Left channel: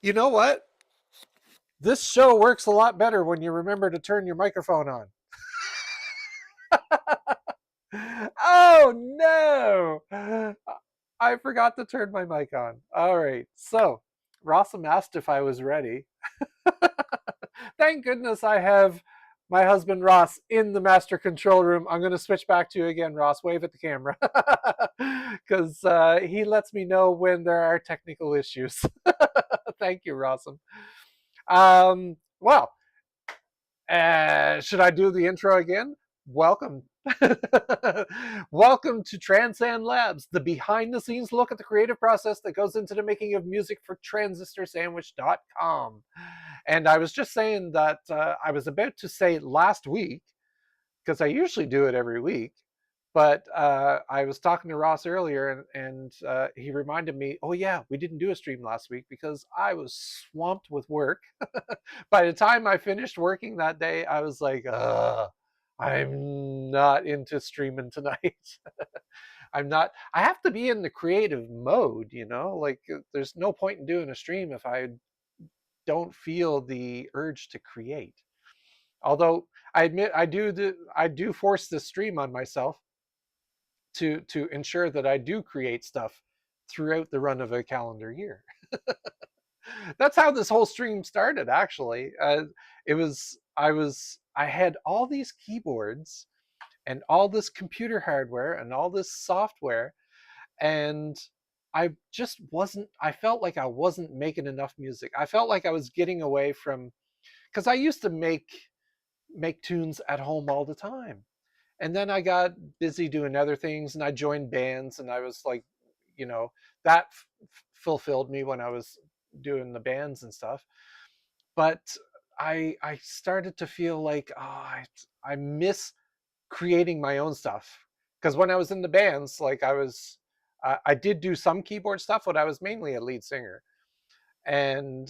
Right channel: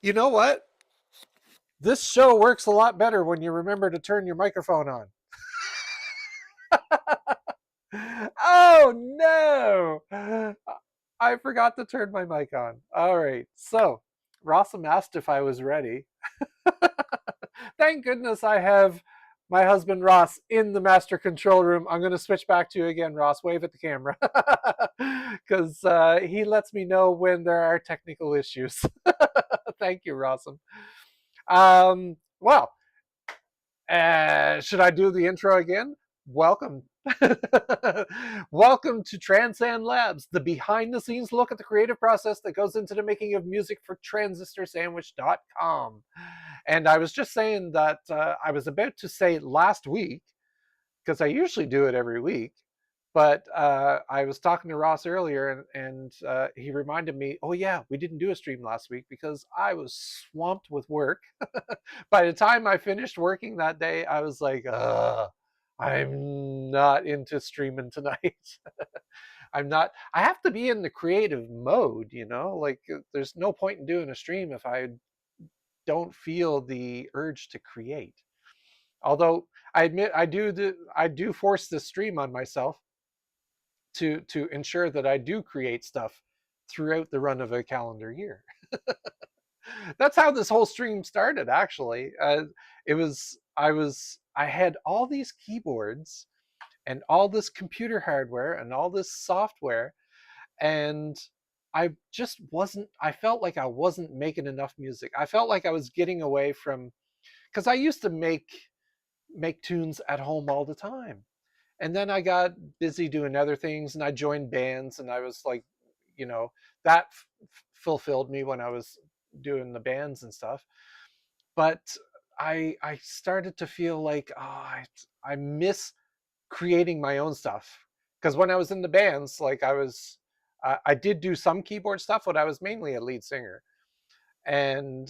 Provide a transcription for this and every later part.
You know what? This show works a lot better when you remember to turn your microphone on. Oh no! I forgot to turn my mic on. All right. So, Rossum asked if I was ready. Thank goodness I have my husband Ross in the master control room. I'm going to switch back to you again, Ross. Wave at the camera. Because he lets me know when there are technical issues. Thank you, Rossum. Well, should I do the intro again? Welcome. Welcome to TranSan Labs, the behind the scenes look at the creative process that goes into the making of music for transistorsandwich.com. And I was just saying that I was about to say last week, because I usually do it every week. But I was talking to Ross earlier, and he reminded me, oh, yeah, we didn't do a stream last week because I was swamped with work. By the time I finished working that day, I was like, I'm not into streaming tonight. I'm not, I have to be in the creative mode, like there's no point in doing a stream if I don't feel the urge to create. Although I admit I do force this stream on myself to ensure that I do create stuff throughout the run of a calendar year. That's how this whole stream started. Actually, I had all these keyboards and all this computer hardware and all this software, and I just wasn't. I felt like I wasn't making enough music. I felt like I was getting away from because I used to make tunes at home all the time. And then I got busy doing other things and I joined bands and I was like, you know, that fulfilled me when I was doing the bands and stuff. But I started to feel like I miss creating my own stuff because when I was in the bands, like I did do some keyboard stuff, but I was mainly a lead singer, and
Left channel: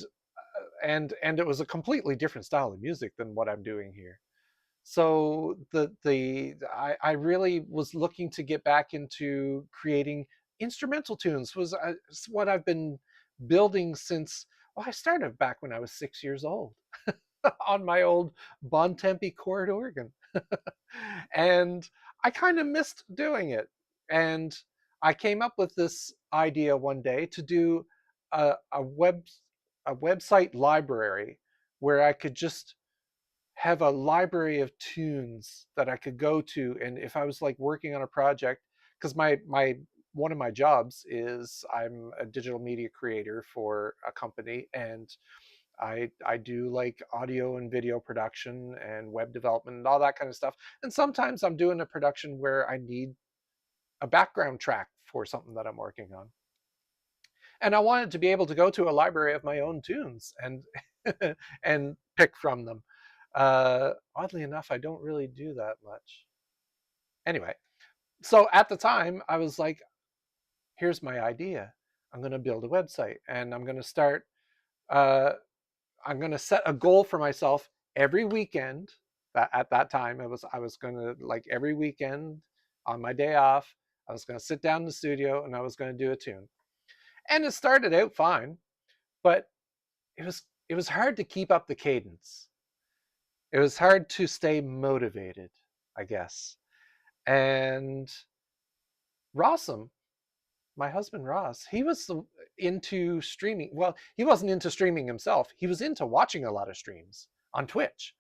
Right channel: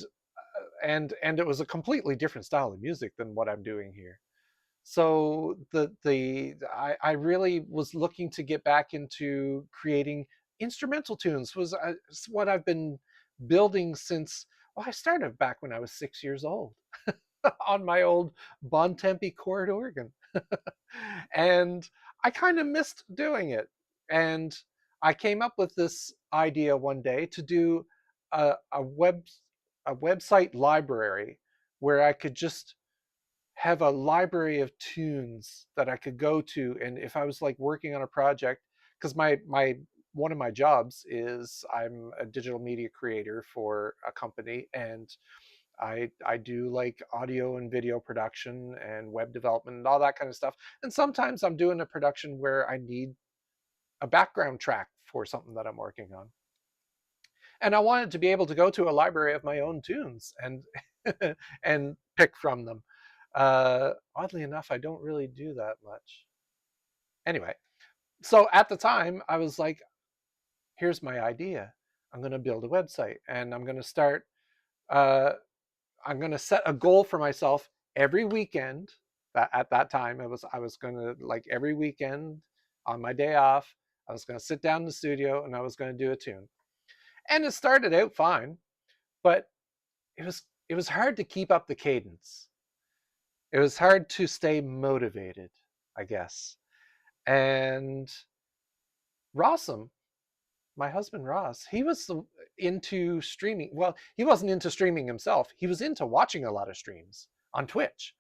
and it was a completely different style of music than what I'm doing here. So I really was looking to get back into creating instrumental tunes. Was what I've been building since. Well, I started back when I was 6 years old on my old Bontempi chord organ, and I kind of missed doing it. And I came up with this idea one day to do a website library where I could just have a library of tunes that I could go to, and if I was like working on a project, because my one of my jobs is I'm a digital media creator for a company, and I do like audio and video production and web development and all that kind of stuff. And sometimes I'm doing a production where I need a background track for something that I'm working on. And I wanted to be able to go to a library of my own tunes and and pick from them. Oddly enough, I don't really do that much. Anyway, so at the time, I was like, here's my idea. I'm going to build a website and I'm going to start, uh, I'm going to set a goal for myself every weekend. That at that time, I was going to like every weekend on my day off, I was going to sit down in the studio and I was going to do a tune. And it started out fine, but it was hard to keep up the cadence. It was hard to stay motivated, I guess. And Rossum, my husband Ross, he was into streaming. Well, he wasn't into streaming himself. He was into watching a lot of streams on Twitch.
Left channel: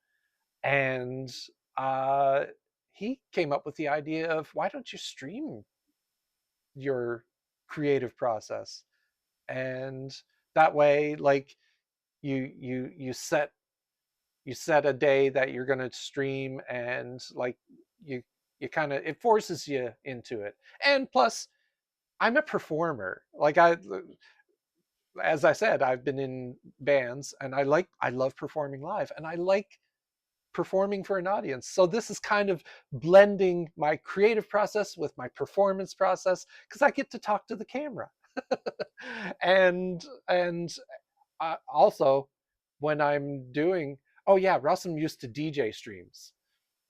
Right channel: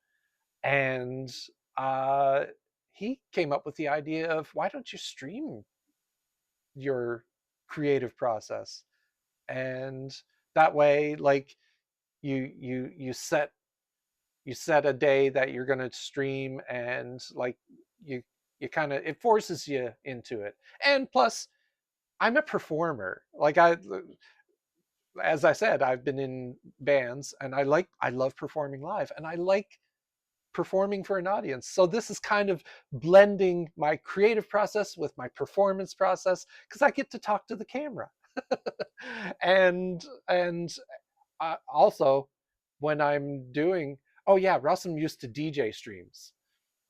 And uh, he came up with the idea of why don't you stream your creative process? And that way, like you set a day that you're going to stream, and like you you kind of it forces you into it. And plus, I'm a performer. Like as I said, I've been in bands, and I love performing live, and I like performing for an audience. So this is kind of blending my creative process with my performance process because I get to talk to the camera. And also when I'm doing, oh yeah, Russell used to DJ streams,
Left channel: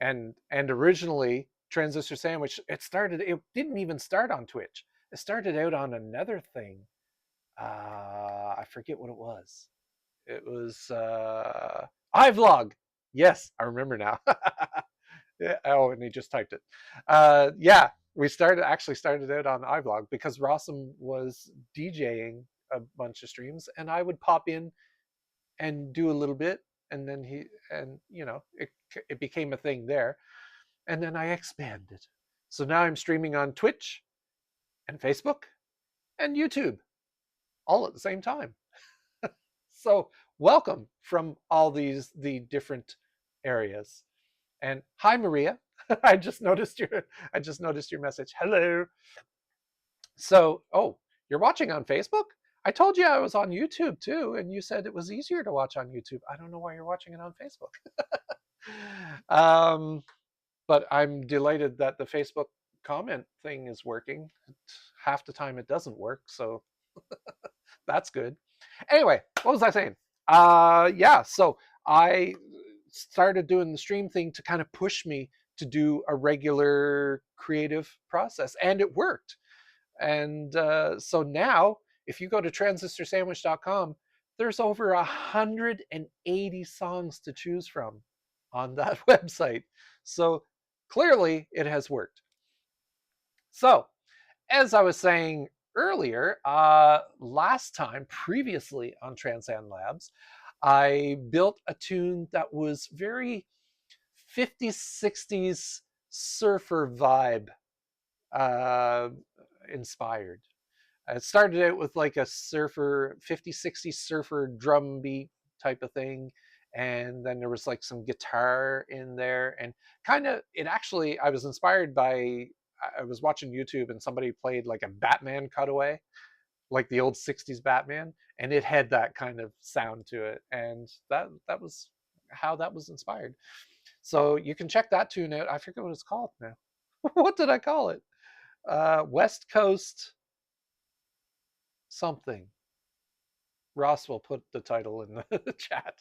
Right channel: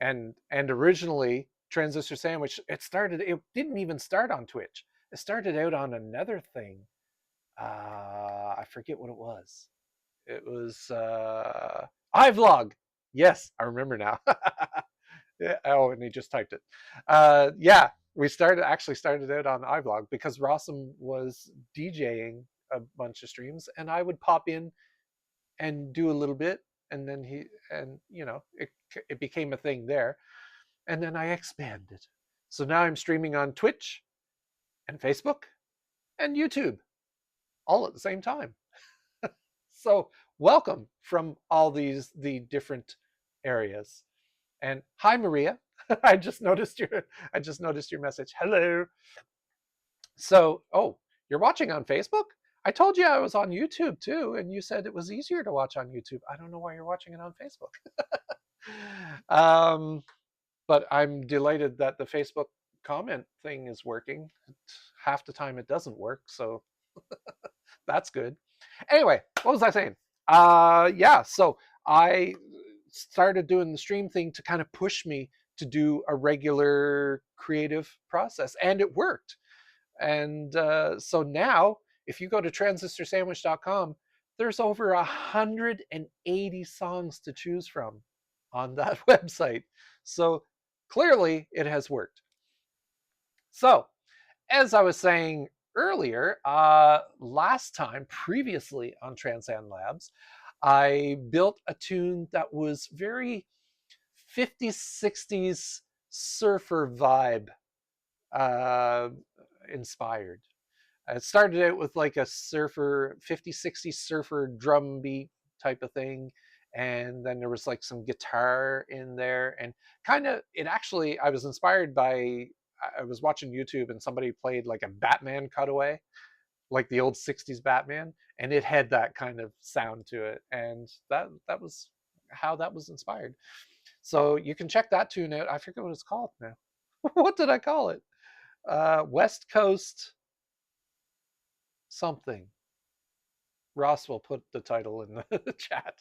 and originally Transistor Sandwich, it didn't even start on Twitch. It started out on another thing. I forget what it was. It was iVlog. Yes, I remember now. Yeah, oh, and he just typed it. Yeah, we started out on iVlog because Rossum was DJing a bunch of streams, and I would pop in and do a little bit, and then it became a thing there, and then I expanded. So now I'm streaming on Twitch and Facebook and YouTube all at the same time. So welcome from all the different areas. And hi, Maria. I just noticed your message. Hello. So, oh, you're watching on Facebook? I told you I was on YouTube too, and you said it was easier to watch on YouTube. I don't know why you're watching it on Facebook. But I'm delighted that the Facebook comment thing is working. Half the time it doesn't work, so that's good. Anyway, what was I saying? Yeah, so I started doing the stream thing to kind of push me to do a regular creative process, and it worked. And so now, if you go to transistorsandwich.com, there's over 180 songs to choose from on that website. So clearly, it has worked. So, as I was saying earlier, last time, previously on TranSan Labs, I built a tune that was very 50s, 60s surfer vibe inspired. It started out with like a surfer, 50s, 60s surfer drum beat type of thing. And then there was like some guitar in there. And kind of, it actually, I was inspired by, I was watching YouTube and somebody played like a Batman cutaway, like the old 60s Batman. And it had that kind of sound to it. And that was how that was inspired. So you can check that tune out. I forget what it's called now. What did I call it? West Coast something. Ross will put the title in the chat.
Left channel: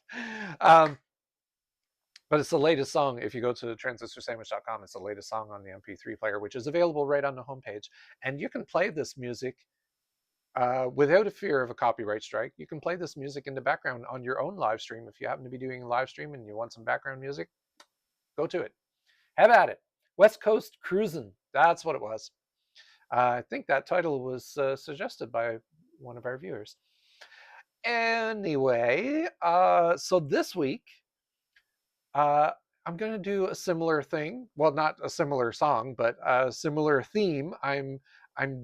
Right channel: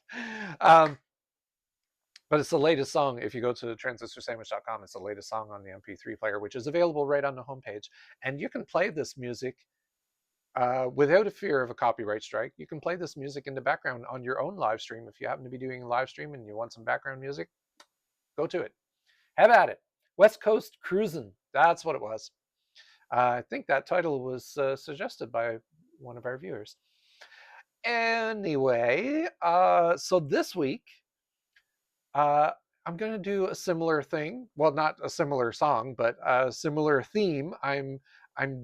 But it's the latest song. If you go to transistorsandwich.com, it's the latest song on the MP3 player, which is available right on the homepage. And you can play this music without a fear of a copyright strike. You can play this music in the background on your own live stream. If you happen to be doing a live stream and you want some background music, go to it. Have at it. West Coast Cruisin'. That's what it was. I think that title was suggested by one of our viewers. Anyway, so this week, I'm going to do a similar thing. Well, not a similar song, but a similar theme. I'm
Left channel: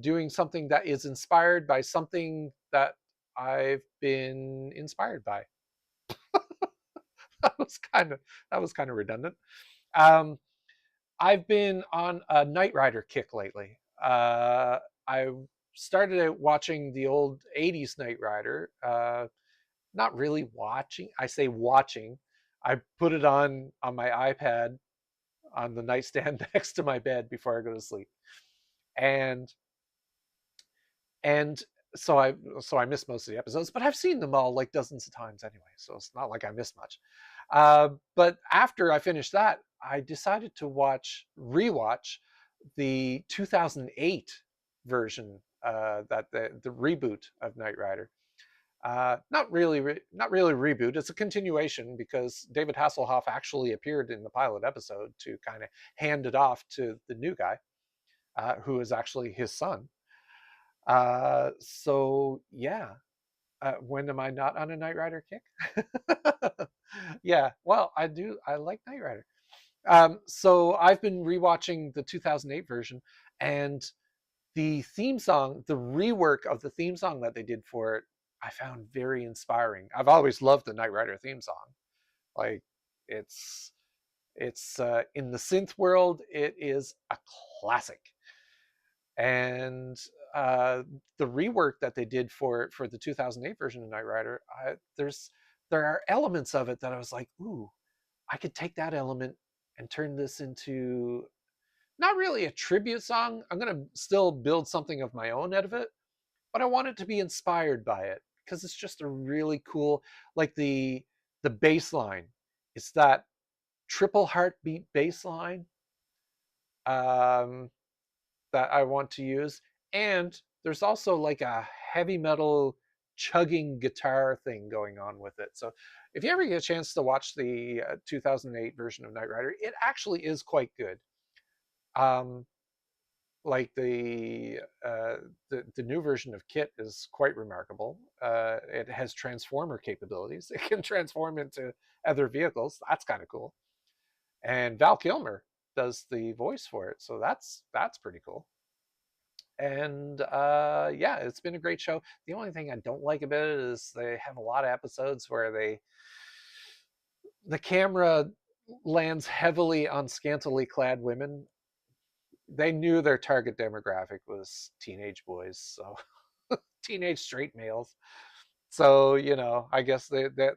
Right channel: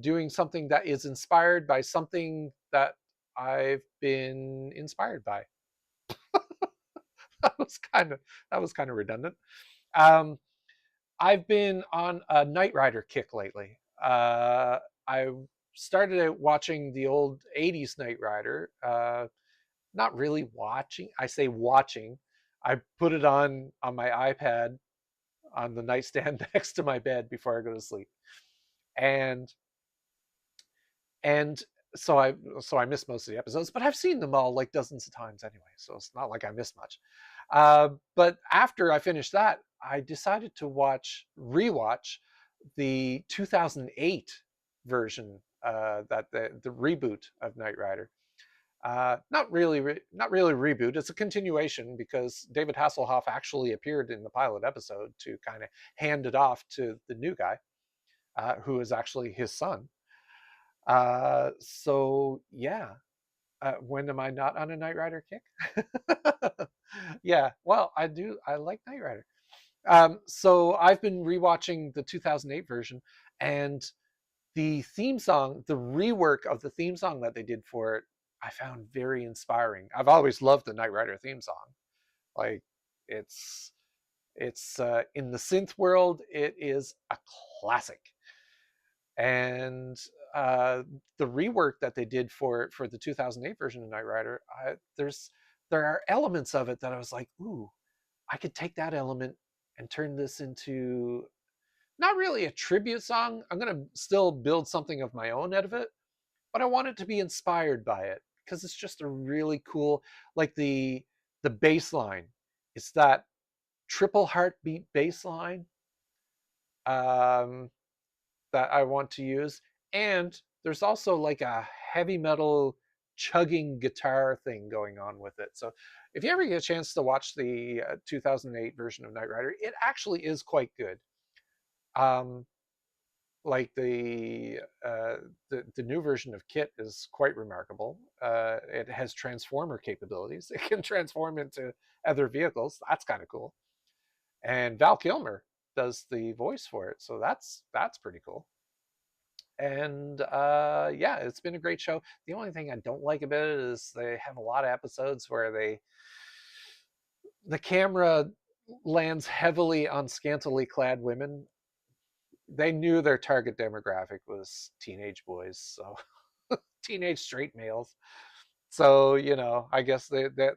doing something that is inspired by something that I've been inspired by. that was kind of redundant. I've been on a Knight Rider kick lately. I started out watching the old 80s Knight Rider. Not really watching. I say watching. I put it on my iPad on the nightstand next to my bed before I go to sleep. And so I missed most of the episodes, but I've seen them all like dozens of times anyway, so it's not like I missed much. But after I finished that, I decided to rewatch the 2008 version, that the reboot of Knight Rider. Not really reboot. It's a continuation because David Hasselhoff actually appeared in the pilot episode to kind of hand it off to the new guy, who is actually his son. So yeah, when am I not on a Knight Rider kick? Yeah, well, I do. I like Knight Rider. So I've been rewatching the 2008 version, and the theme song, the rework of the theme song that they did for it, I found very inspiring. I've always loved the Knight Rider theme song. Like, it's in the synth world, it is a classic. And the rework that they did for the 2008 version of Knight Rider, there are elements of it that I was like, ooh, I could take that element and turn this into not really a tribute song. I'm going to still build something of my own out of it, but I want it to be inspired by it because it's just a really cool, like the bass line. It's that triple heartbeat bass line that I want to use. And there's also like a heavy metal chugging guitar thing going on with it. So if you ever get a chance to watch the 2008 version of Knight Rider, it actually is quite good. Like the new version of Kit is quite remarkable. It has transformer capabilities. It can transform into other vehicles. That's kind of cool. And Val Kilmer does the voice for it, so that's pretty cool. And yeah, it's been a great show. The only thing I don't like about it is they have a lot of episodes where the camera lands heavily on scantily clad women. They knew their target demographic was teenage boys, so teenage straight males. So I guess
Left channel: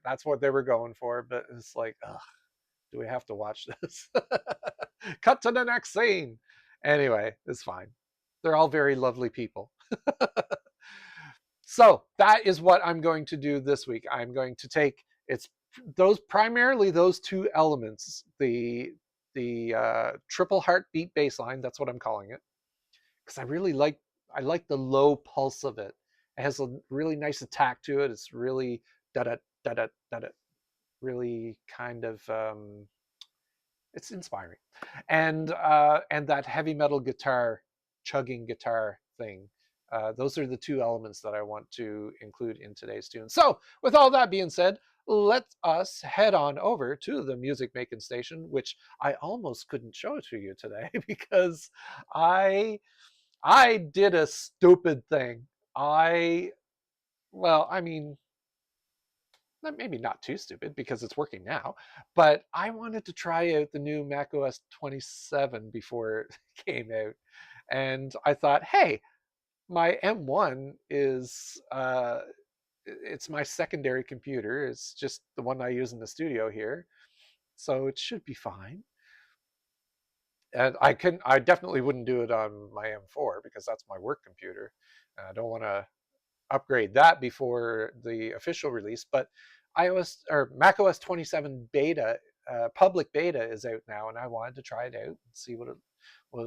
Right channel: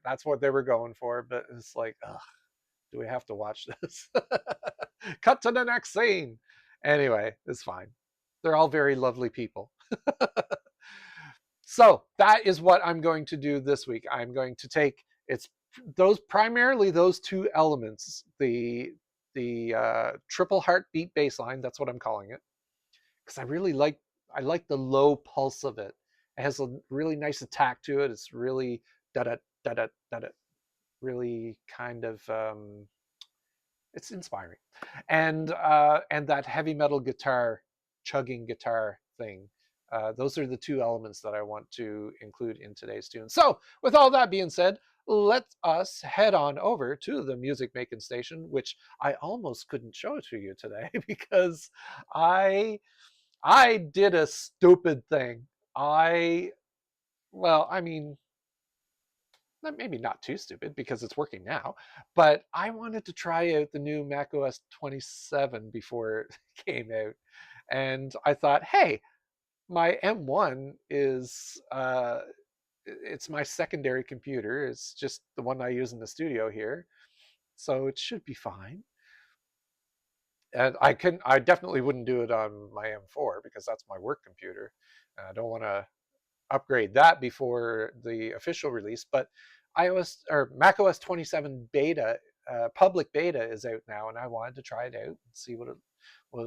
that's what they were going for. But it's like, ugh, do we have to watch this? Cut to the next scene. Anyway, it's fine. They're all very lovely people. So that is what I'm going to do this week. I'm going to take primarily those two elements, the triple heartbeat bass line, that's what I'm calling it, because I like the low pulse of it. It has a really nice attack to it. It's really da da da da da, really kind of it's inspiring, and that heavy metal guitar, chugging guitar thing. Those are the two elements that I want to include in today's tune. So, with all that being said, let us head on over to the music making station, which I almost couldn't show to you today because I did a stupid thing. Well, I mean, maybe not too stupid because it's working now, but I wanted to try out the new macOS 27 before it came out. And I thought, hey, my M1 is it's my secondary computer. It's just the one I use in the studio here, so it should be fine. And I definitely wouldn't do it on my M4 because that's my work computer. And I don't want to upgrade that before the official release. But iOS or macOS 27 beta, public beta is out now, and I wanted to try it out and see what it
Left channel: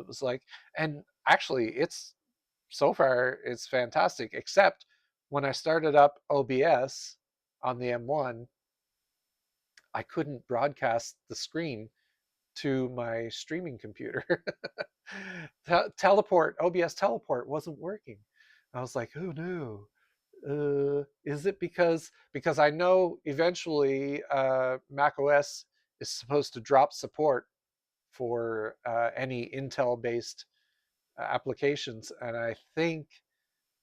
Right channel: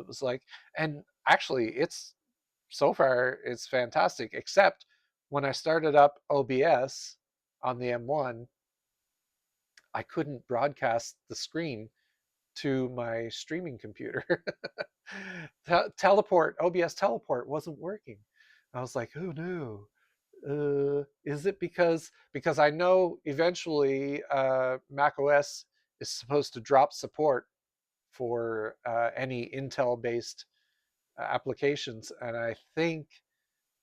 was like. And actually, so far it's fantastic, except when I started up OBS on the M1, I couldn't broadcast the screen to my streaming computer. OBS teleport wasn't working. I was like, oh no. Is it because I know eventually macOS is supposed to drop support for any Intel-based applications, and I think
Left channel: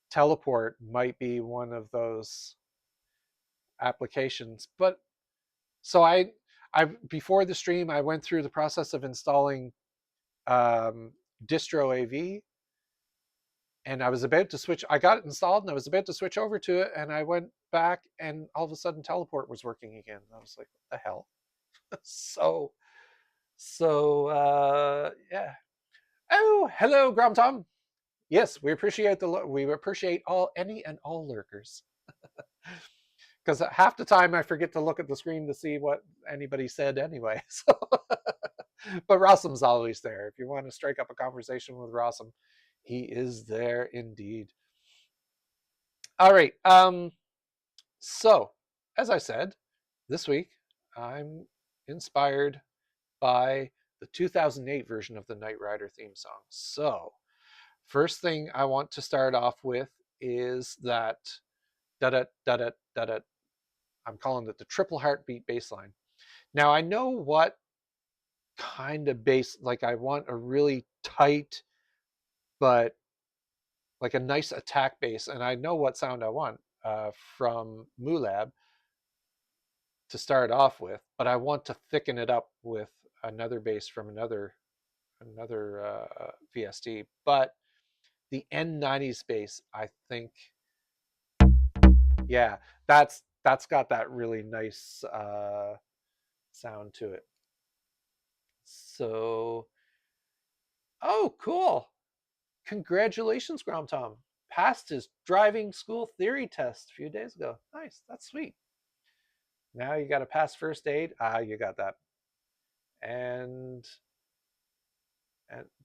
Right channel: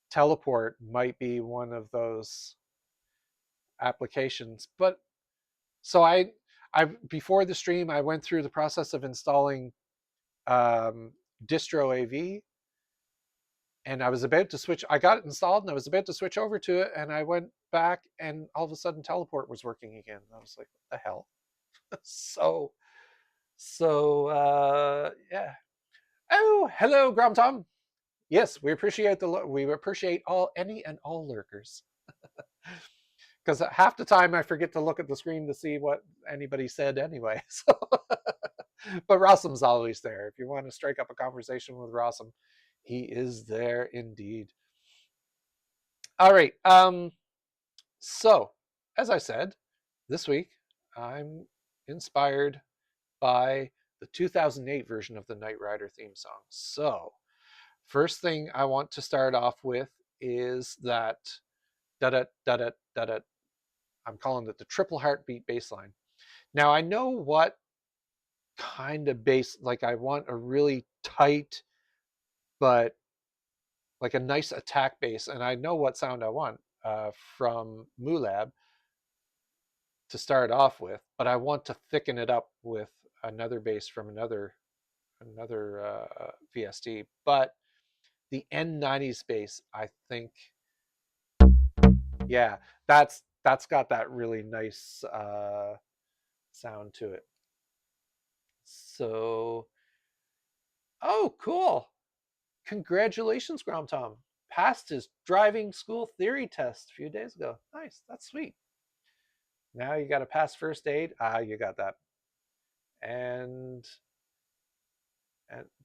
Teleport might be one of those applications. But so I before the stream, I went through the process of installing distro AV, and I was about to switch. I got it installed, and I was about to switch over to it, and I went back, and all of a sudden, Teleport was working again. I was like, "What the hell?" Yeah. Oh, hello, Grom Tom. Yes, we appreciate any and all lurkers. Because half the time I forget to look at the screen to see what anybody said anyway. So, but Rossum's always there. If you want to strike up a conversation with Rossum, he is there indeed. All right. So, as I said, this week I'm inspired by the 2008 version of the Knight Rider theme song. So, first thing I want to start off with is that da-da-da-da-da-da. I'm calling it the triple heartbeat bass line. Now, I know what kind of bass, like I want a really tight, but like a nice attack bass, and I know what sound I want from Mulab to start off with, but I want to thicken it up with another bass from another VST. But the N90s bass, I think, yeah, that's got that really nice sound to it. So, oh, cool! Congratulations, Grom Tom. Passed his driving school theory test a few days ago. Nice, that's sweet. Now you got to pass first aid. You got that. And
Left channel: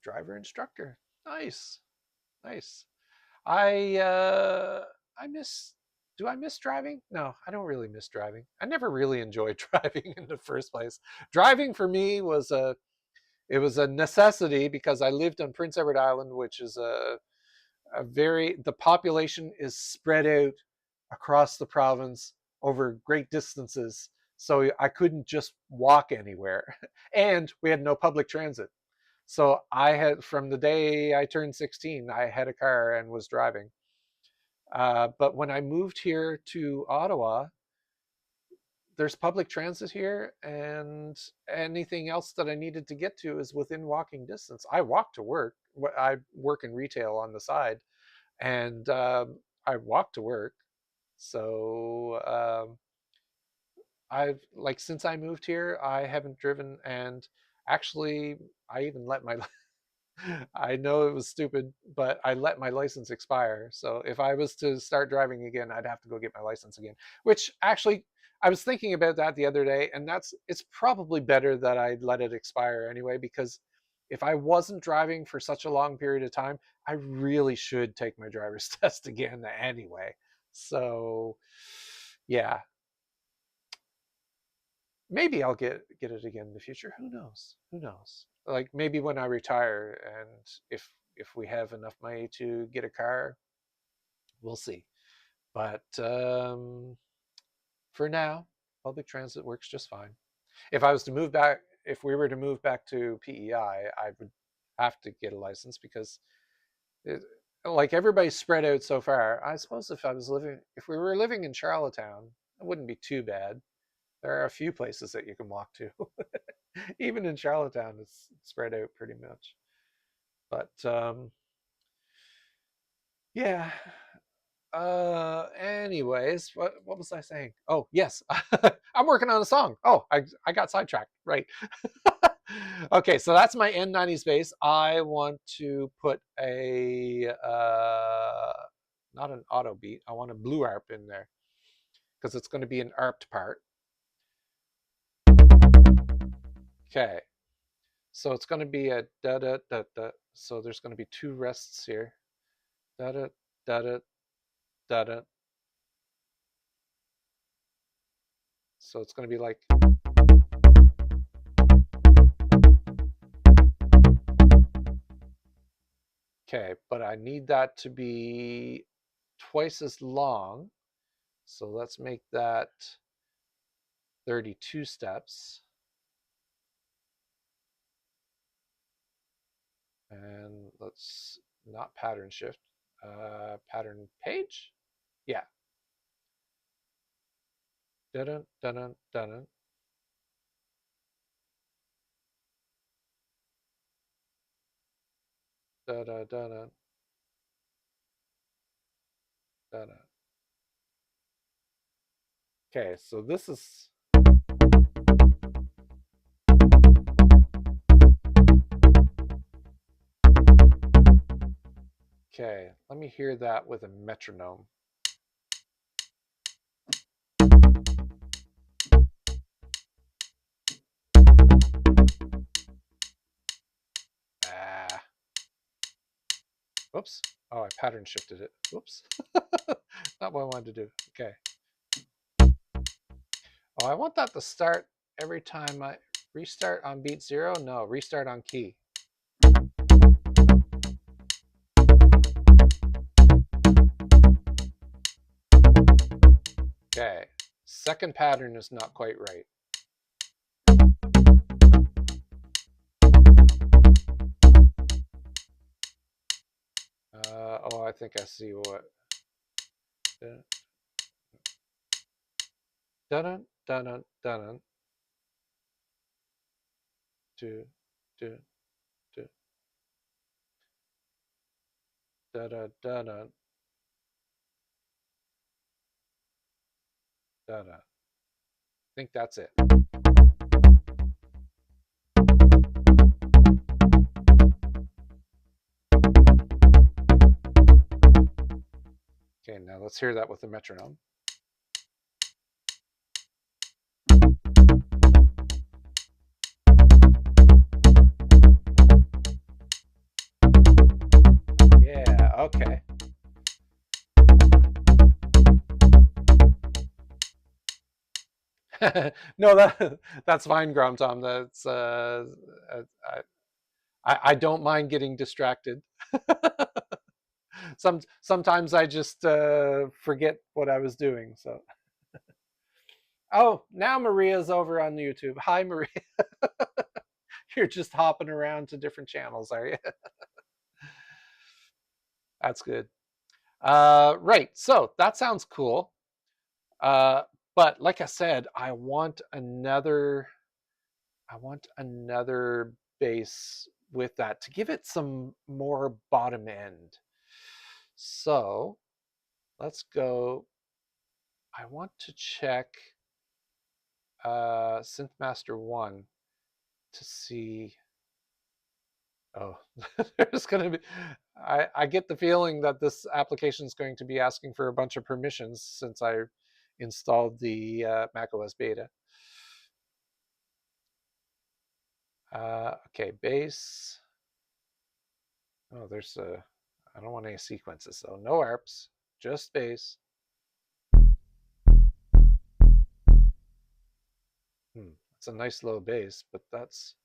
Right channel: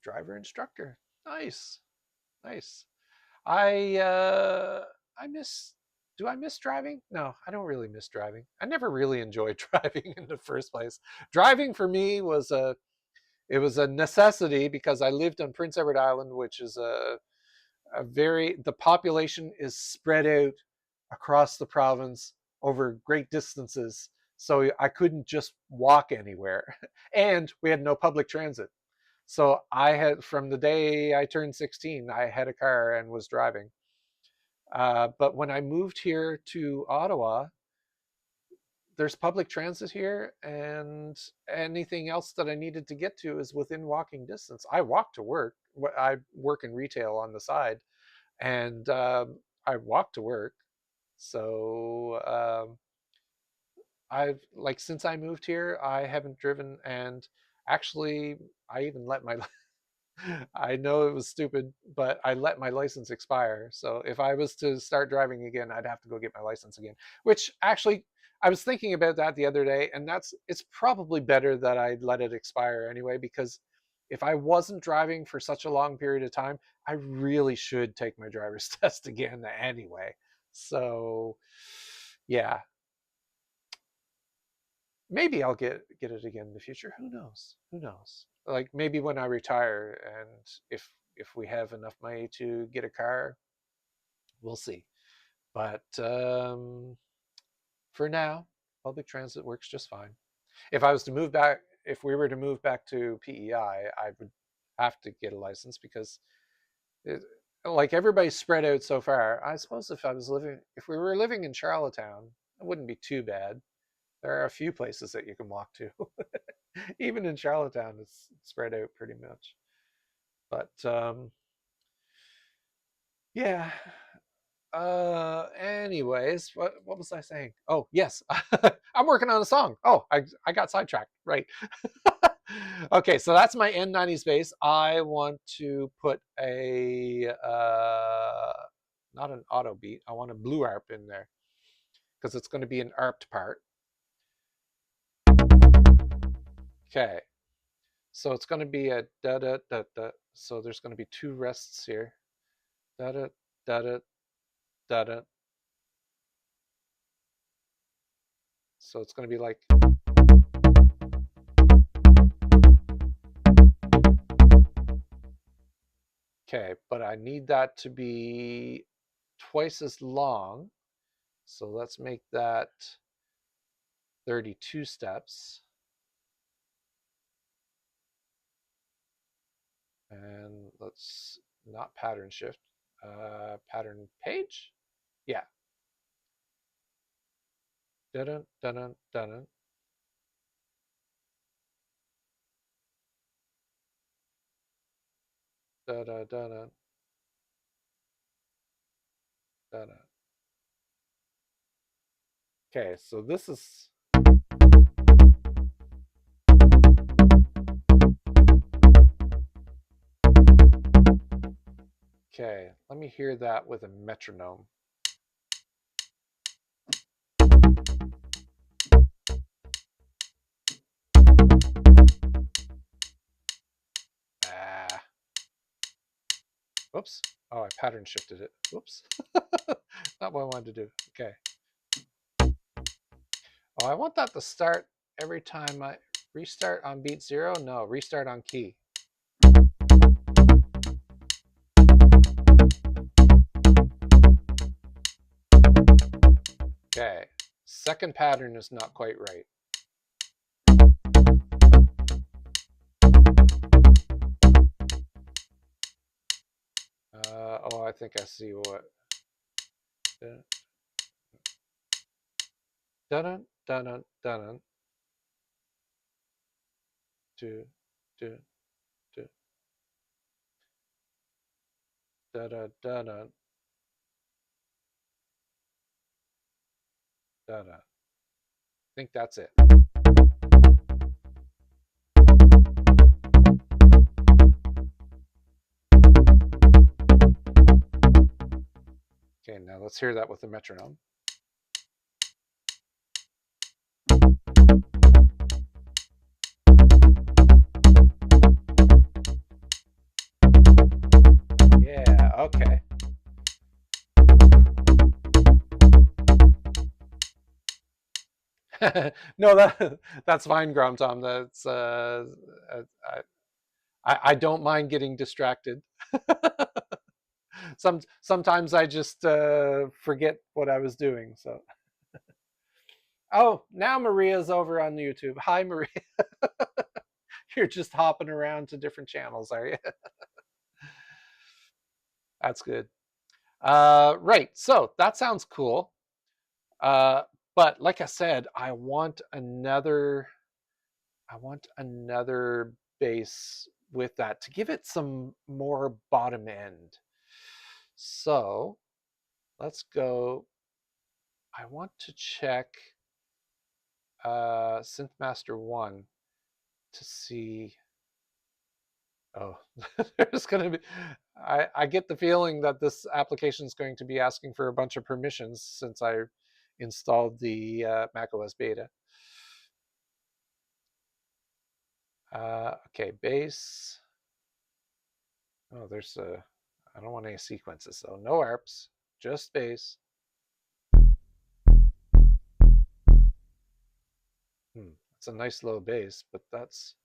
driver instructor. Nice, nice. I miss do I miss driving? No, I don't really miss driving. I never really enjoyed driving in the first place. Driving for me was it was a necessity because I lived on Prince Edward Island, which is the population is spread out across the province over great distances. So I couldn't just walk anywhere. And we had no public transit. So I had, from the day I turned 16, I had a car and was driving. But when I moved here to Ottawa, there's public transit here, and anything else that I needed to get to is within walking distance. I walk to work. I work in retail on the side, and I walk to work. So I've like since I moved here, I haven't driven, and actually, I even let my I know it was stupid, but I let my license expire. So if I was to start driving again, I'd have to go get my license again. Which actually, I was thinking about that the other day, and it's probably better that I let it expire anyway, because if I wasn't driving for such a long period of time, I really should take my driver's test again anyway. So yeah, maybe I'll get it again in the future. Who knows? Who knows? Like maybe when I retire, and if we have enough money to get a car, we'll see. But for now, public transit works just fine. If I was to move back, if we were to move back to PEI, I would have to get a license because like everybody's spread out so far. I suppose if we were living in Charlottetown, it wouldn't be too bad. There are a few places that you can walk to. Even in Charlottetown, it's spread out pretty much. But yeah. Anyways, what was I saying? Oh, yes. I'm working on a song. Oh, I got sidetracked. Right. Okay, so that's my N90s bass. I want to put a not an auto beat. I want a blue arp in there because it's going to be an arped part. Okay, so it's going to be a da da da da. So there's going to be two rests here. Da da da da da da. So it's going to be like. Okay, but I need that to be twice as long. So let's make that 32 steps. And let's not pattern shift, pattern page. Yeah. Dun dun dun dun. Da da da da da da. Okay, so this is. Okay, let me hear that with a metronome. Ah. Whoops. Oh, I pattern shifted it. Whoops. Not what I wanted to do. Okay. Oh, I want that to start every time I restart on beat 0. No, restart on key. Okay, second pattern is not quite right. Oh, I think I see what. Dun dun dun dun. Do do do. Da da da da. Da da. I think that's it. Okay, now let's hear that with the metronome. Yeah, okay. No, that's fine, Grom Tom. That's I don't mind getting distracted. Sometimes I just forget what I was doing. So, oh, now Maria's over on YouTube. Hi, Maria. You're just hopping around to different channels, are you? That's good. Right. So that sounds cool. Uh, but like I said, I want another bass with that to give it some more bottom end. So let's go. I want to check Synthmaster 1 to see. Oh, there's going to be. I get the feeling that this application is going to be asking for a bunch of permissions since I installed the macOS beta. Okay, bass. Oh, there's a. I don't want any sequences, so no ARPs, just bass. It's a nice low bass, but that's.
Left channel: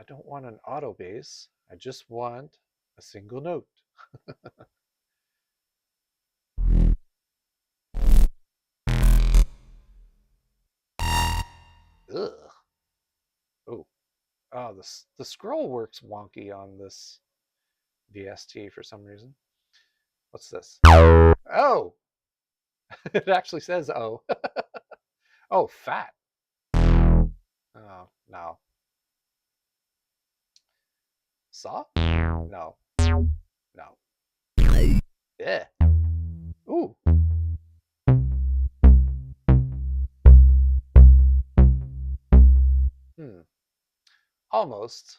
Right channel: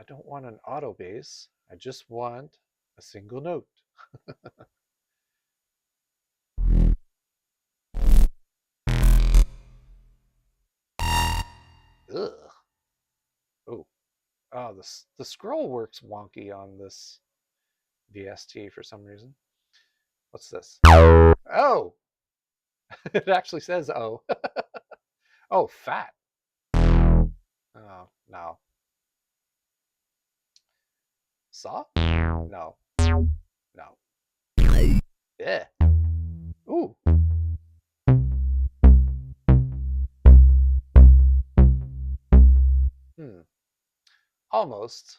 I don't want an auto bass. I just want a single note. Ugh. Oh, oh, the scroll works wonky on this VST for some reason. What's this? Oh, it actually says oh. Oh, fat. Oh, no. Saw? No, no. Yeah. Ooh. Hmm. Almost.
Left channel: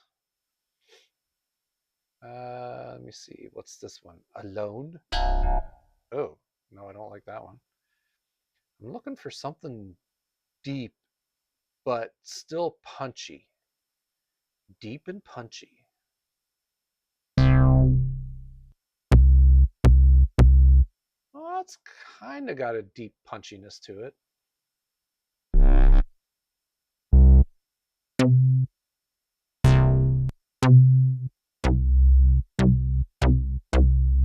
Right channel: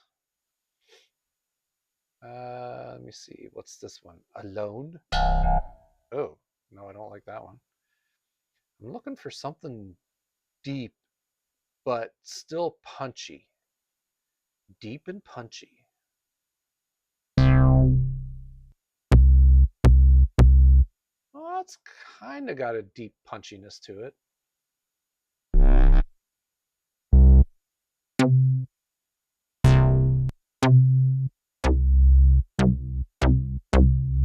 Let me see. What's this one? Alone? Oh, no, I don't like that one. I'm looking for something deep, but still punchy. Deep and punchy. Well, it's kind of got a deep punchiness to it.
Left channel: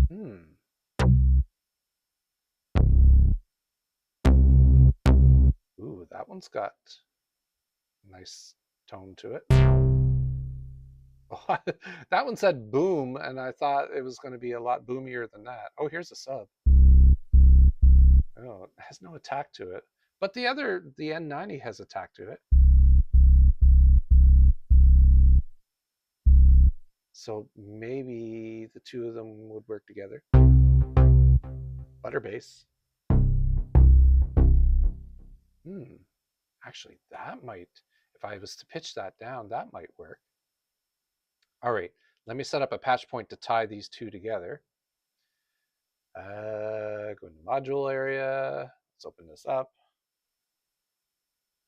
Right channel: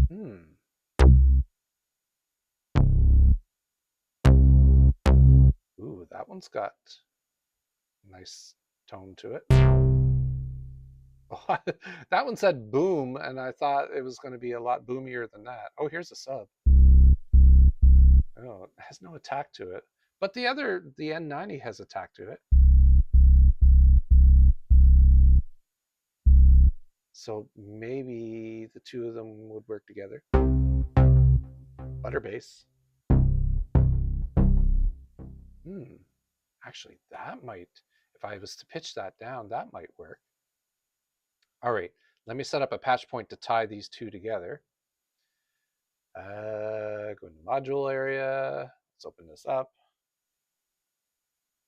Hmm. Ooh, that one's got a nice tone to it. Oh, that one said boom, and I thought it was going to be a lot boomier than that. Oh, here's a sub. Oh, it has no attack to it. But the N90 has attack to it. So maybe the two of them would work together. Butter bass. Hmm. Actually, that might, if I was to pitch that down, that might work. All right, let me set up a patch point to tie these two together. Go into module area. Let's open this up.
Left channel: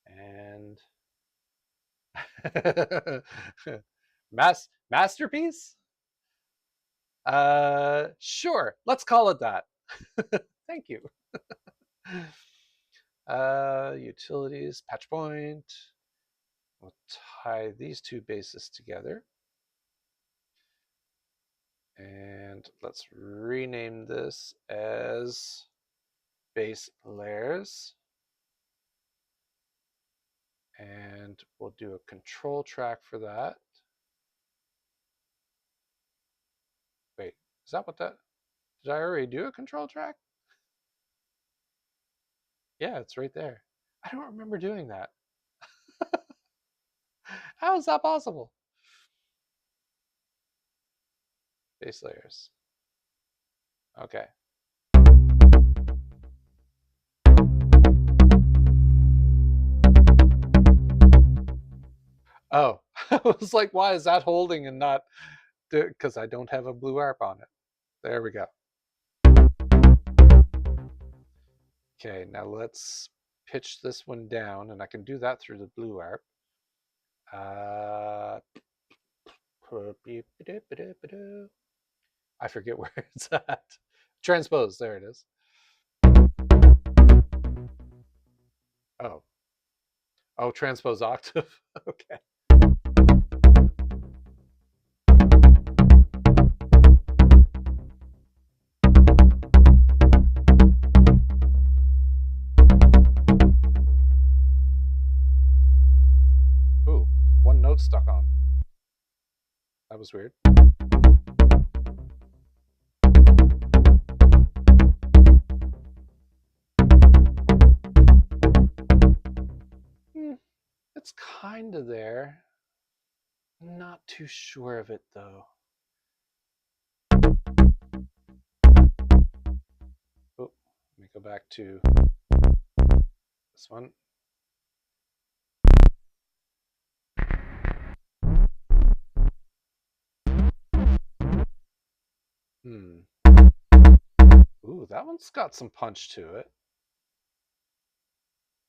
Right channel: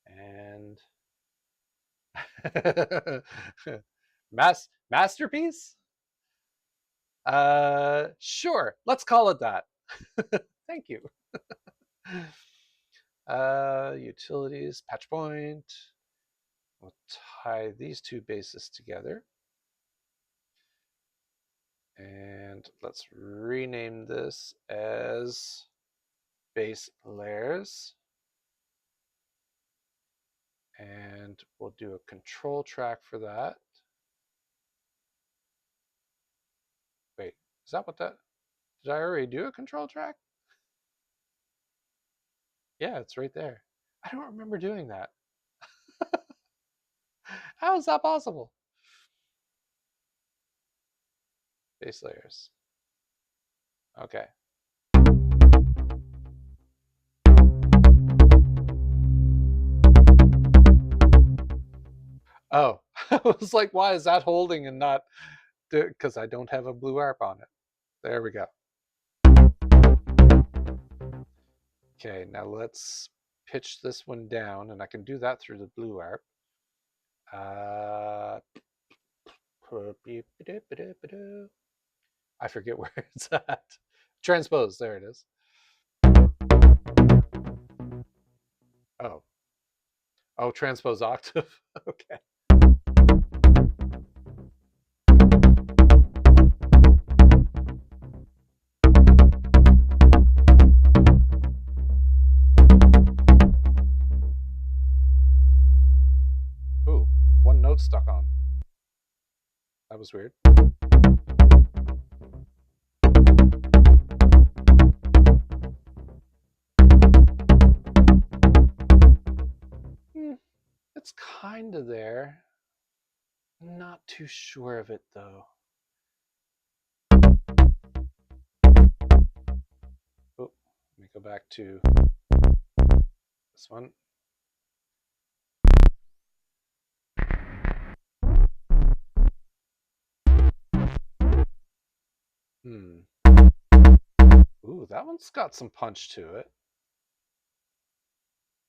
And masterpiece? Sure, let's call it that. Thank you. Utilities, patch point. We'll tie these two bases together. And let's rename this as base layers. And we'll do a control track for that. Wait, is that what that, did I already do a control track? Yeah, it's right there. I don't remember doing that. How is that possible? Base layers. Okay. Oh, I was like, why is that holding and not, because I don't have a blue ARP on it. There we go. Okay, now let's pitch this one down, and I can do that through the blue ARP. I forget where it's at. Transpose, there it is. Oh, Oh, transpose octave. Okay. Ooh, one note stuck on. That was weird. Hmm, it's kind of there. Not too sure of it though. Oh, let me go back to this one. Hmm. Ooh, that one's got some punch to it.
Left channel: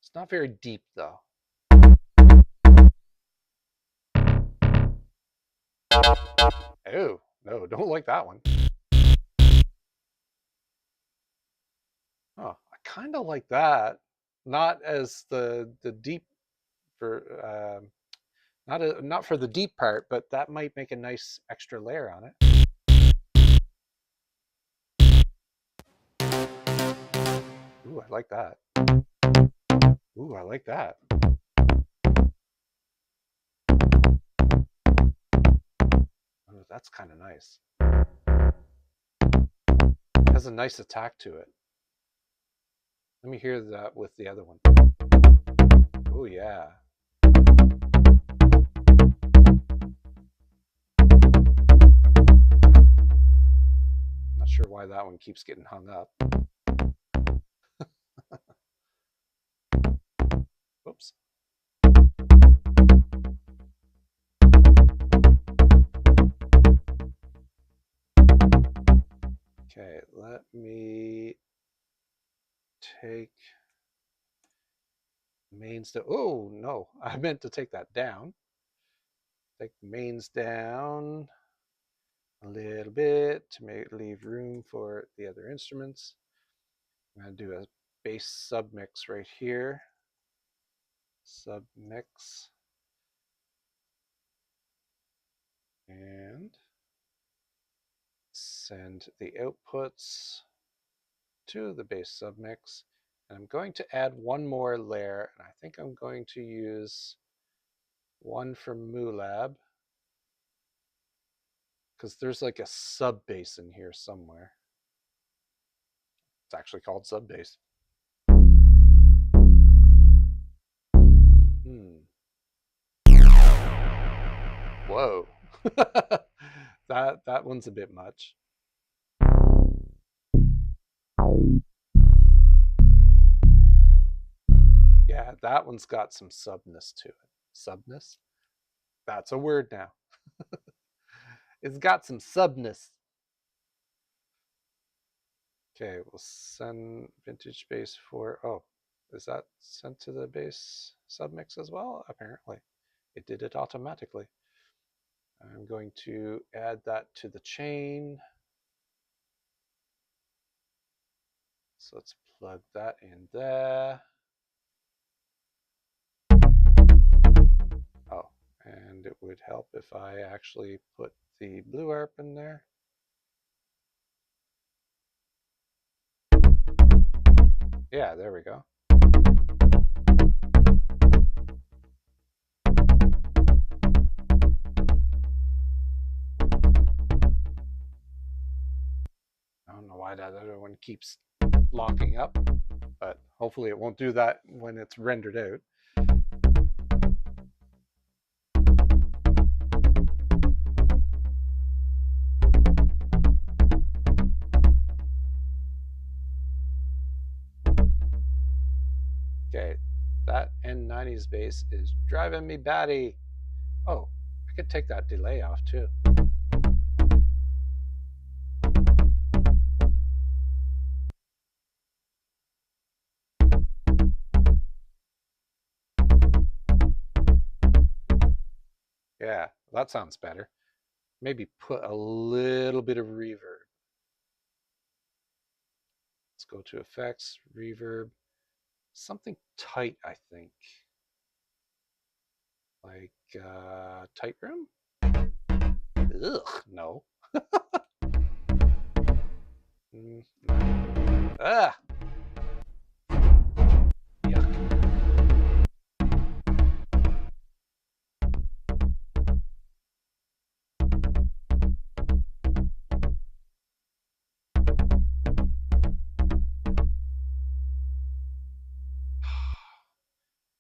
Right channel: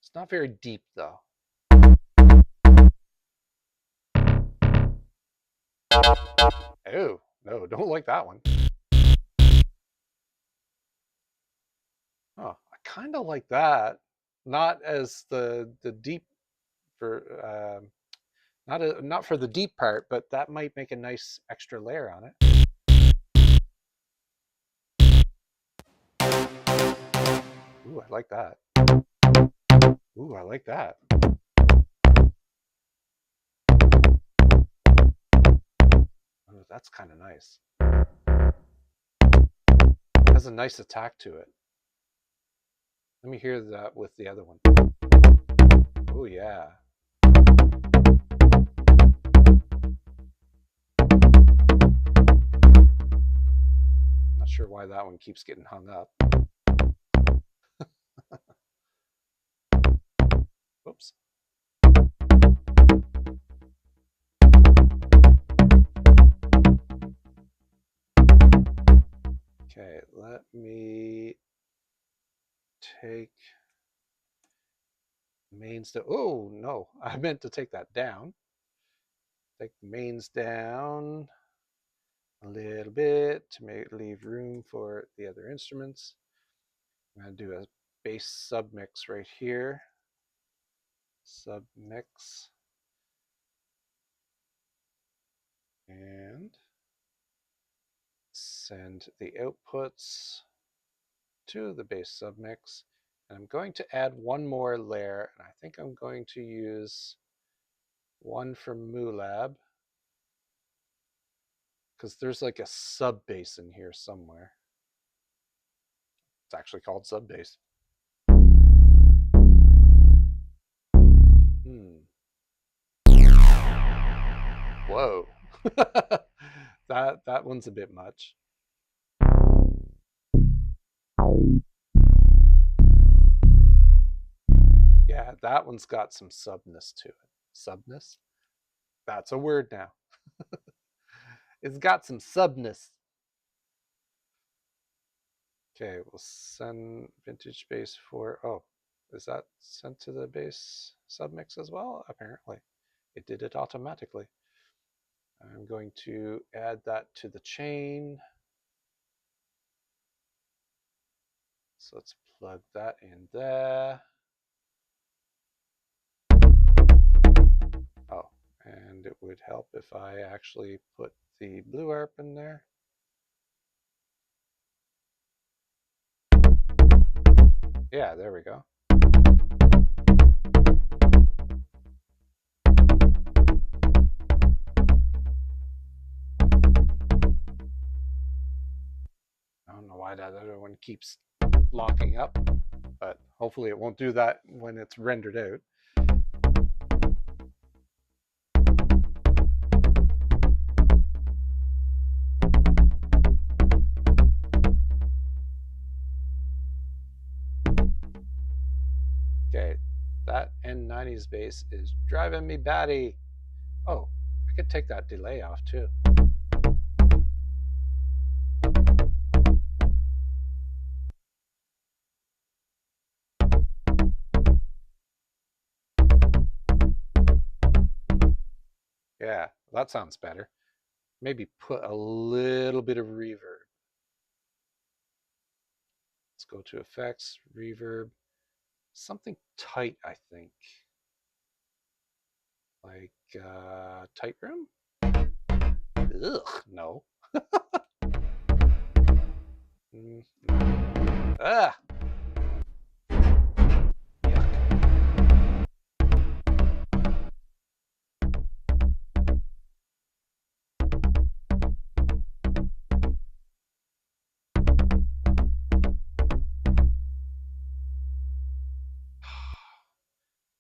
It's not very deep though. Oh, no, don't like that one. Oh, I kind of like that. Not as the deep for not for the deep part, but that might make a nice extra layer on it. Ooh, I like that. Ooh, I like that. Oh, that's kind of nice. It has a nice attack to it. Let me hear that with the other one. Oh yeah. Not sure why that one keeps getting hung up. Oops. Okay, let me take mains down. Oh no, I meant to take that down. Take the mains down a little bit to leave room for the other instruments. I'm going to do a bass submix right here. Submix. And send the outputs to the bass submix. And I'm going to add one more layer, and I think I'm going to use one from MooLab because there's like a sub bass in here somewhere. It's actually called sub bass. Whoa. that one's a bit much. Yeah, that one's got some subness to it. Subness? That's a word now. It's got some subness. Okay, we'll send vintage bass for, oh, is that sent to the bass submix as well? Apparently. It did it automatically. I'm going to add that to the chain. So let's plug that in there. Oh, and it would help if I actually put the blue harp in there. Yeah, there we go. I don't know why that other one keeps locking up, but hopefully it won't do that when it's rendered out. Okay, that N90's bass is driving me batty. Oh, I could take that delay off too. Yeah, that sounds better. Maybe put a little bit of reverb. Let's go to effects, reverb, something tight, I think. Like tight room? Ugh, no. No. Ah, yuck.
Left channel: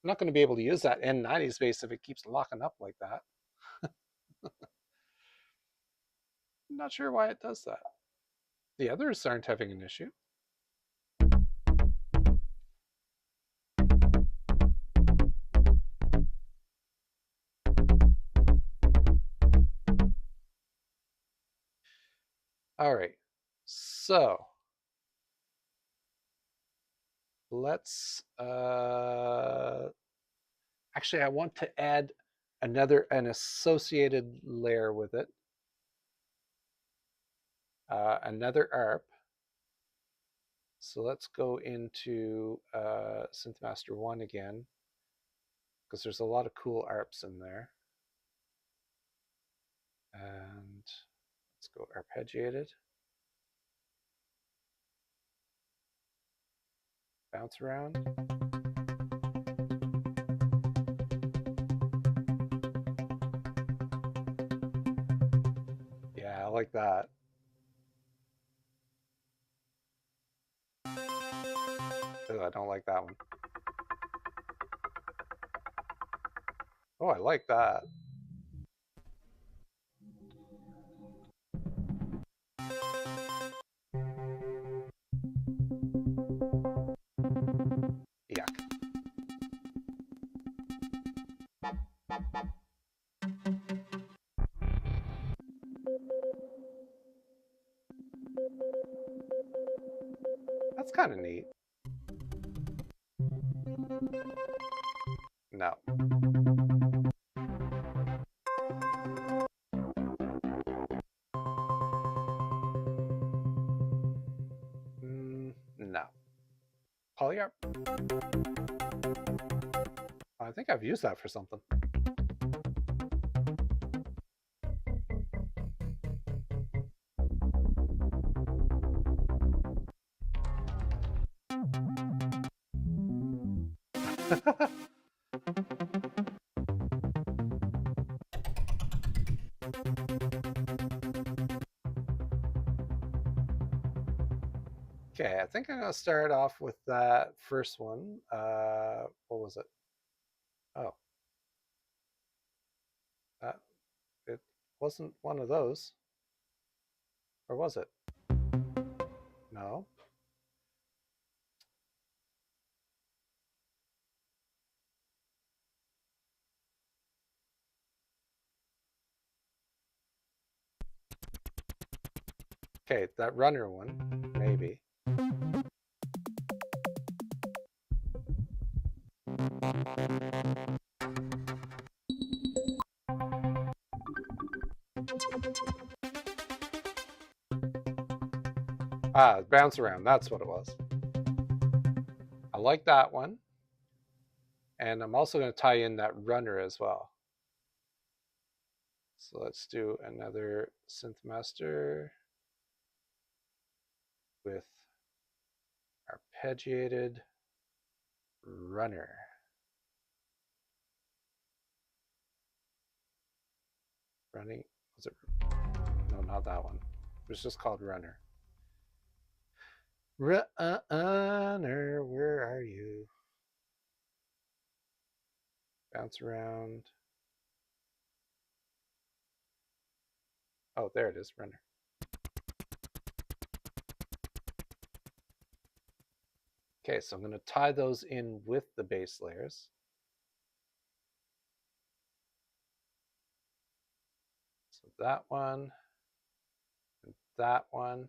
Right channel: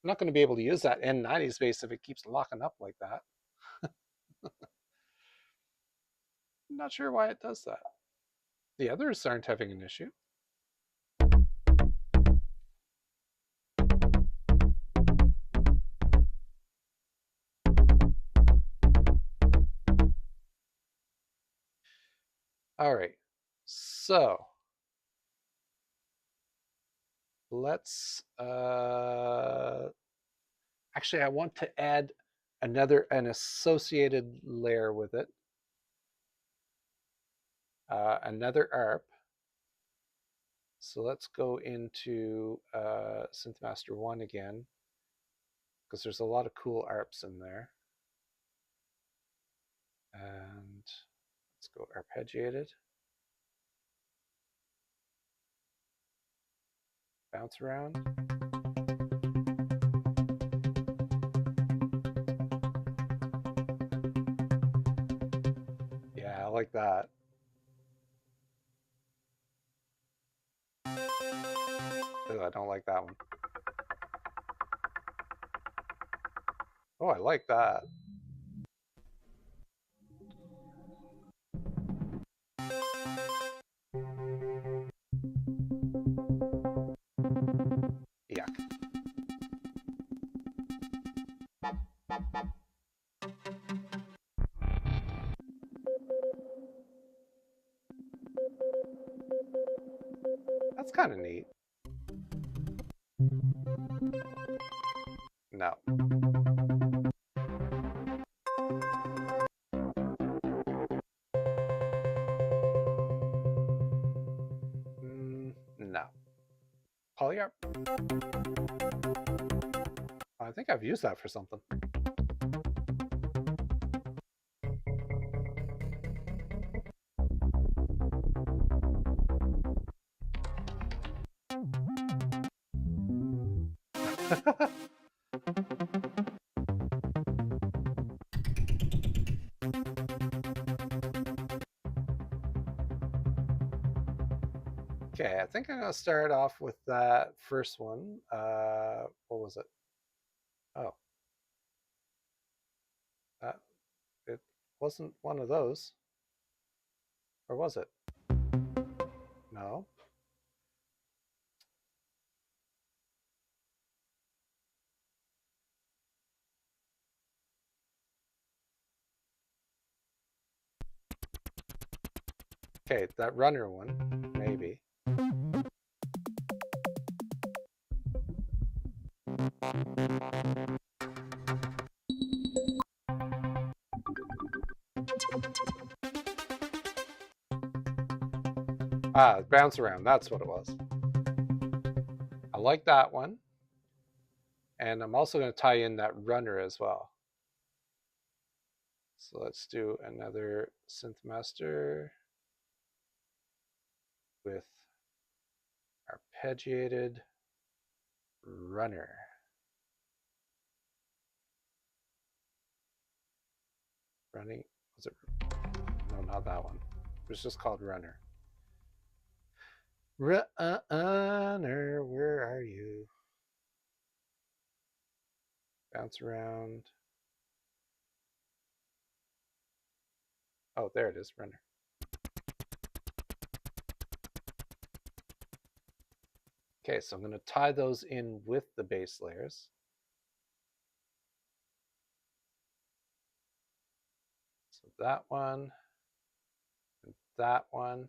I'm not going to be able to use that N90 space if it keeps locking up like that. I'm not sure why it does that. The others aren't having an issue. All right, so let's actually I want to add an associated layer with it, another ARP. So let's go into Synth Master 1 again, because there's a lot of cool ARPs in there. And let's go arpeggiated. Bounce around. Yeah, I like that. Ooh, I don't like that one. Oh, I like that. Yuck. That's kind of neat. No. No. Polyarp? I think I've used that for something. Okay, I think I'm going to start off with that first one. What was it? Oh. It wasn't one of those. Or was it? No. Okay, that runner one, maybe. Ah, bounce around, that's what it was. I like that one. And I'm also going to tie in that runner as well. So let's do another synth master with arpeggiated runner. Running, was it? No, not that one. It was just called runner. Runner, where are you? Bounce around. Oh, there it is, runner. Okay, so I'm going to tie those in with the bass layers. So that one, and that one.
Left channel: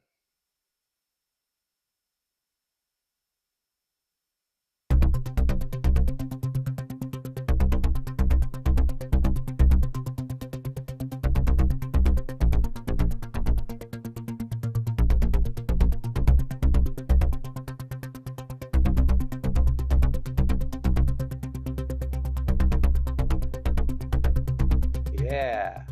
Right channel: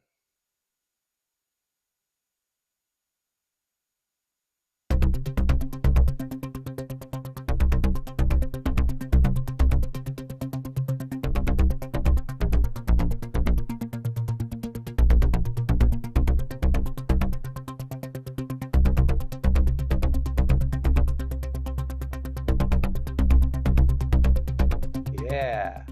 Yeah.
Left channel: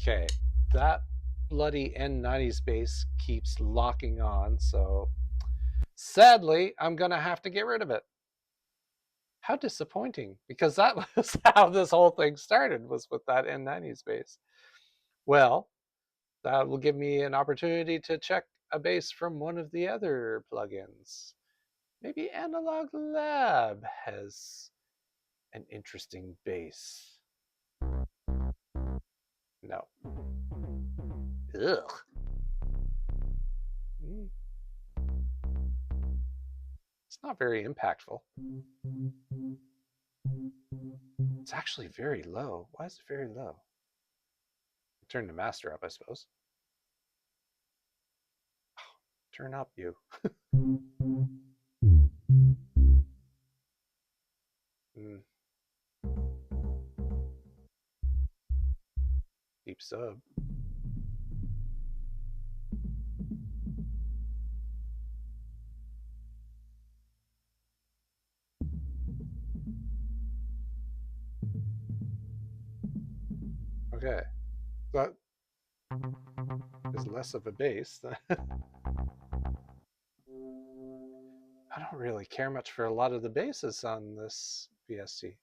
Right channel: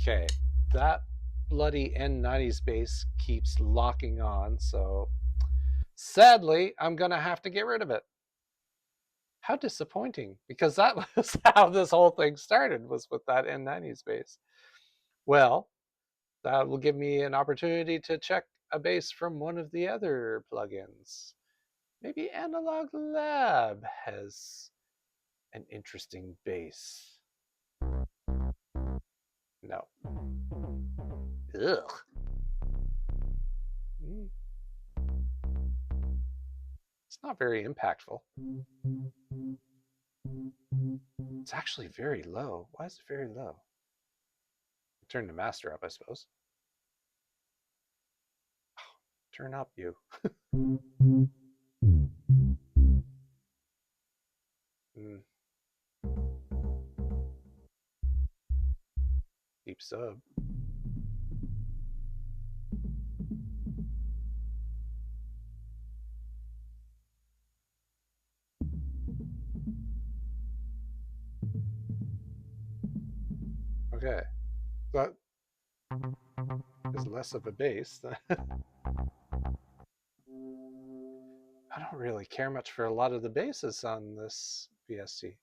Okay, that bloody N90 bass keeps locking on, so sadly, I'm gonna have to get rid of it. How disappointing, because that was how this whole thing started, was with that N90 bass. Well, that will give me an opportunity to check a bass from one of the other plugins. Maybe Analog Lab has an interesting bass. No. Ugh. It's not very impactful. It's actually very low. Why is it very low? Turn the master up, I suppose. Turn up, you. Mm, deep sub. Okay. That is less of a bass. I don't really care much for a lot of the basses on this VST.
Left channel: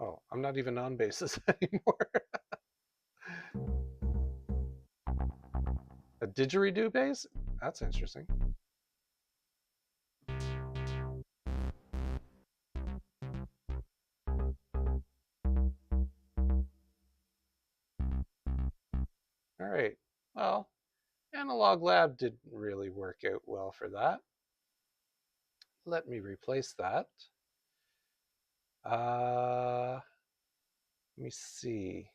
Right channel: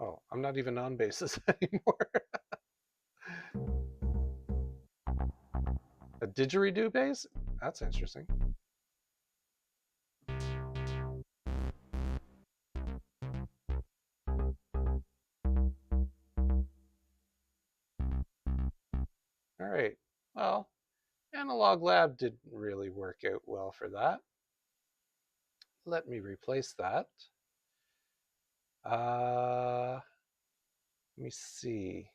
Oh, I'm not even on basses anymore. A didgeridoo bass? That's interesting. All right. Well, Analog Lab didn't really work out well for that. Let me replace that. Let me see.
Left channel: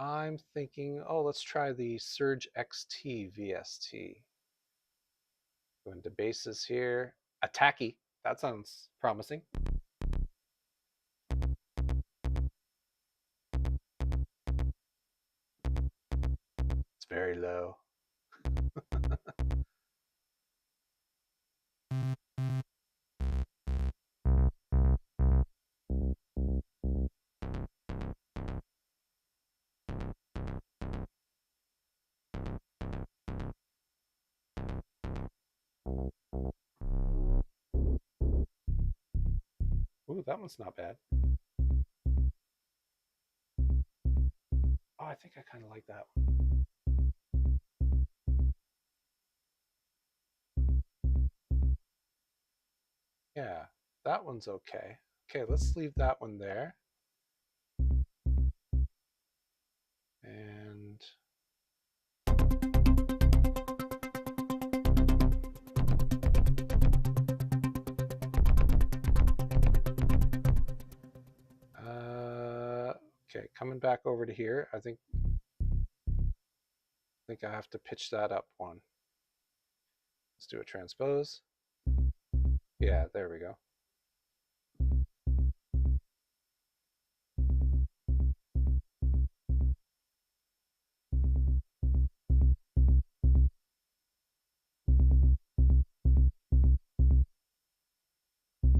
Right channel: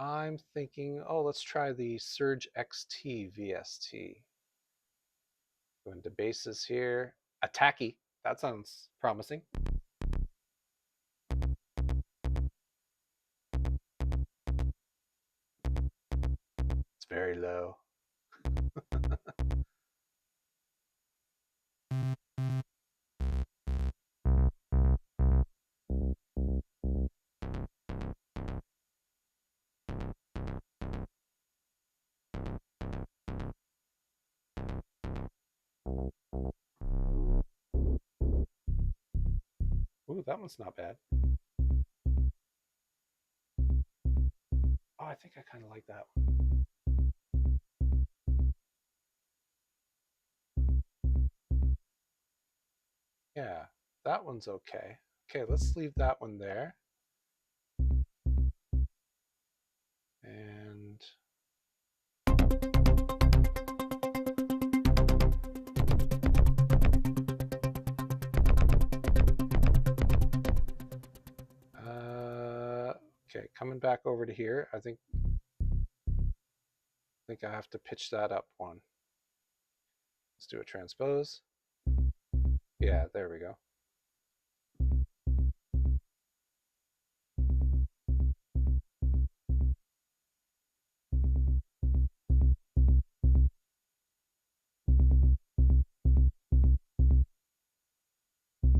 I'm thinking, oh, let's try the Surge XT VST. Go into basses here. Attacky. That sounds promising. It's very low. Ooh, that one's not bad. Oh, I think I kind of like that one. Yeah, that one's okay. Okay, let's leave that one there. And okay, coming back over to here. I think I have to pitch that up one. Let's do a transpose. Yeah, there we go.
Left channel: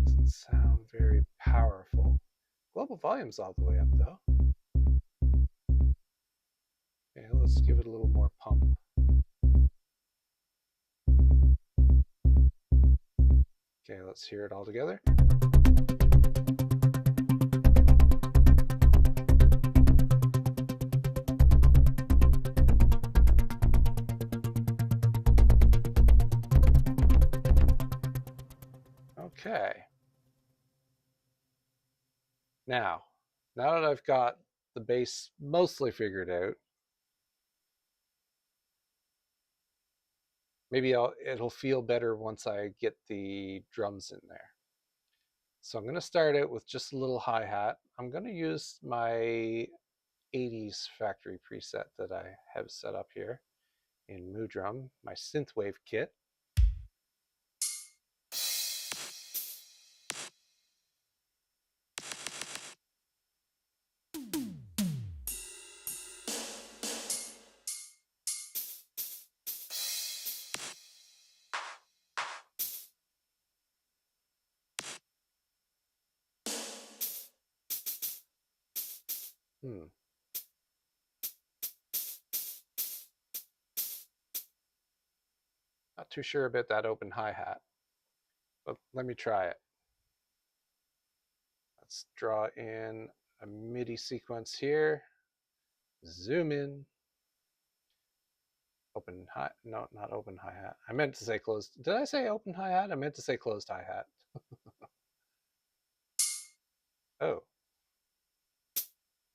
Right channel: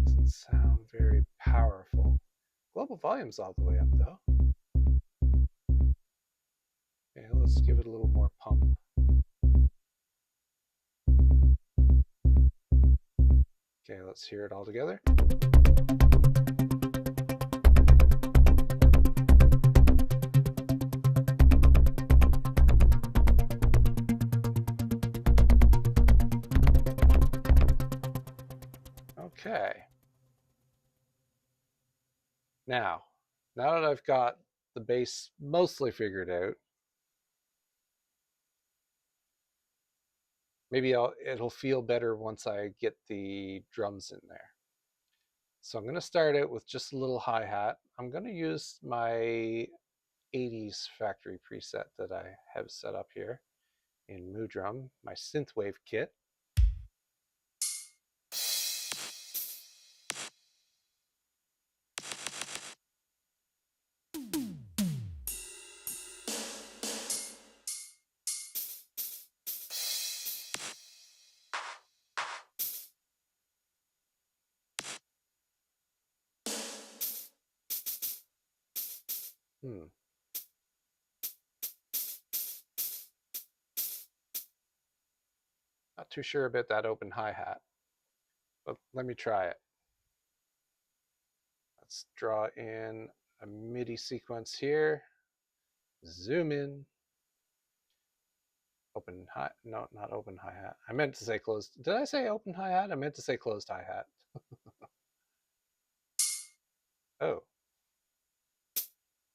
Doesn't sound very powerful. Global volume's all the way up though. Okay, let's give it a little more pump. Okay, let's hear it all together. Okay. Now that I've got the bass mostly figured out, maybe it'll feel better once I get the drums in there. So I'm going to start out with just a little hi-hat. I'm going to use my 80s factory preset that I have set up here in Moo Drum, my synthwave kit. Hmm. Not too sure about that open hi-hat, but let me try it. Let's draw in a MIDI sequence here. Zoom in. Open hi, no, not open hi-hat. I meant to say closed. Did I say open hi-hat? I meant to say closed hi-hat. Oh,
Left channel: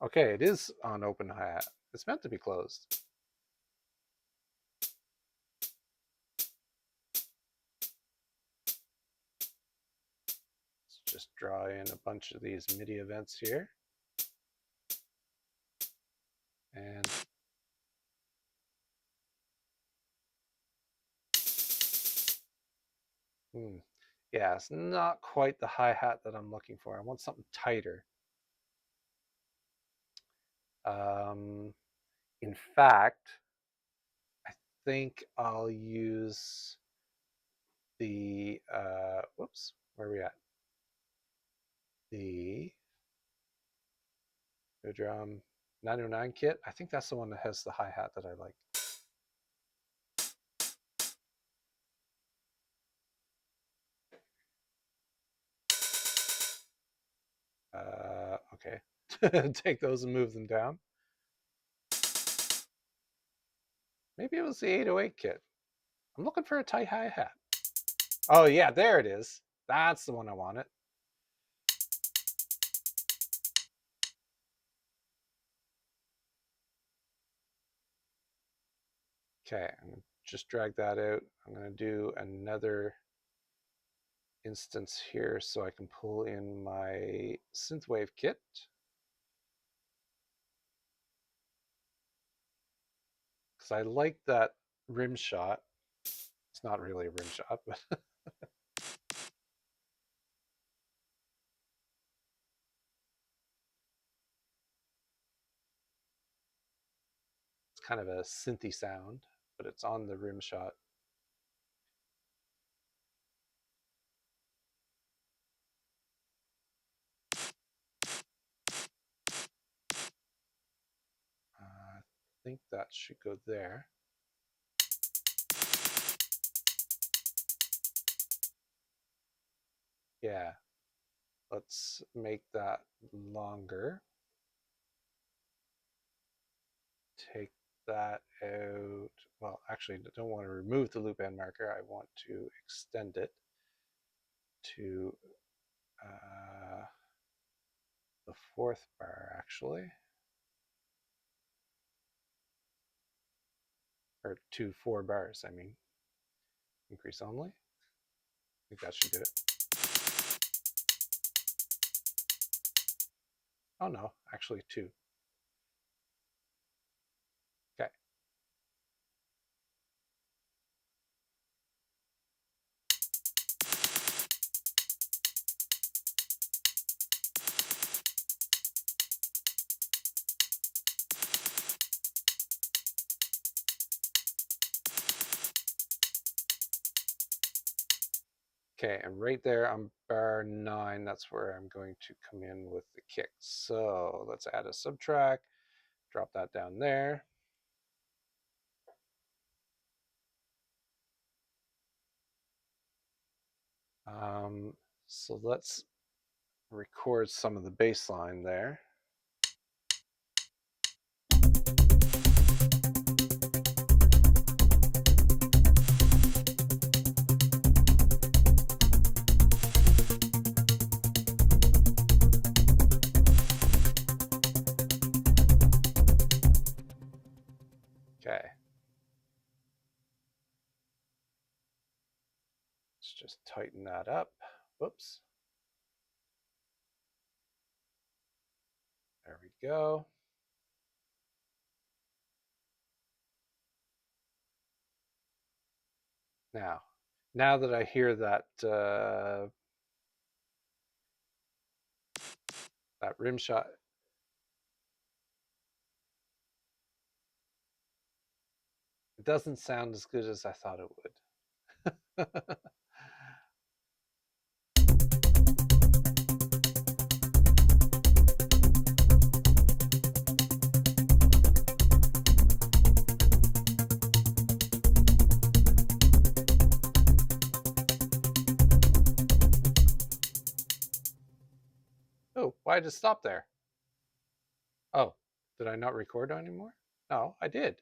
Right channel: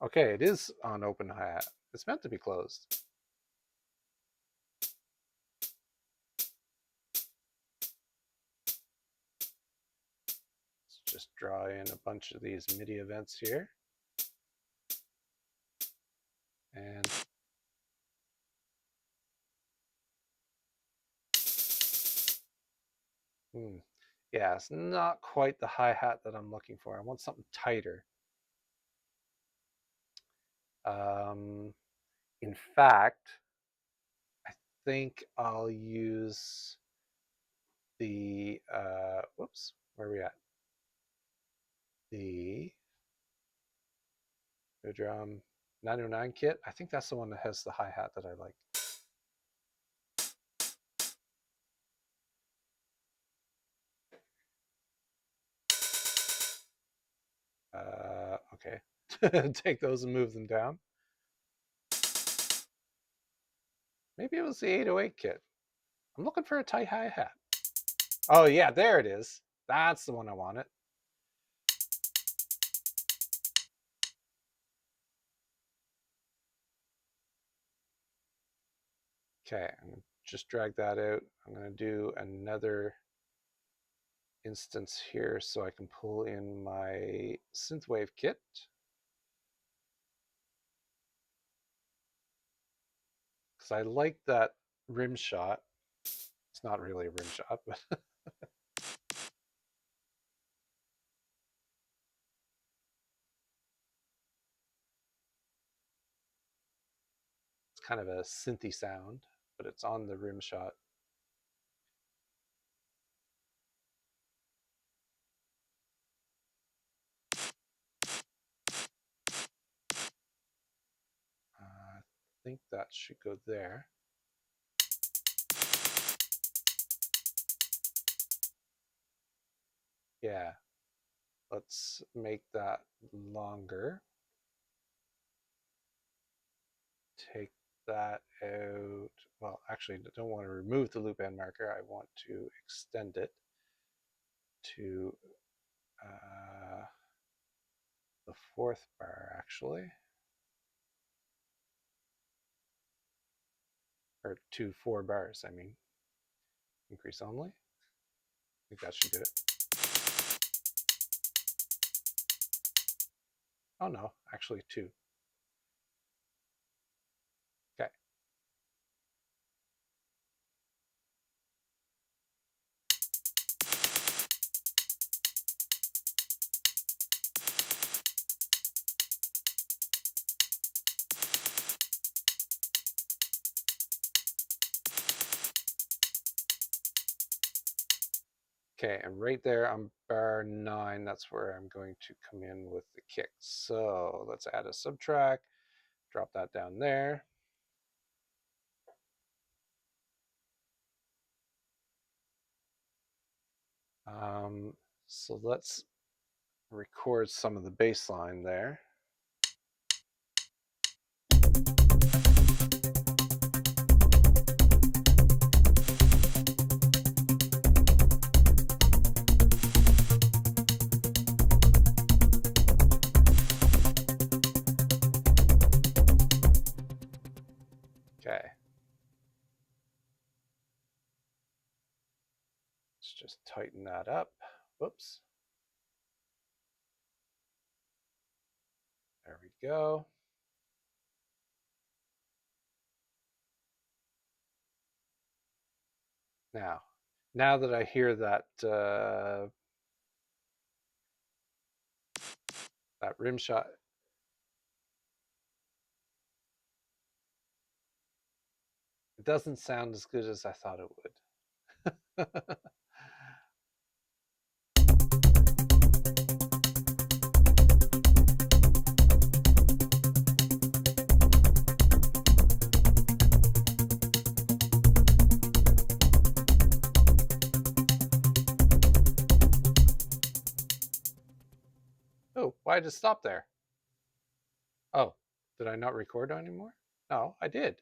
okay, it is on open hi-hat. It's meant to be closed. Let's just draw in a bunch of these MIDI events here. And yeah, it's not quite the hi-hat that I'm looking for. I want something tighter. Um, in fact, I think I'll use the, whoops, where are we at? The drum 909 kit. I think that's the one that has the hi-hat that I like. Okay. Take those and move them down. Maybe it was the 808 kit. I'm looking for a tight hi-hat. Oh yeah, there it is. That's the one I wanted. Okay, I'm gonna just drag that out. I'm gonna do another instance here so I can pull in my synthwave kit. Because I like that rim shot. It's not really a rim shot, but it's kind of a synthy sound, but it's on the rim shot. I think that should go there. Yeah, let's make that longer. Take that out. Well, actually, I don't want to remove the loop end marker. I want to extend it to the fourth bar, actually. Or to 4 bars, I mean. Increase only. I think that should do it. Oh no, actually 2. Okay. Okay, and right there on bar 9, that's where I'm going to come in with the kick. So let's add a subtrack, drop that down there. So let's record some of the bass line there. Okay. Let's just tighten that up. Whoops. There we go. Now that I hear that that rim shot, it doesn't sound as good as I thought it would. Oh, why did it stop there? Oh, did I not record anymore? No, I did.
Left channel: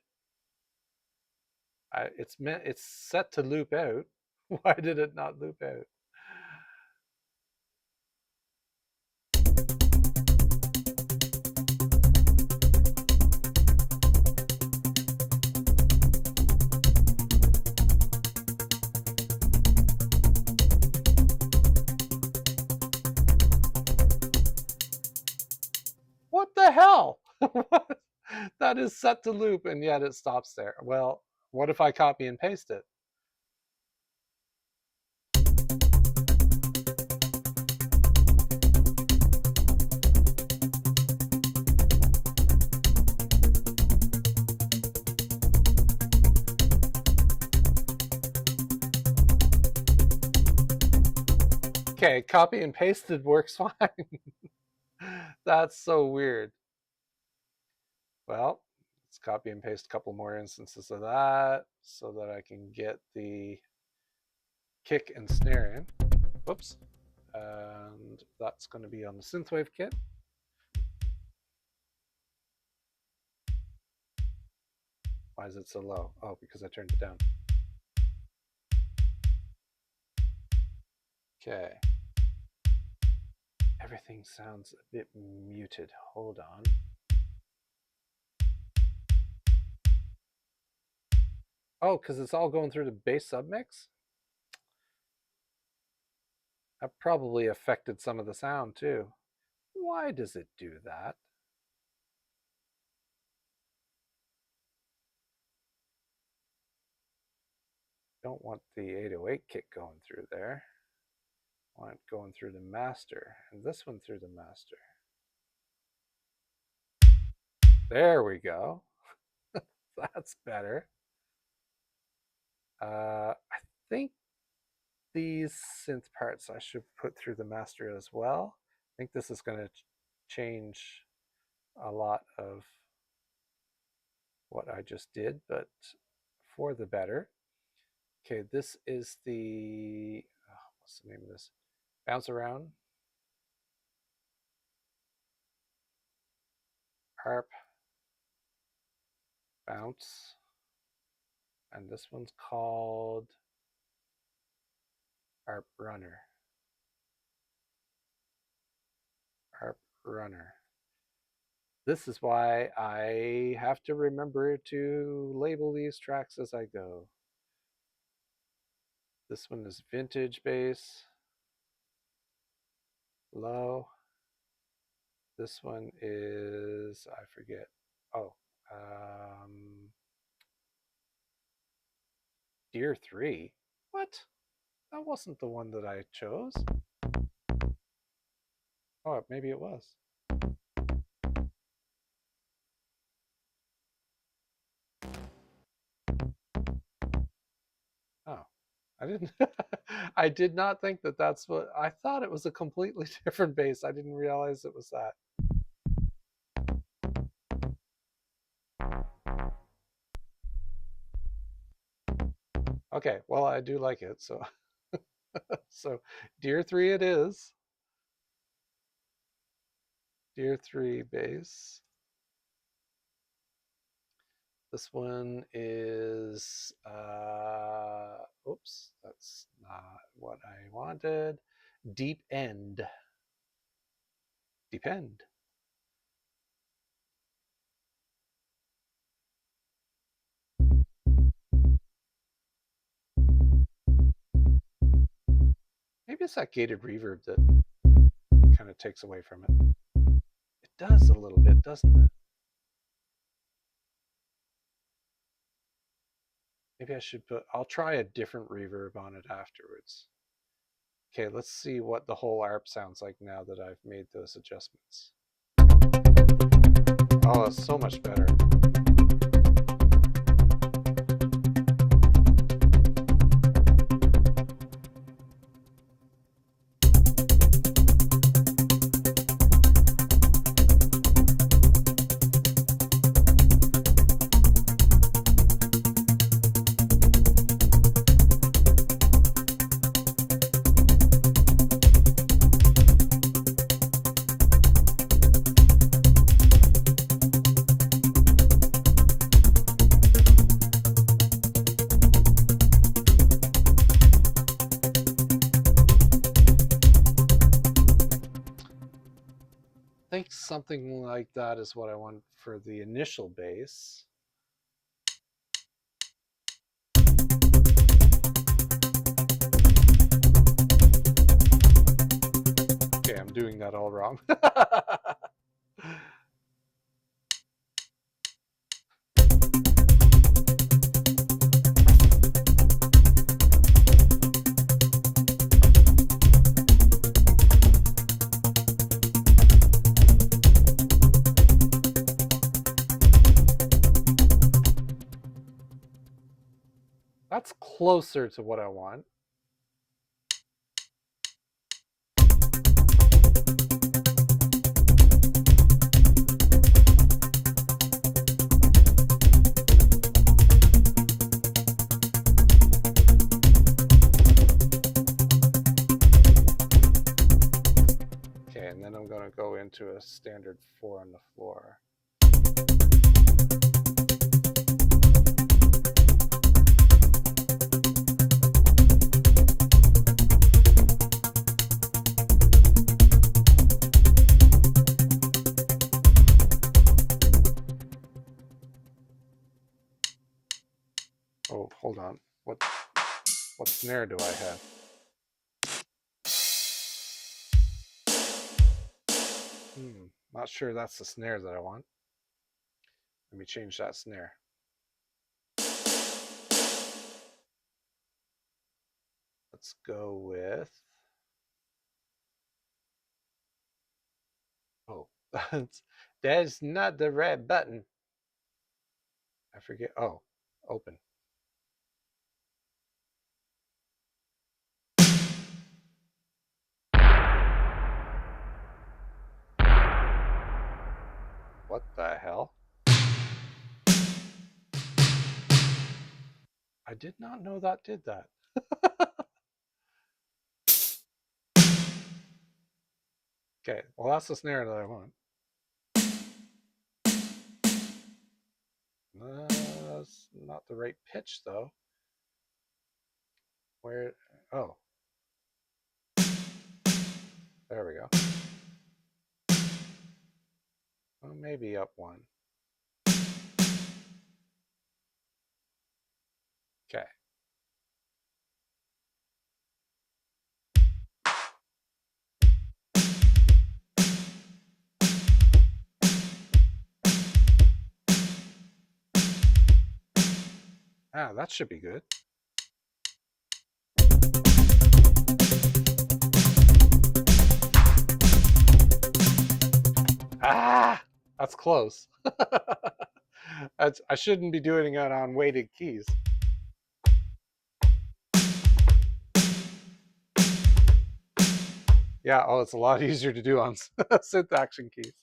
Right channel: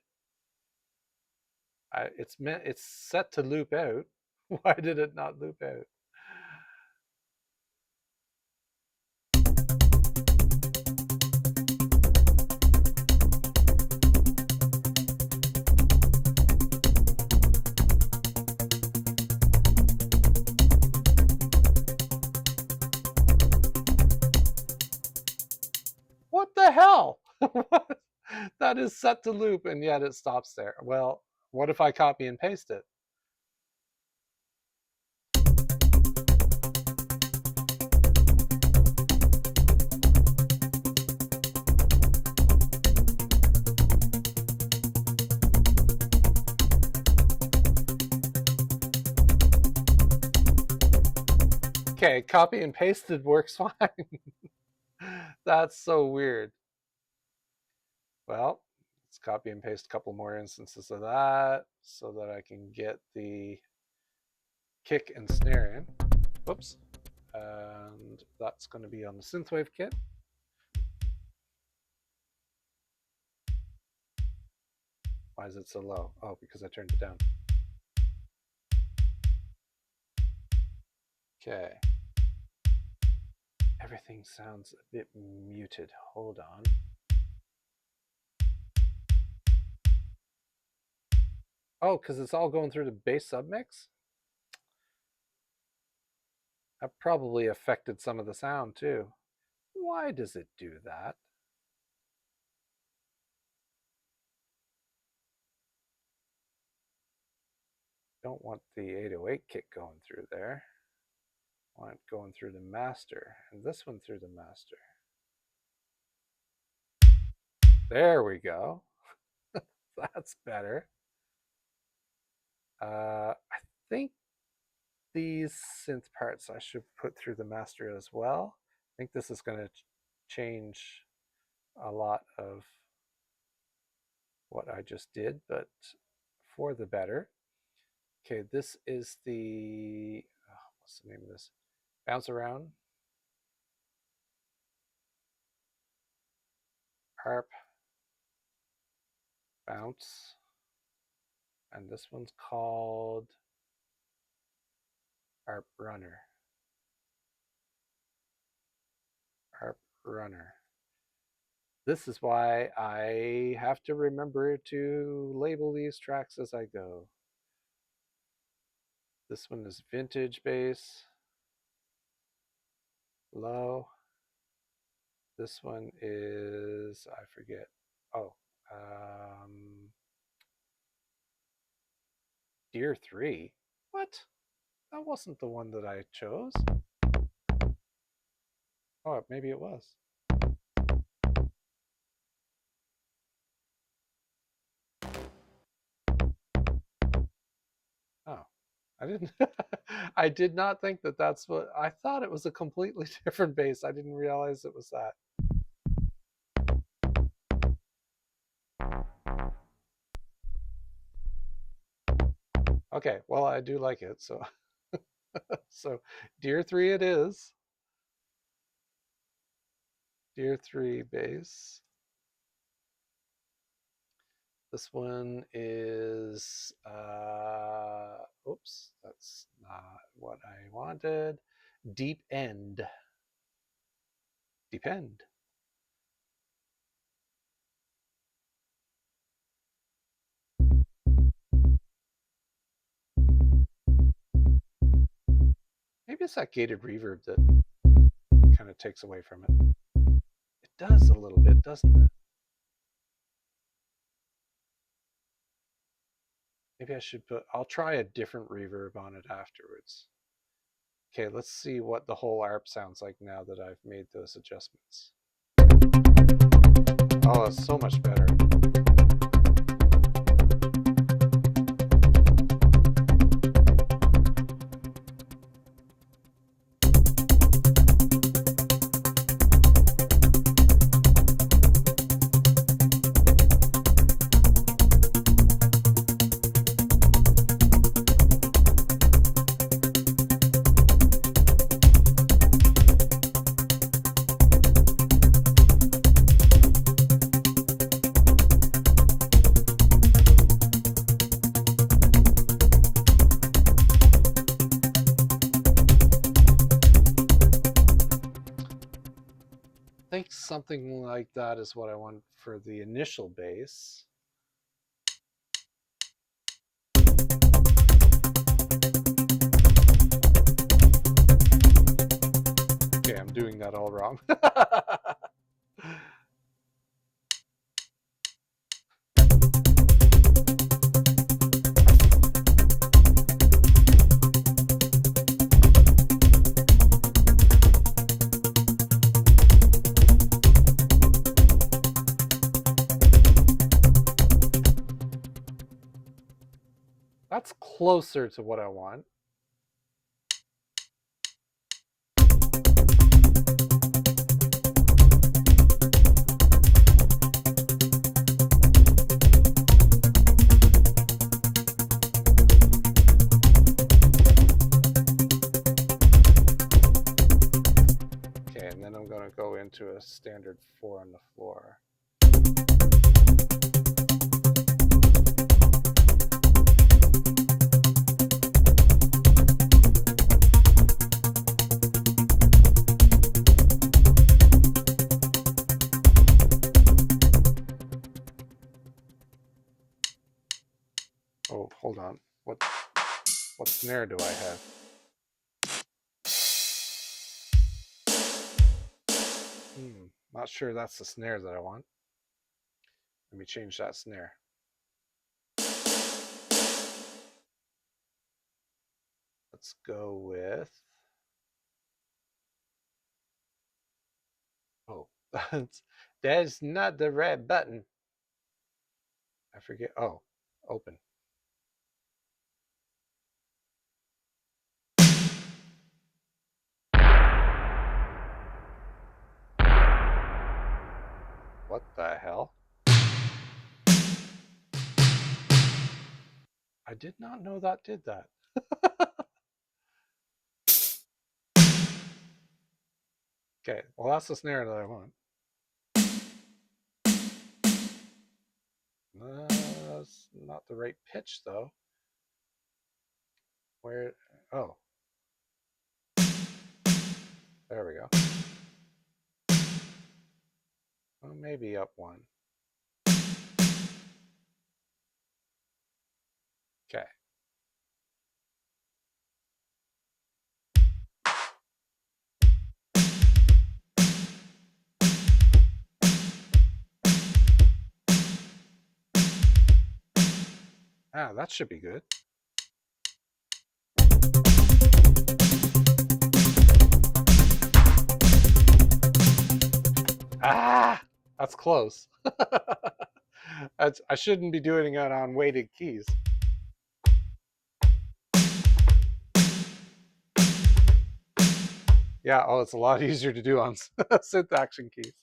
It's set to loop out. Why did it not loop out? What the hell? That is set to loop and yet it stops there. Well, what if I copy and paste it? Okay, copy and pasted works fine. That's so weird. Well, let's copy and paste a couple more instances of that so that I can get the kick and snare in. Whoops. And that's going to be on the synthwave kit. Why is it so low? Oh, because I turned it down. Okay. Everything sounds a bit muted. Hold on. Oh, because it's all going through the bass submix? That probably affected some of the sound too. Why does it do that? Don't want the 808 kick going through there. I want it going through the master, and this one through the master. There we go. That's better. I think these synth parts I should put through the master as well. I think this is going to change a lot of what I just did, but for the better. Okay, this is the, what's the name of this? Bounce around. Harp. Bounce. And this one's called Harp Runner. Harp Runner. This is why I have to remember to label these tracks as I go. This one is vintage bass, low. This one is, I forget. Oh, Deer 3. What? That wasn't the one that I chose. Oh, maybe it was. Oh, I didn't. I did not think that that's what I thought. It was a completely different bass. I didn't realize it was that. Okay, well, I do like it, so so Deer 3 it is. Deer 3 bass. This one is, oops, that's not what I wanted. Deep End. Deep End. Maybe it's that gated reverb that kind of takes away from it. It does a little bit, doesn't it? Maybe I should put, I'll try a different reverb on it afterwards. Okay, let's see what the whole ARP sounds like now that I've made those adjustments. Oh, it's so much better. think something like that is what I want for the initial bass. Okay, I'm doing that all wrong. That's closer to what I want. Okay, and then I'm going to go into a standard 4 on the floor. Oh, hold on. What snare do I have? Not sure that's the snare that I want. Let me change that snare. Let's go with... Oh, that's not the right button. I forget. Oh, open. What the hell? I did not know that did that. Okay, well that's the snare that I want. That's not the right pitch though. Where? Oh. There we go. Well, maybe up one. Okay. Ah, that should be good. Ah, that's close. I shouldn't be doing it on weighted keys. Yeah, oh, it's a lot easier to do on synth action keys.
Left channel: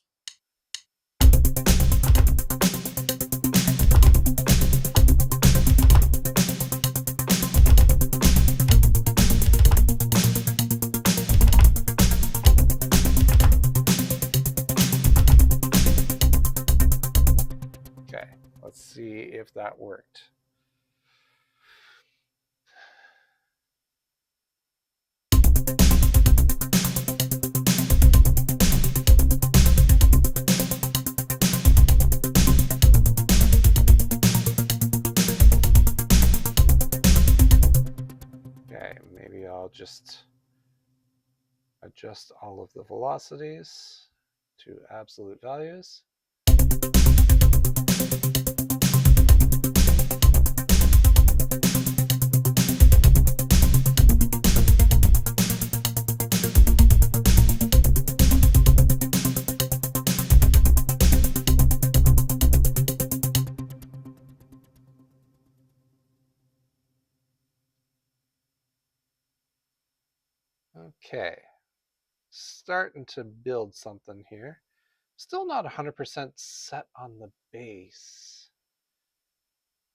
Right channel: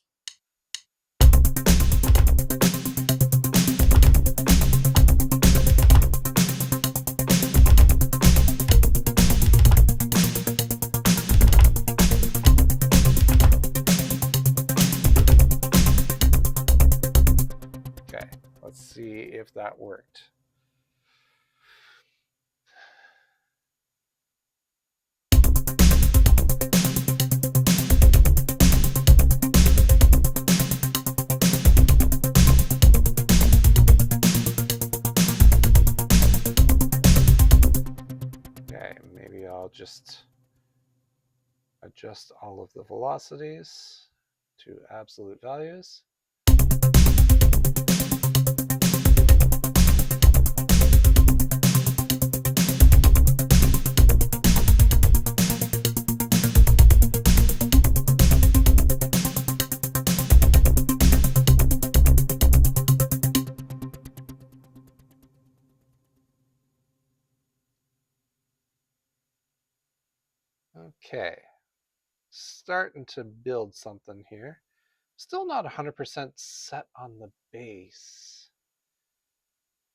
Okay, let's see if that worked. Okay, maybe I'll just adjust all of the velocities to absolute values. Okay, starting to build something here. Still not 100% set on the bass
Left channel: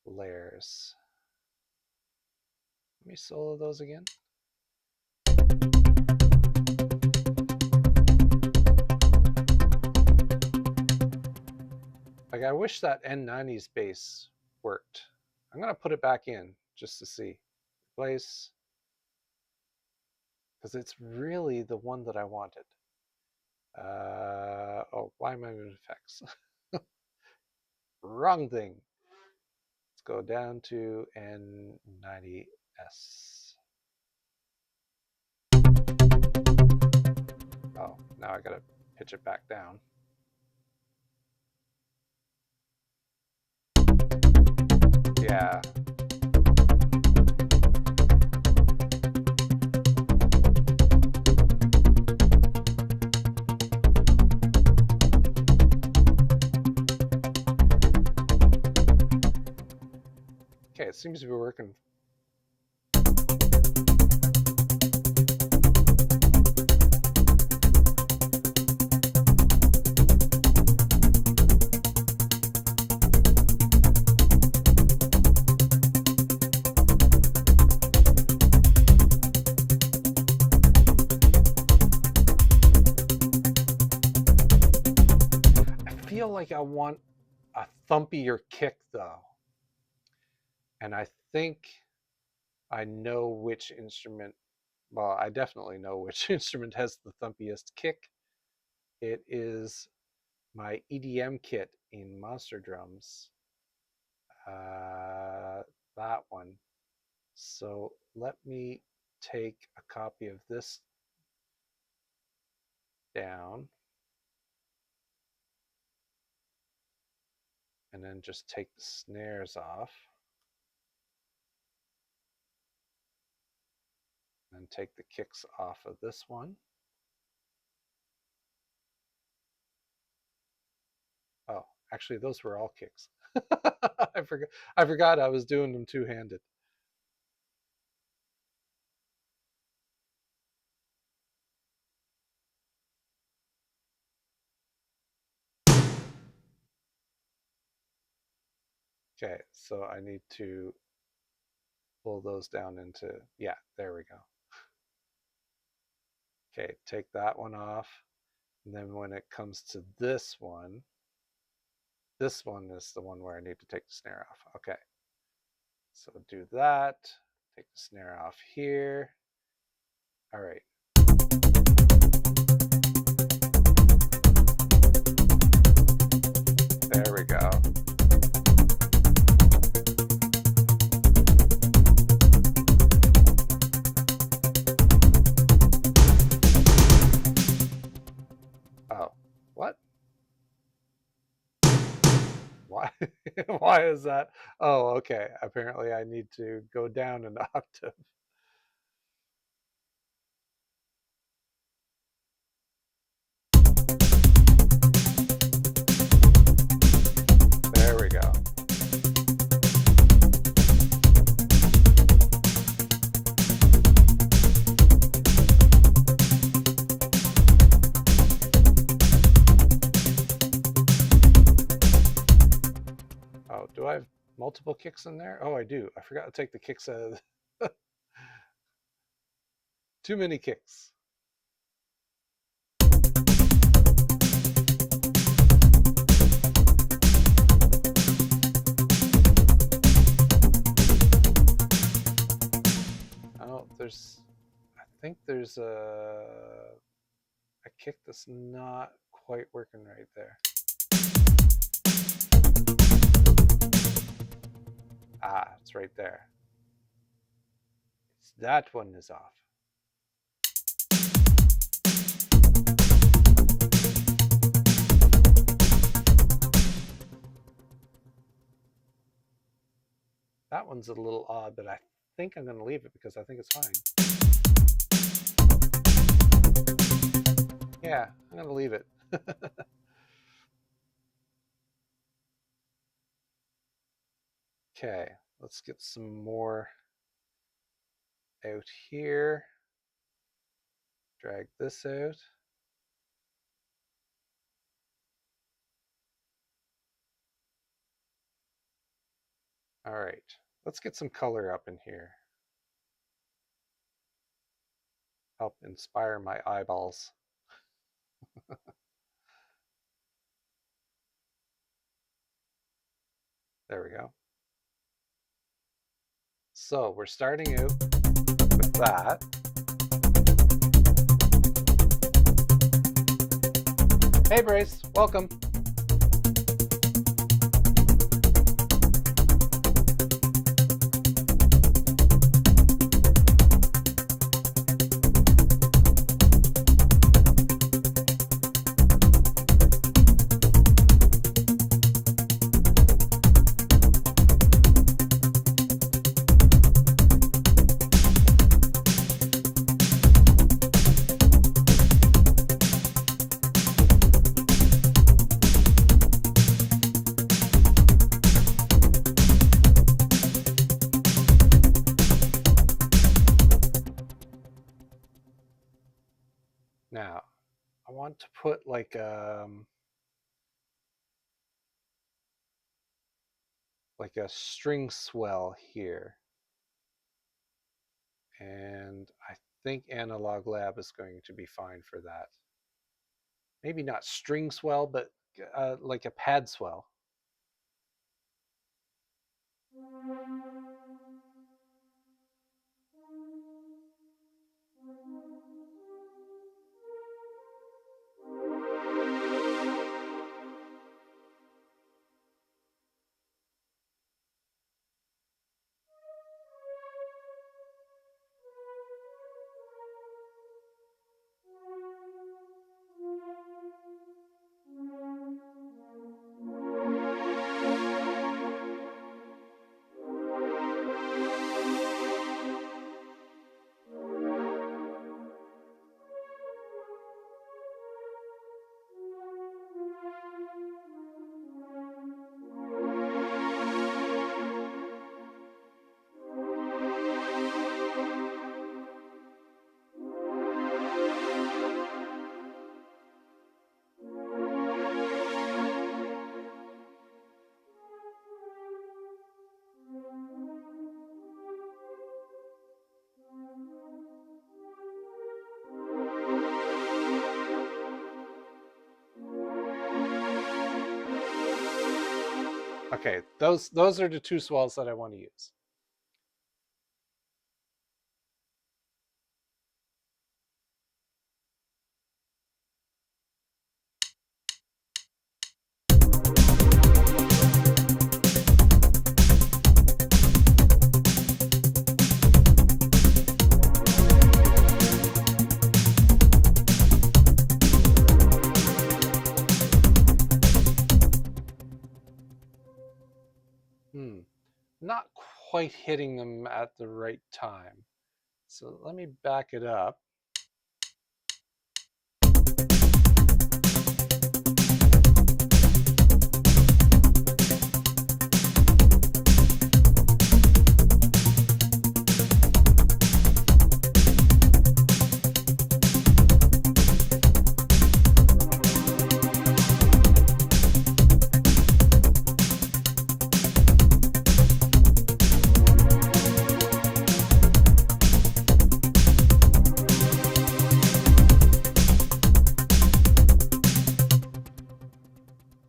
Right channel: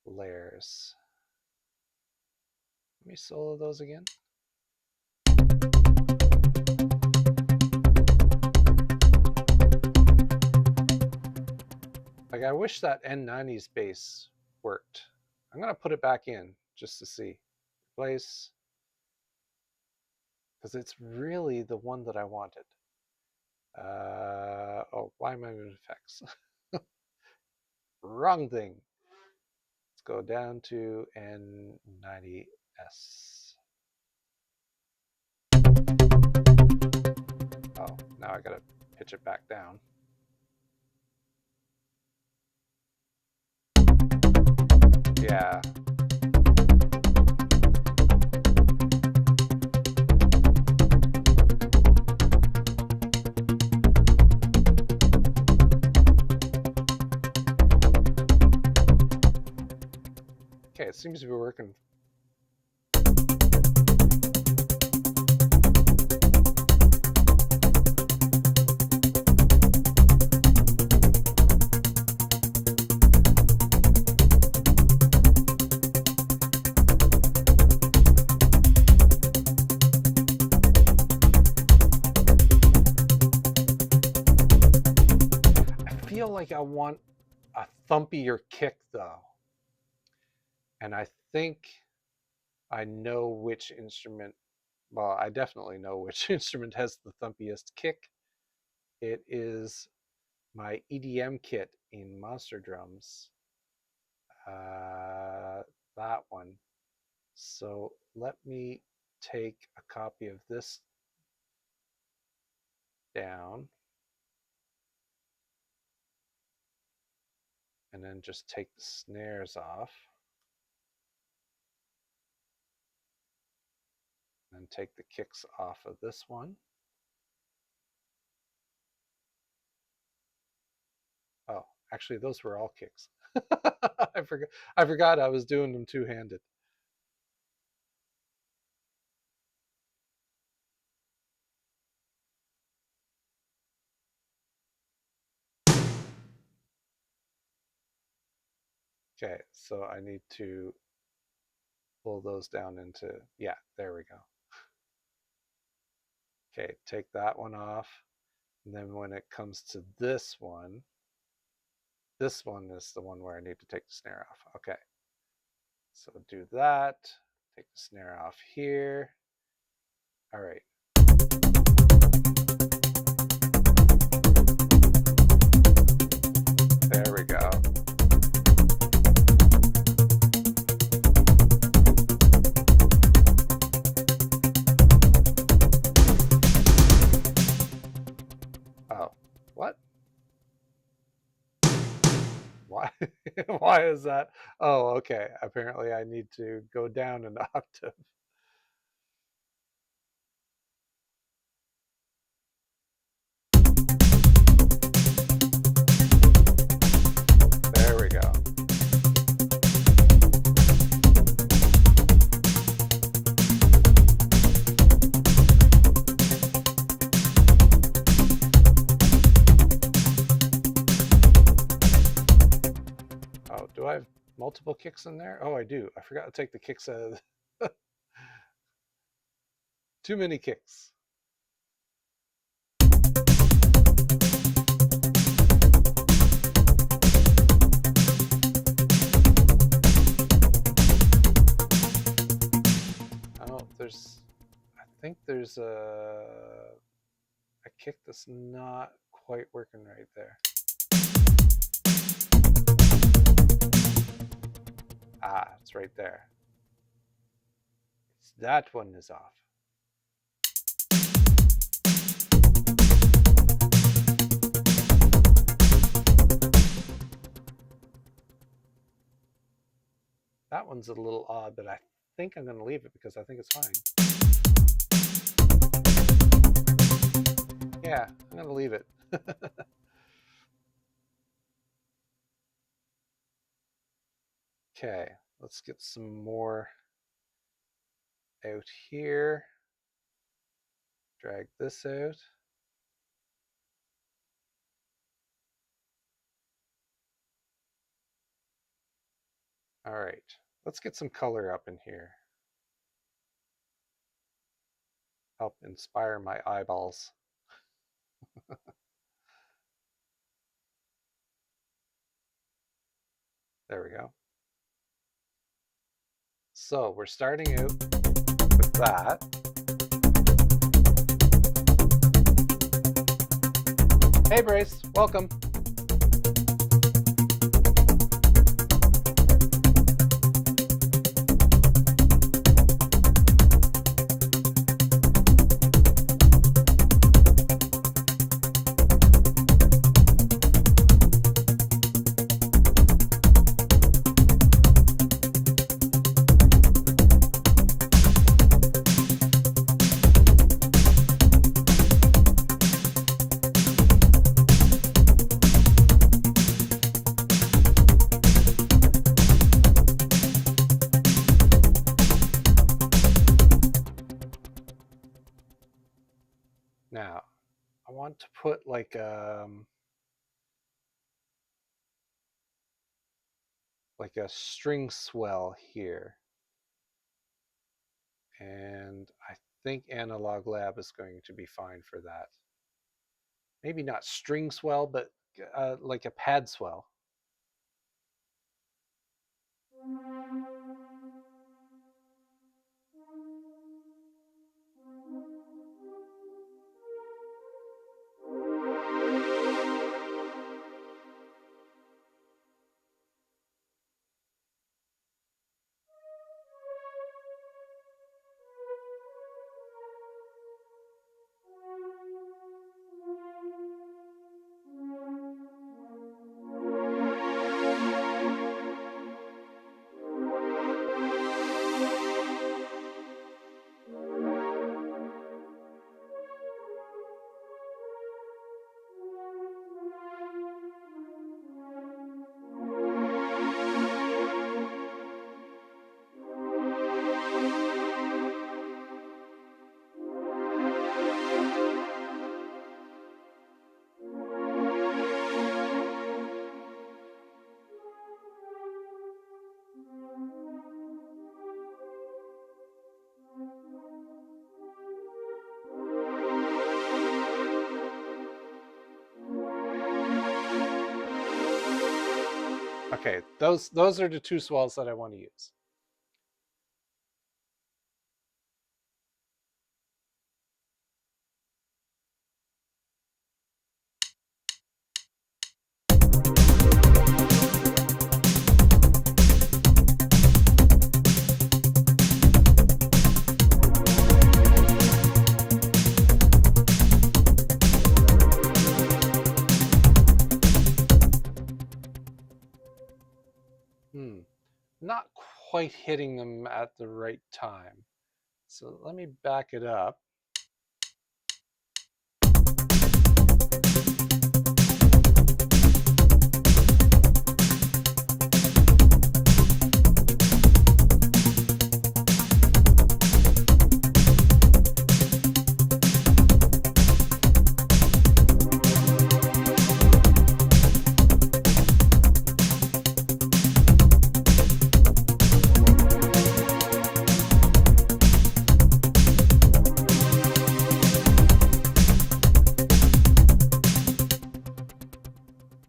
layers. Let me solo those again. Like, I wish that N90's bass worked. I'm going to put it back in just to see. Replace. Because it's really the one that I wanted. Oh, why am I in effects? Wrong thing. Let's go down to N90S. Oh, now I gotta pitch it back down. Yeah. Okay, it seems to be working. I feel like I want a thumpier kick though. And I think I know which instrument, well, I definitely know which instrument has the thumpiest kick. It is my EDM kit in Monster Drums. That one. So let me take a copy of this down and then just take the snares off and take the kicks off of this one. Oh, actually those were all kicks. I forgot I was doing them two-handed. Okay, so I need to pull those down into, yeah, there we go. Okay, take that one off. And then when it comes to this one is the one where I need to take the snare off. Okay, so do that, take the snare off here. All right. There we go. Oh, what? Why? Why is that? Oh, okay. Apparently I need to go down an octave. There we go. Oh, do I have multiple kicks in there? Oh, I do. I forgot to take the kicks out of too many kicks. Oh, I think there's a kick that's not quite working right there. Ah, it's right there. That one is off. That one's a little odd, but I think I'm going to leave it because I think it's fine. Yeah, I'm going to leave it. Okay, let's get some more out here. Drag this out. All right, let's get some color up in here. Help inspire my eyeballs. There we go. So we're starting out with that. Hey, Brace, welcome. Now, I want to put like a string swell here. And I think Analog Lab is going to be fine for that. Maybe not string swell, but like a pad swell. Okay, those are the two swells that I want to use. Not quite hitting them at the right time. So let me back it up.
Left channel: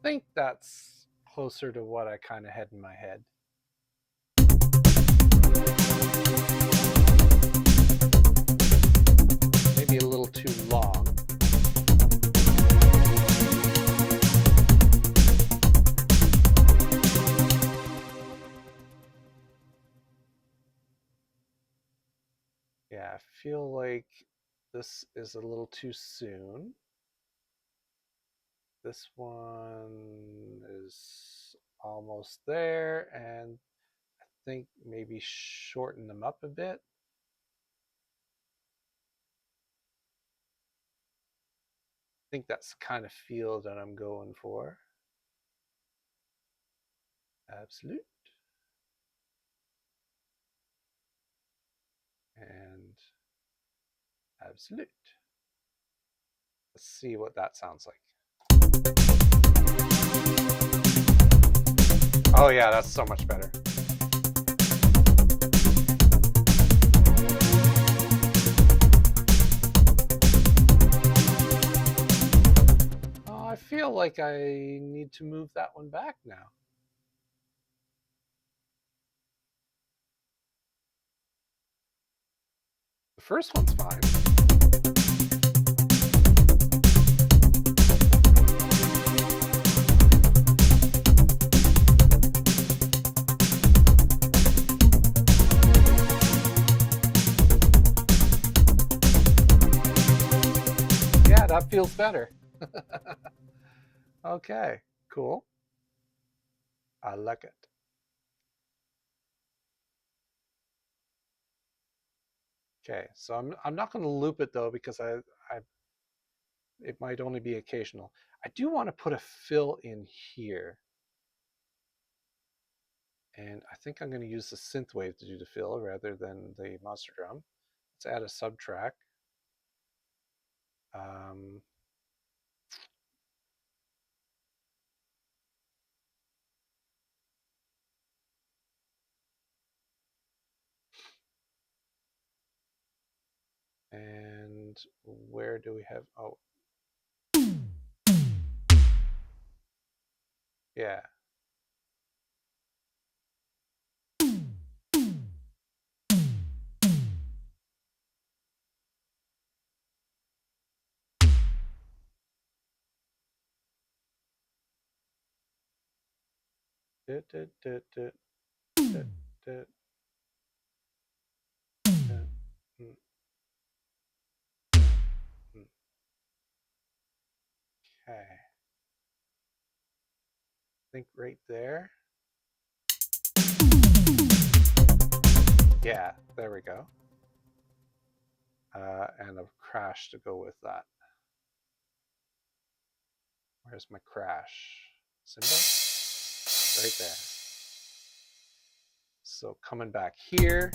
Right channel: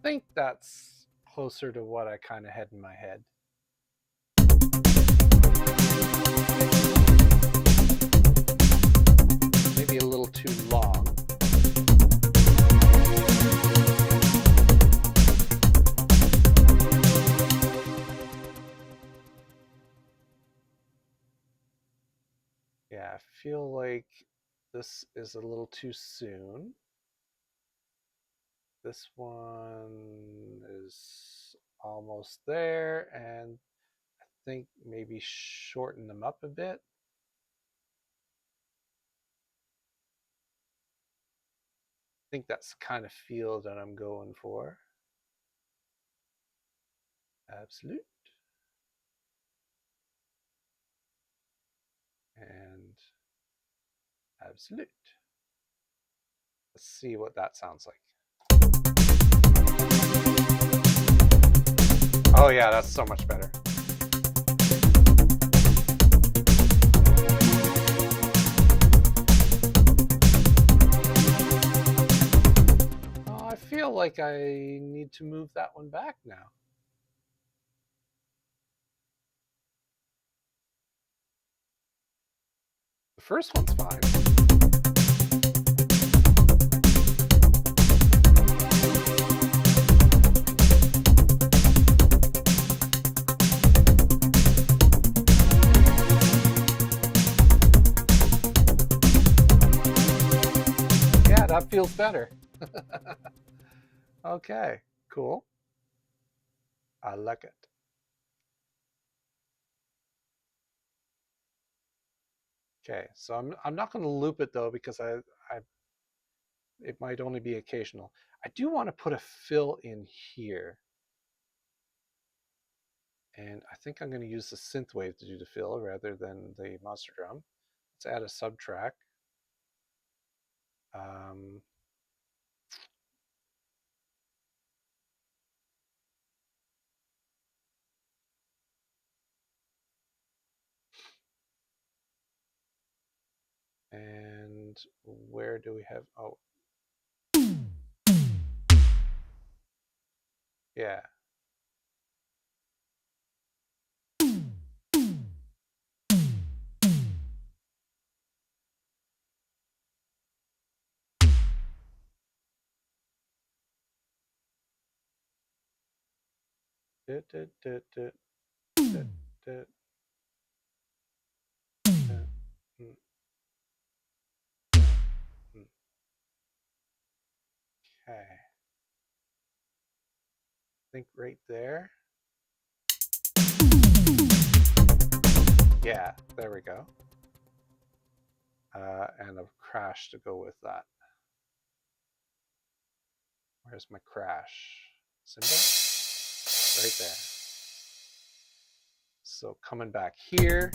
I think that's closer to what I kind of had in my head. Maybe a little too long. Yeah, I feel like this is a little too soon. This one is almost there, and I think maybe shorten them up a bit. I think that's the kind of feel that I'm going for. Absolute. And absolute. Let's see what that sounds like. Oh yeah, that's so much better. Oh, I feel like I need to move that one back now. The first one's fine. Yeah, that feels better. Okay, cool. I like it. Okay, so I'm not going to loop it though because I it might only be occasional. I do want to put a fill in here, and I think I'm going to use the synth wave to do the fill rather than the monster drum. Let's add a subtrack. Um, and where do we have? Oh, yeah. Dut, dut, dut, dut, dut, dut, dut, mm, dut, mm. Okay, I think right there. Yeah, there we go. And a crash to go with that. Where's my crash symbol? Right there. So coming back here.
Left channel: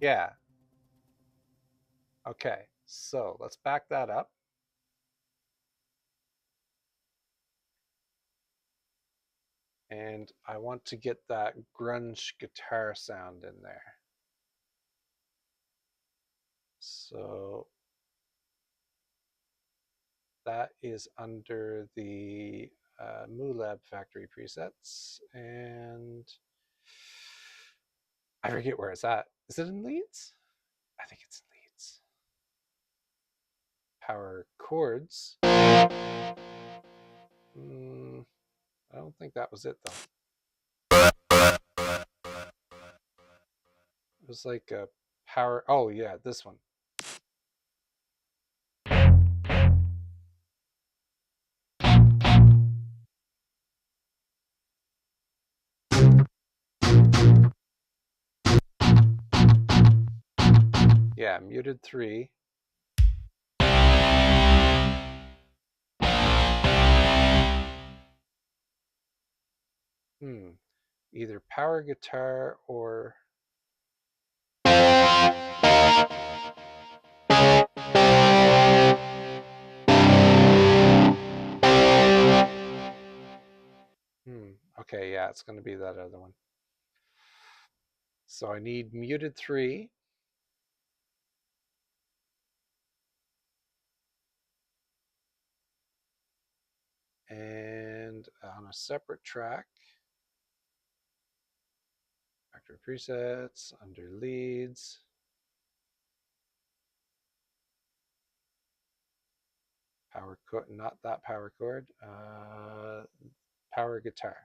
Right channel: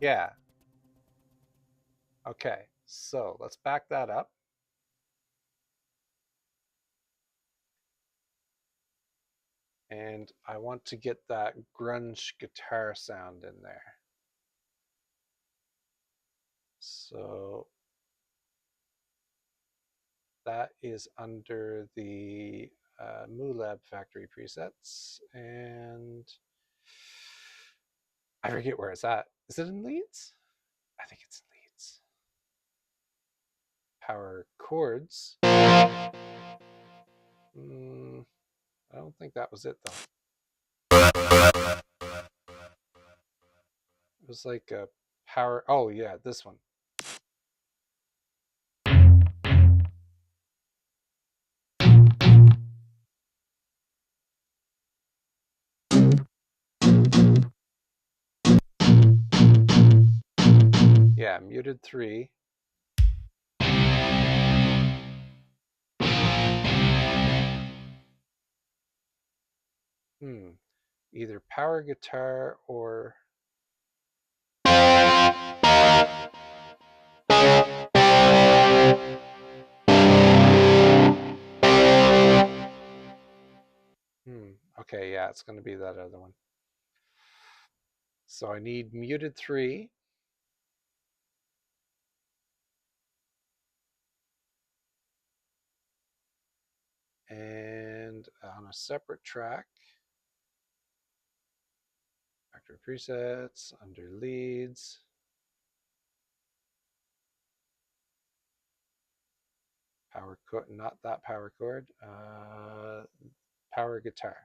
Yeah. Okay, so let's back that up. And I want to get that grunge guitar sound in there. So that is under the MooLab factory presets. And I forget where it's at. Is it in Leads? I think it's in Leads. Power chords. I don't think that was it though. It was like a power. Oh yeah, this one. Yeah, muted 3. Either power guitar or okay, yeah, it's going to be that other one. So I need muted 3. And on a separate track, factory presets, under leads, power chord, not that power chord, power guitar.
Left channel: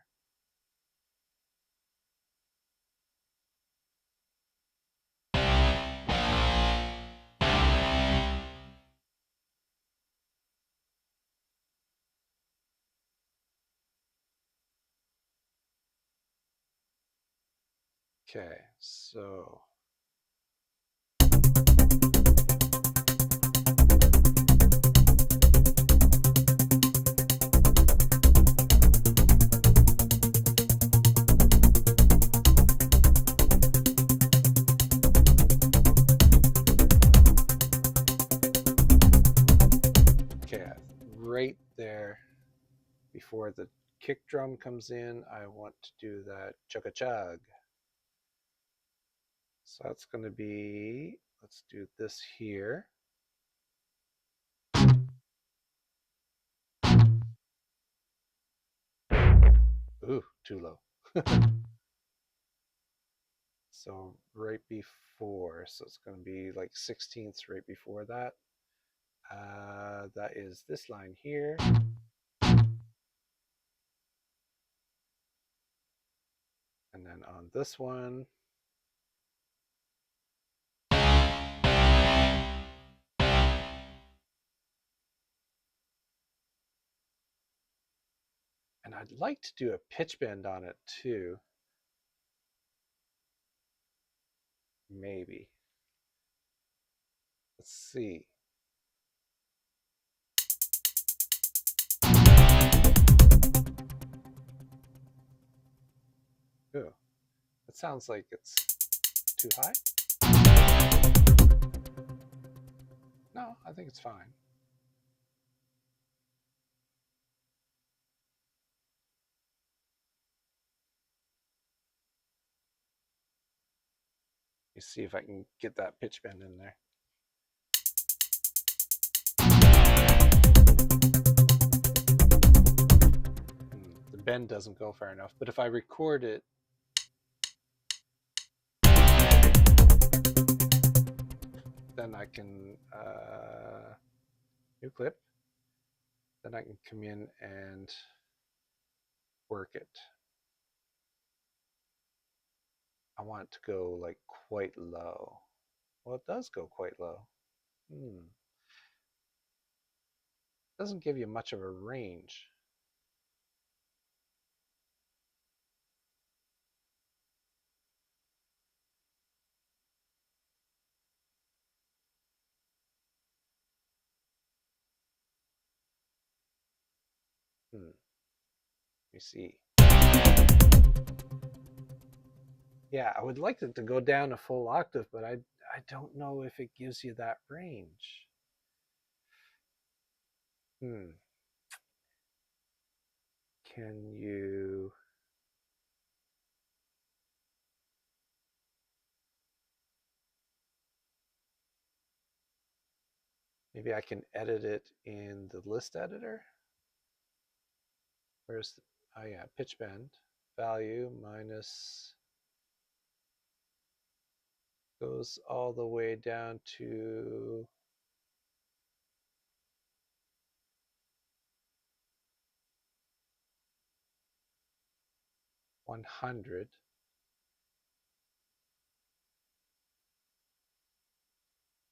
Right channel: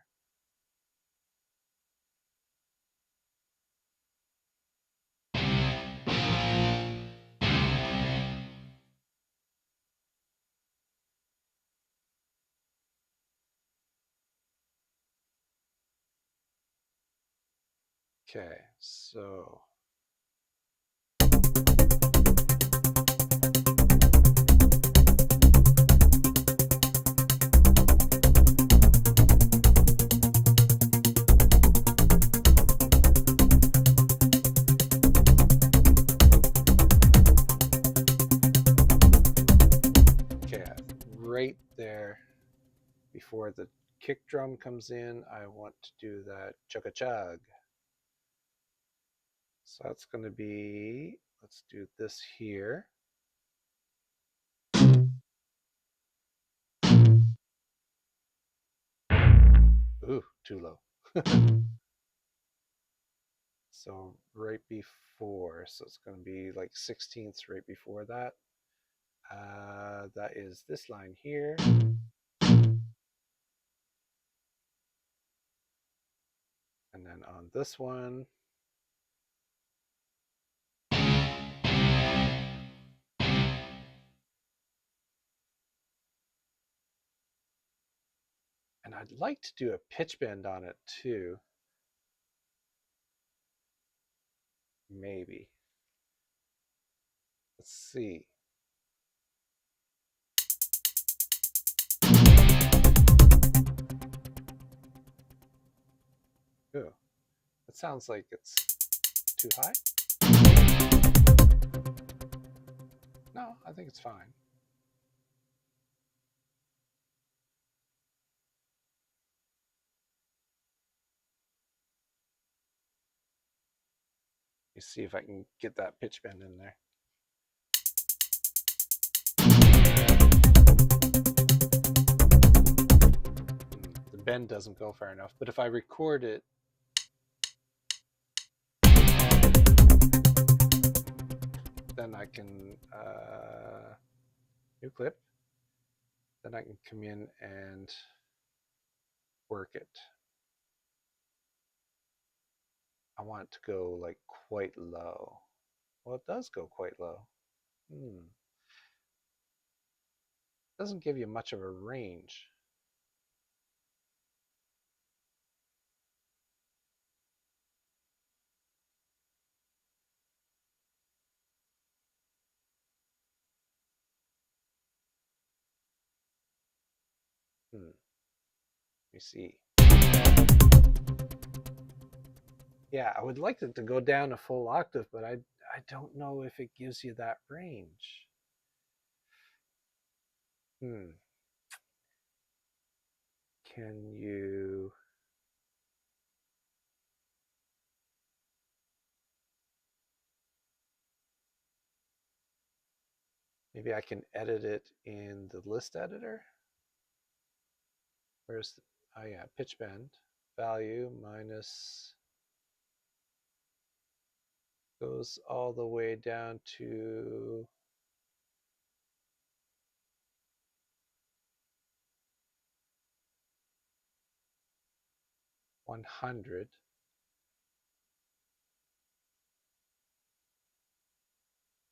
Okay, so okay, right there before the kick drum comes in, I want to do that chugga chug. So that's going to be, let's do this here. Ooh, too low. So right before, so it's going to be like 16ths right before that. That is this line here. this one. And I'd like to do a pitch bend on it too. Maybe. Let's see. Ooh, it sounds like it's too high. No, I think it's fine. You see if I can get that pitch bend in there. The bend doesn't go far enough, but if I record it, then I can new clip. Then I can come in and work it. I want it to go like quite low. Well, it does go quite low. Doesn't give you much of a range. Let me see. Yeah, I would like it to go down a full octave, but I don't know if it gives you that range. Can you... Maybe I can edit it in the list editor. Where's the... Oh yeah, pitch bend value minus goes all the way down to 100.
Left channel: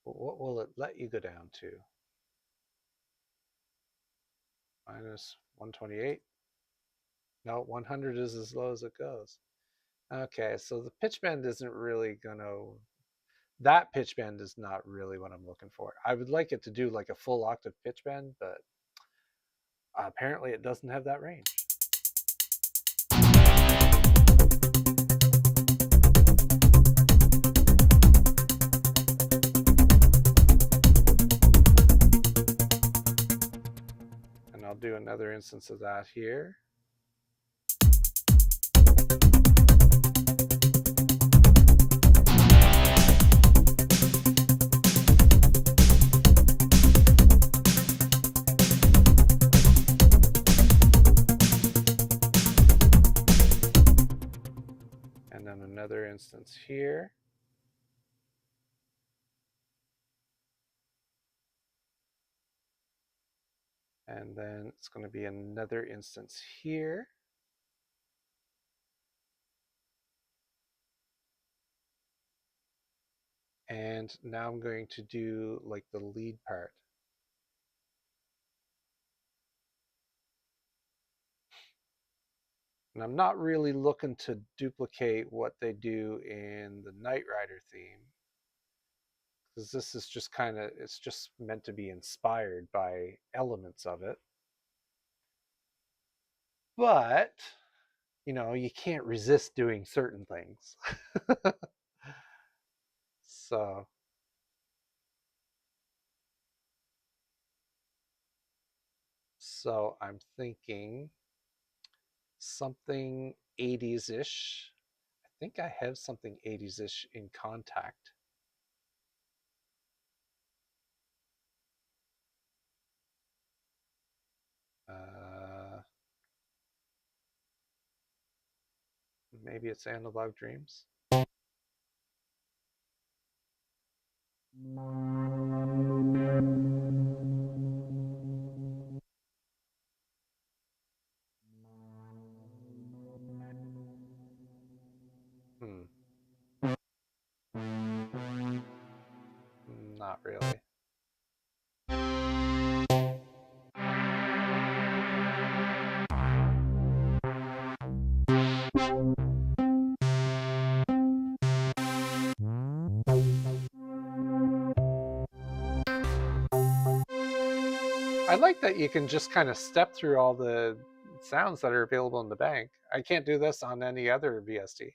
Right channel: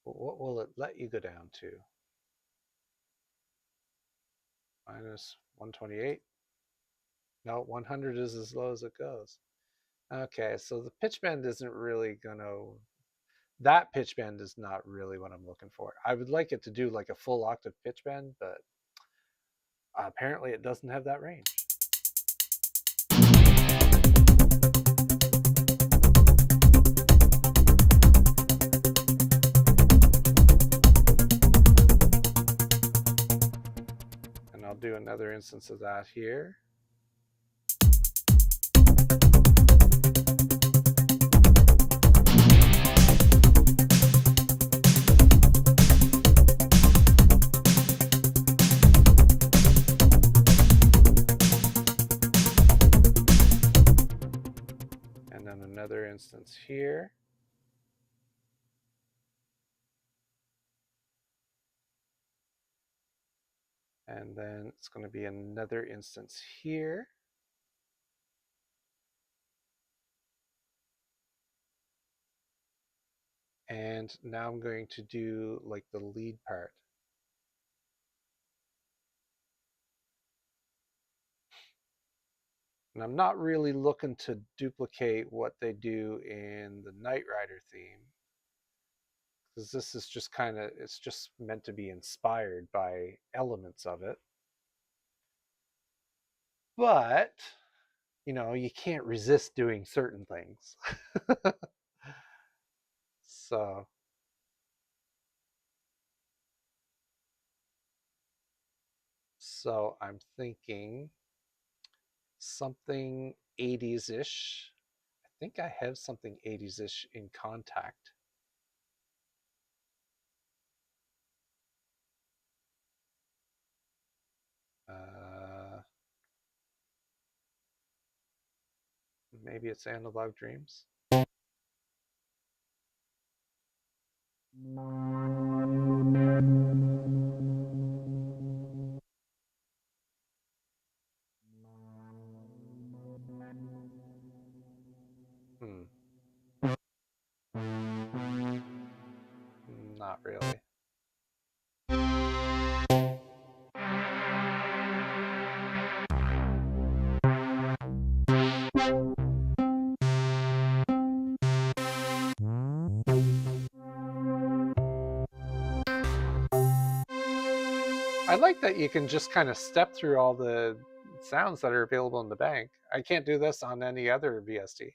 But what will it let you go down to? Minus 128. No, 100 is as low as it goes. Okay, so the pitch bend isn't really gonna... That pitch bend is not really what I'm looking for. I would like it to do like a full octave pitch bend, but apparently it doesn't have that range. And I'll do another instance of that here. Another instance here. And then it's going to be another instance here. And now I'm going to do like the lead part. And I'm not really looking to duplicate what they do in the Knight Rider theme, because this is just kind of, it's just meant to be inspired by elements of it. But, you know, you can't resist doing certain things. So I'm thinking something 80s-ish. I think I have something 80s-ish in Contact. Maybe it's Analog Dreams. not really. I like that you can just kind of step through all the sounds that are available in the bank. I can't do this on any other VST.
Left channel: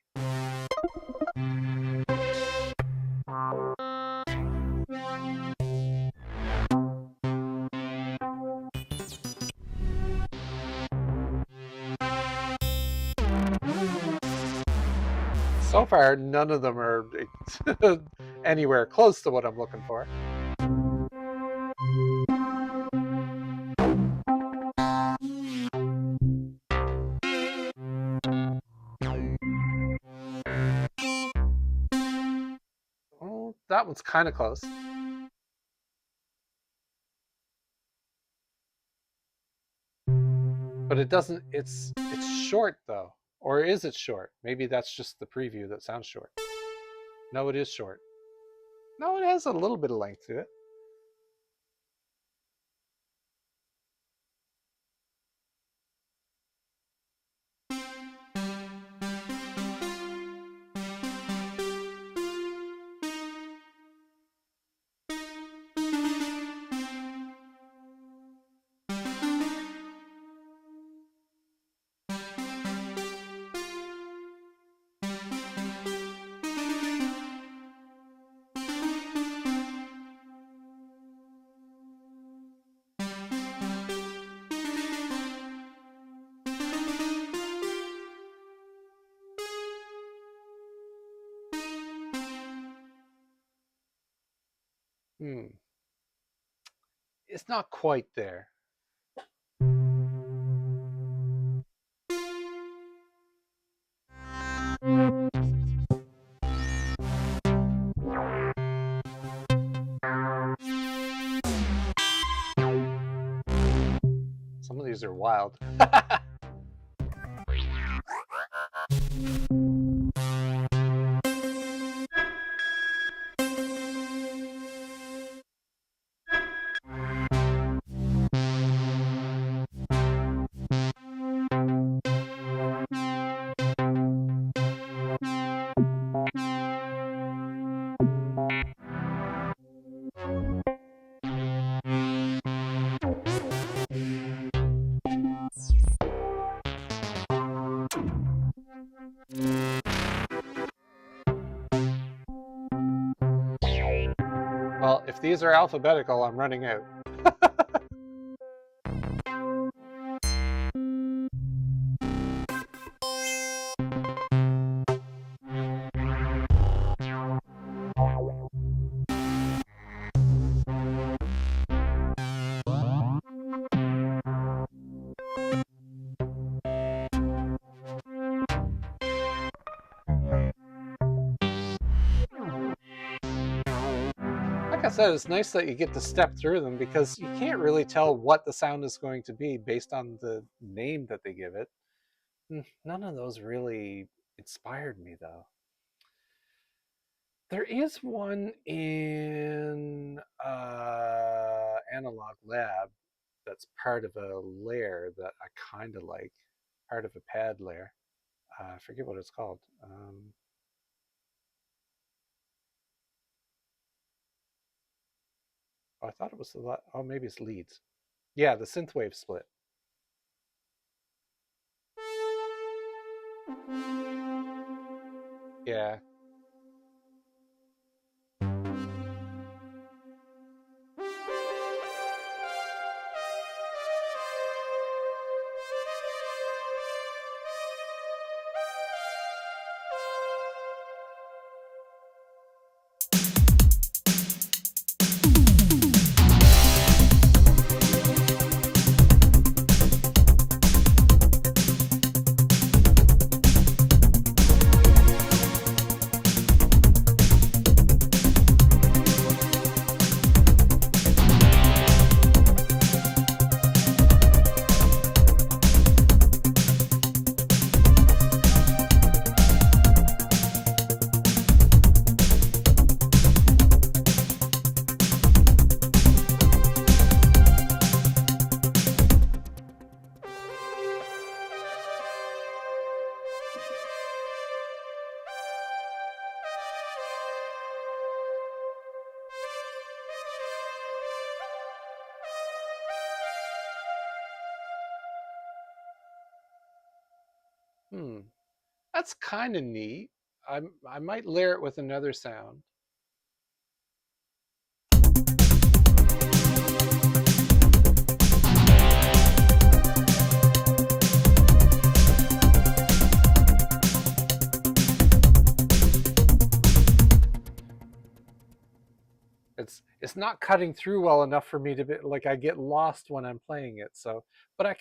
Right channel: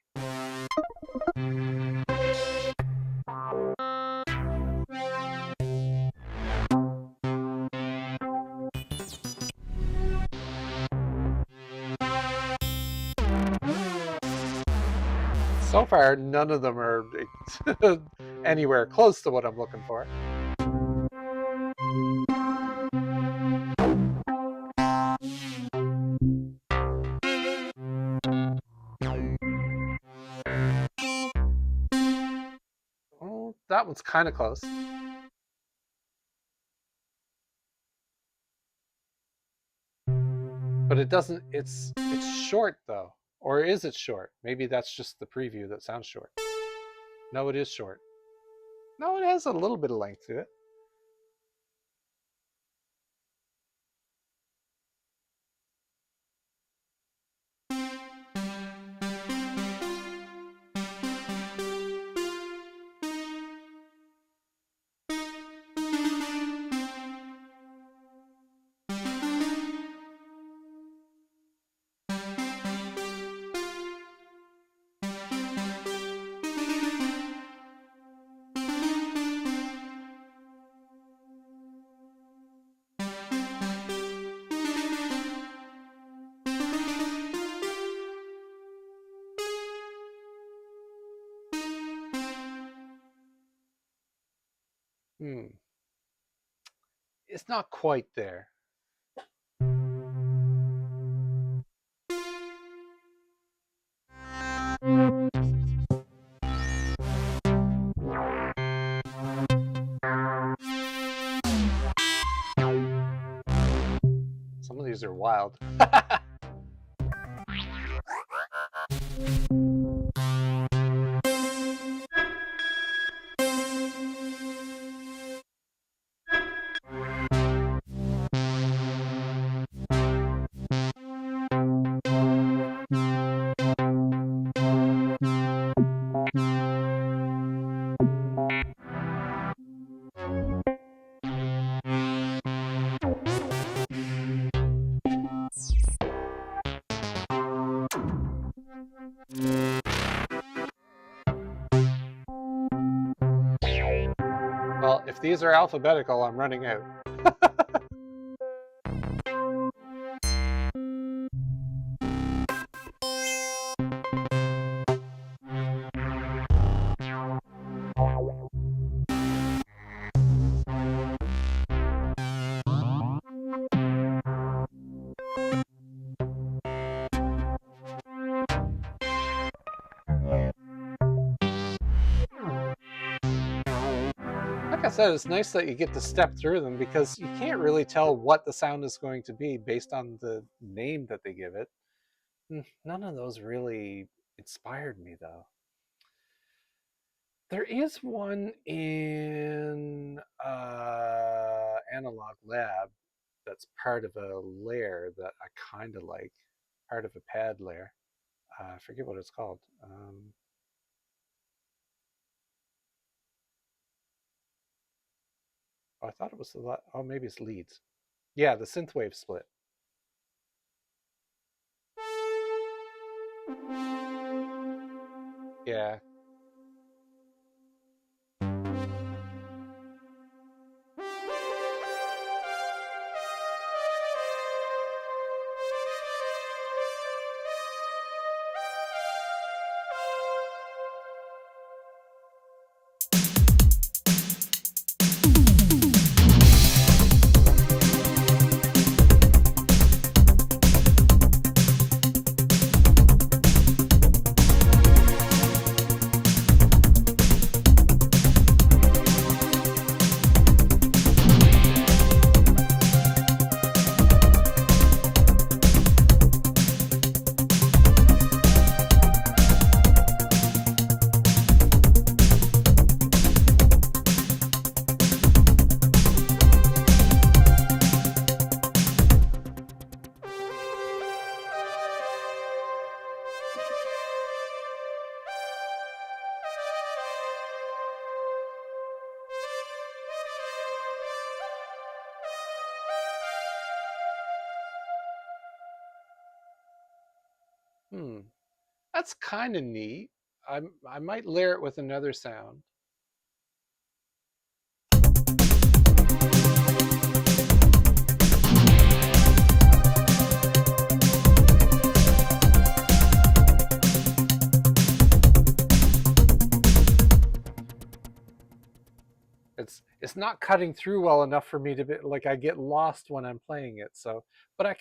So far, none of them are anywhere close to what I'm looking for. Oh, that one's kind of close. But it doesn't, it's short though. Or is it short? Maybe that's just the preview that sounds short. No, it is short. No, it has a little bit of length to it. It's not quite there. Some of these are wild. Well, if these are alphabetical, I'm running out. Like I said, it's nice that you get to step through them because you can't really tell what the sound is going to be based on the name that they give it. None of those really inspired me, though. There is one in Analog Lab that's part of a layer that I kind of like, part of a pad layer. I forget what it's called. I thought it was the, oh, maybe it's leads. Yeah, the synthwave split. Yeah. That's kind of neat. I might layer it with another sound. It's not cutting through well enough for me to be like, I get lost when I'm playing it. So, but I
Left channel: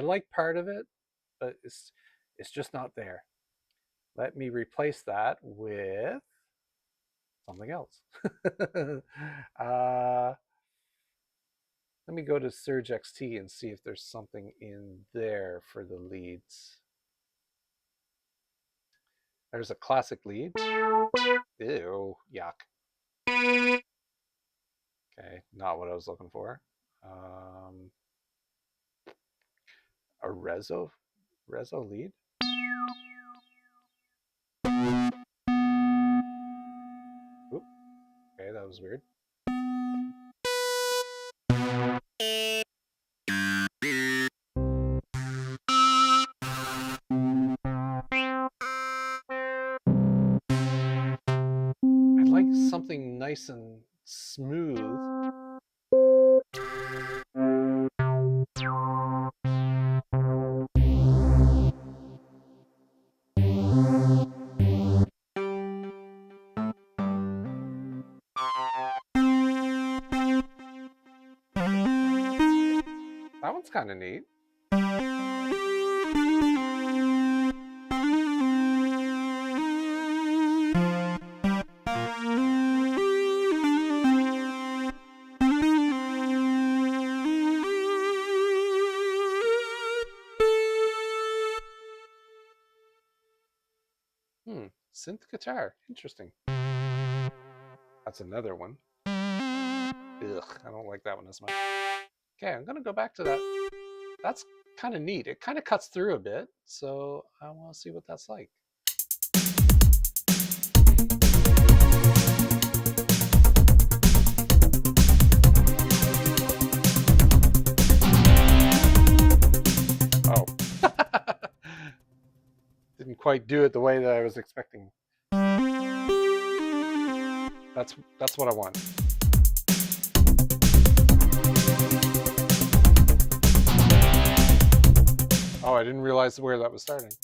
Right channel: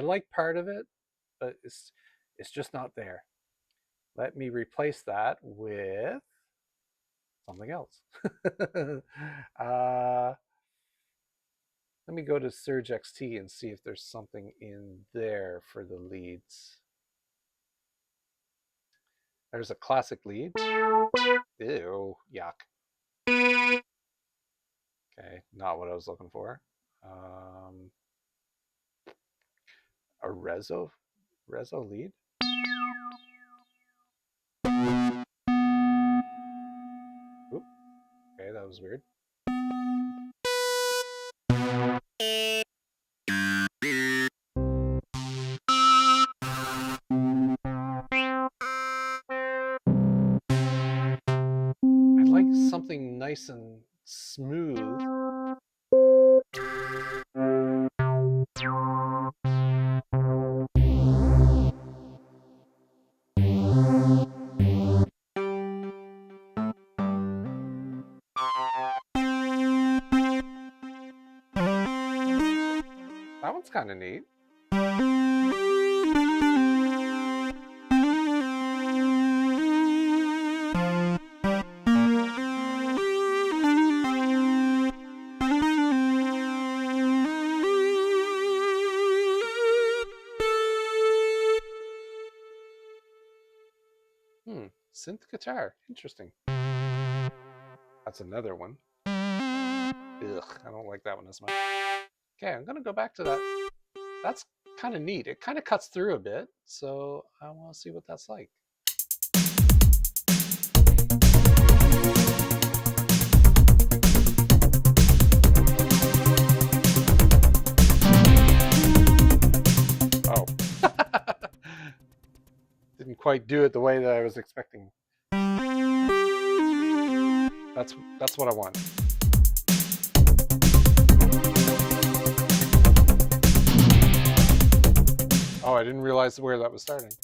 like part of it, but it's just not there. Let me replace that with something else. uh, Let me go to Surge XT and see if there's something in there for the leads. There's a classic lead. Ew, yuck. Okay, not what I was looking for. A reso lead. Oop, okay, that was weird. I'd like something nice and smooth. That one's kind of neat. Synth guitar. Interesting. That's another one. Ugh, I don't like that one as much. Okay, I'm going to go back to that. That's kind of neat. It kind of cuts through a bit, so I want to see what that's like. Oh. Didn't quite do it the way that I was expecting. That's what I want. Oh, I didn't realize where that was starting.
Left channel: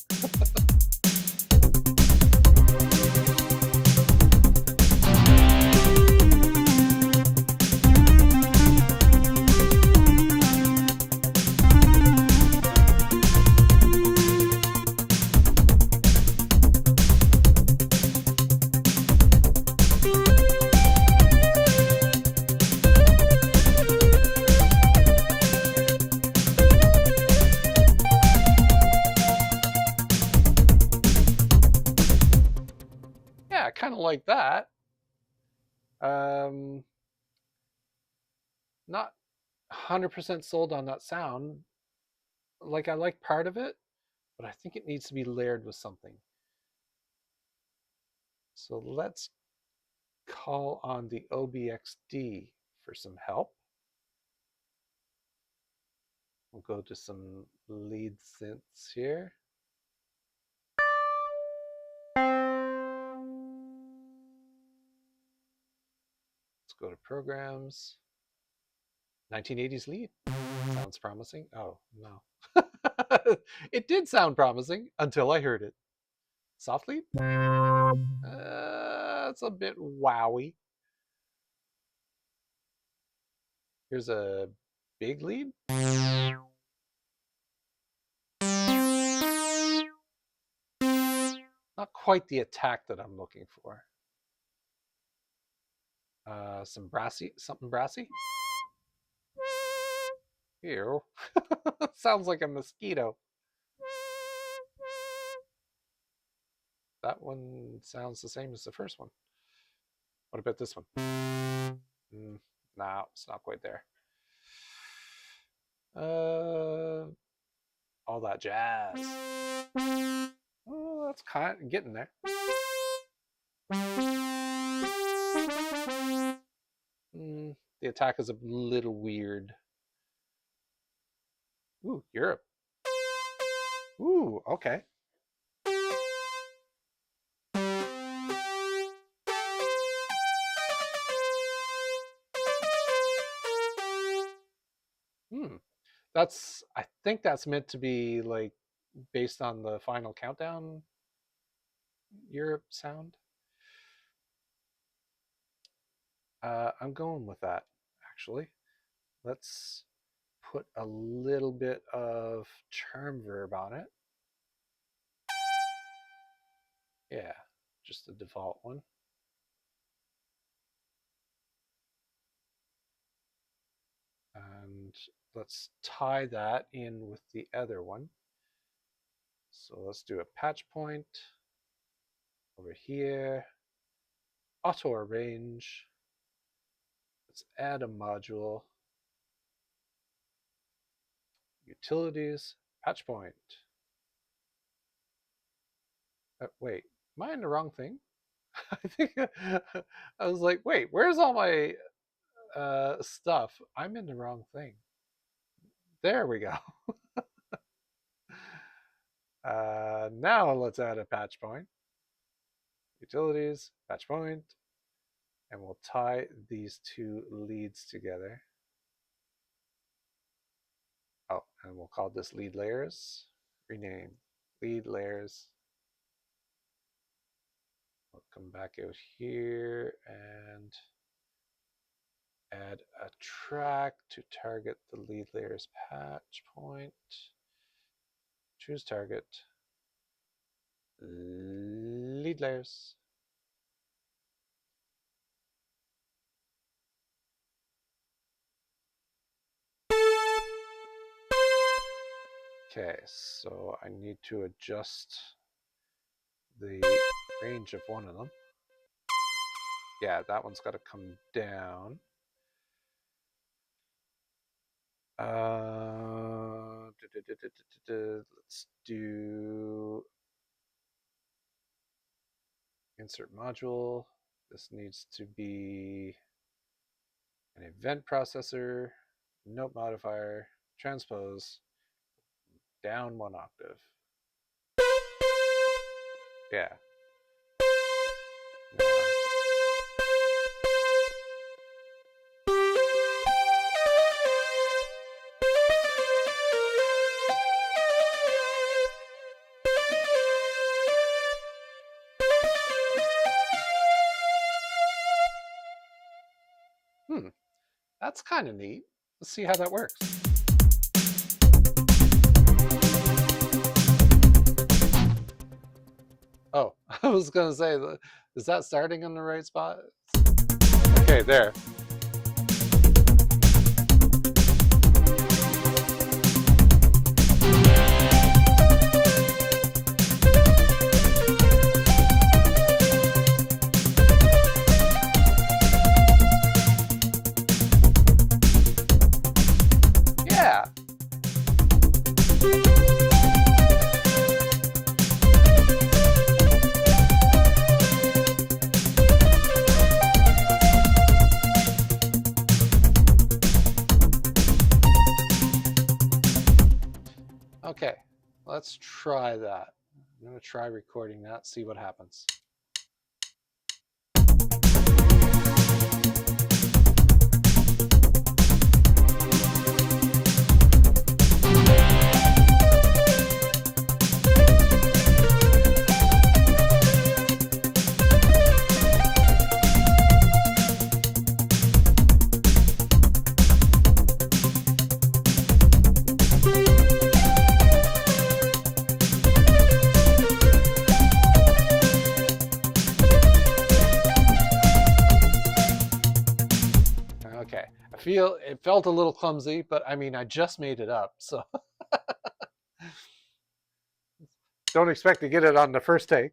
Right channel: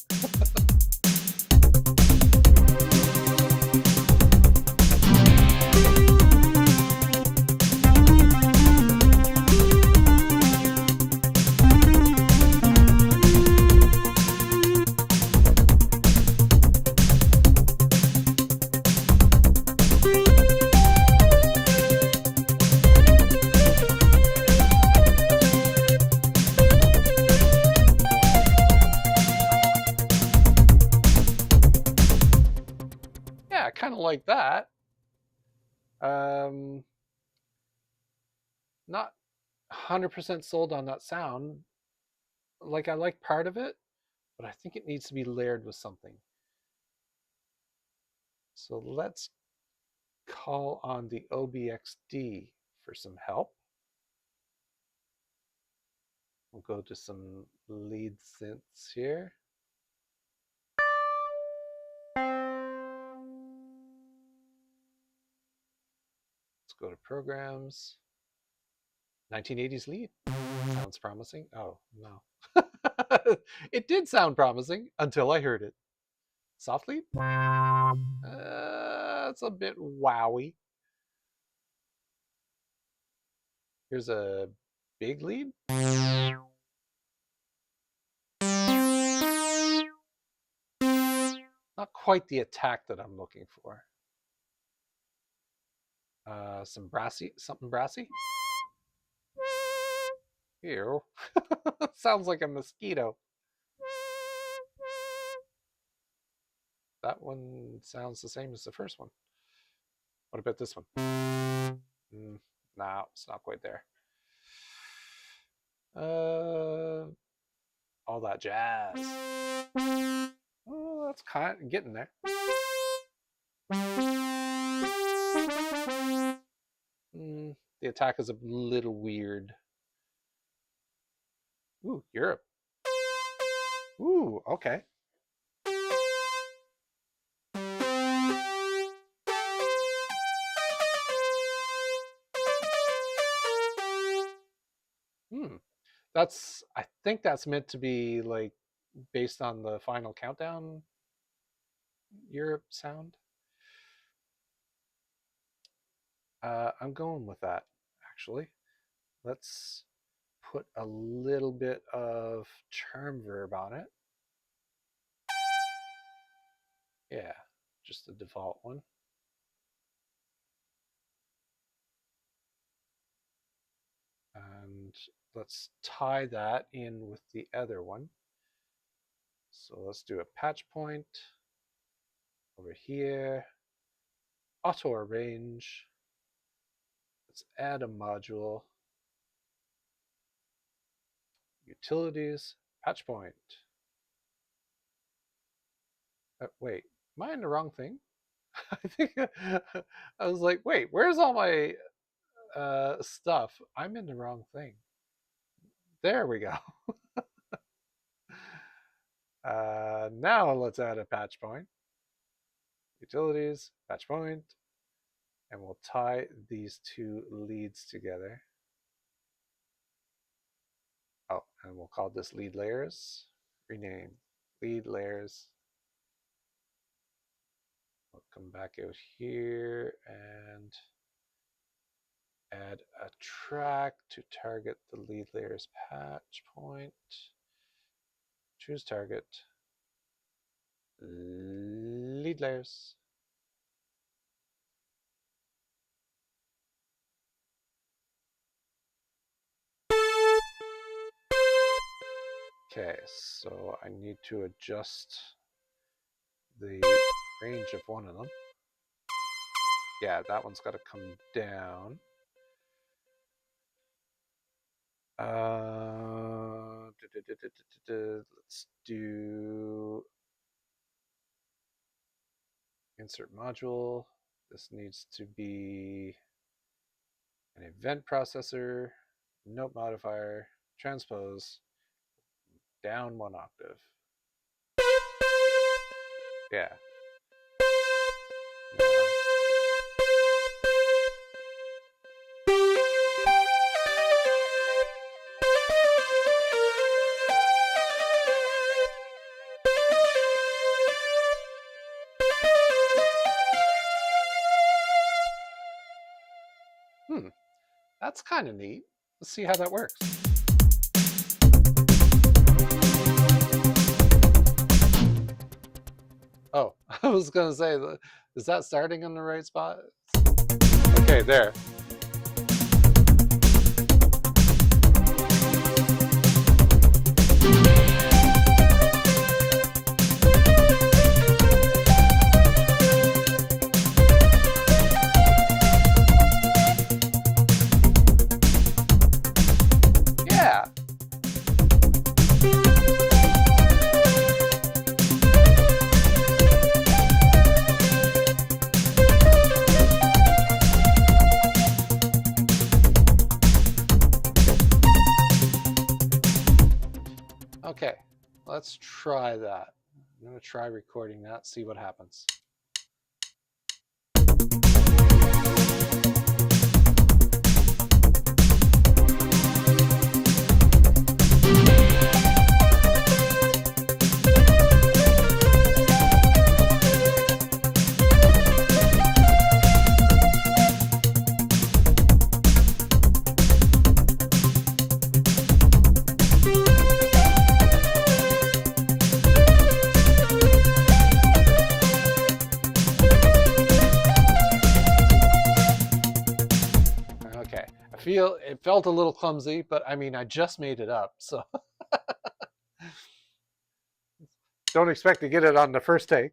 Yeah, I kind of like that. Not 100% sold on that sound. Like, I like part of it, but I think it needs to be layered with something. So let's call on the OBXD for some help. We'll go to some lead synths here. Let's go to programs. 1980s lead. Sounds promising. Oh, no. It did sound promising until I heard it. Soft lead? It's a bit wowy. Here's a big lead. Not quite the attack that I'm looking for. Some brassy, something brassy. Ew. Sounds like a mosquito. That one sounds the same as the first one. What about this one? No, it's not quite there. All that jazz. Oh, that's kind of getting there. The attack is a little weird. Ooh, Europe. Ooh, okay. Hmm. I think that's meant to be like based on the final countdown Europe sound. I'm going with that, actually. Let's put a little bit of charm verb on it. Yeah, just the default one. And let's tie that in with the other one. So let's do a patch point over here, auto arrange. Let's add a module, utilities, patch point. Wait, am I in the wrong thing? I think I was like, wait, where's all my stuff? I'm in the wrong thing. There we go. Now let's add a patch point. Utilities, patch point, and we'll tie these two leads together. Oh, and we'll call this lead layers. Rename lead layers. We'll come back out here and add a track to target the lead layers patch point. Choose target. Lead layers. Okay, so I need to adjust the range of one of them. Yeah, that one's got to come down. Let's do insert module. This needs to be an event processor, note modifier, transpose, down one octave. Yeah. No. That's kind of neat. Let's see how that works. Oh, I was going to say, is that starting in the right spot? Okay, there. Yeah. Okay, let's try that. I'm going to try recording that, see what happens. Okay, it felt a little clumsy, but I mean, I just made it up, so don't expect to get it on the first take.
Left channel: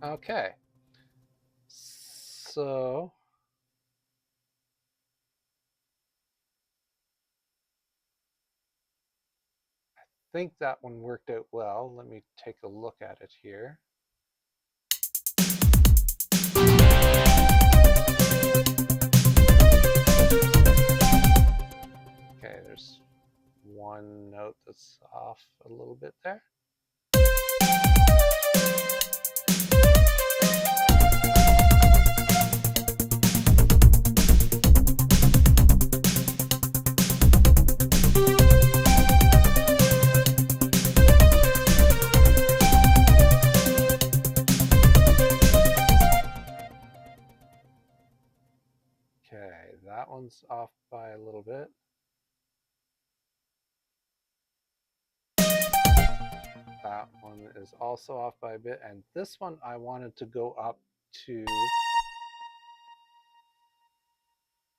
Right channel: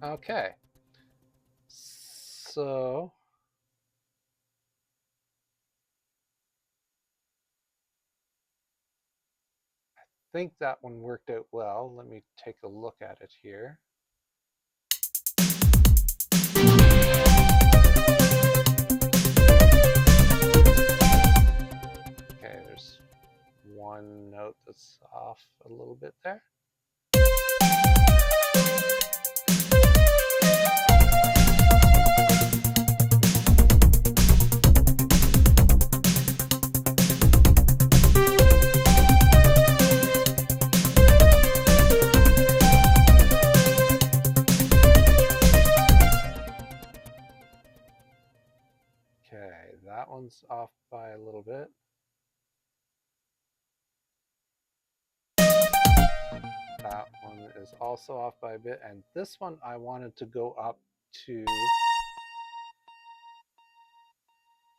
Okay, So I think that one worked out well. Let me take a look at it here. Okay, there's one note that's off a little bit there. Okay, that one's off by a little bit. That one is also off by a bit, and this one I wanted to go up to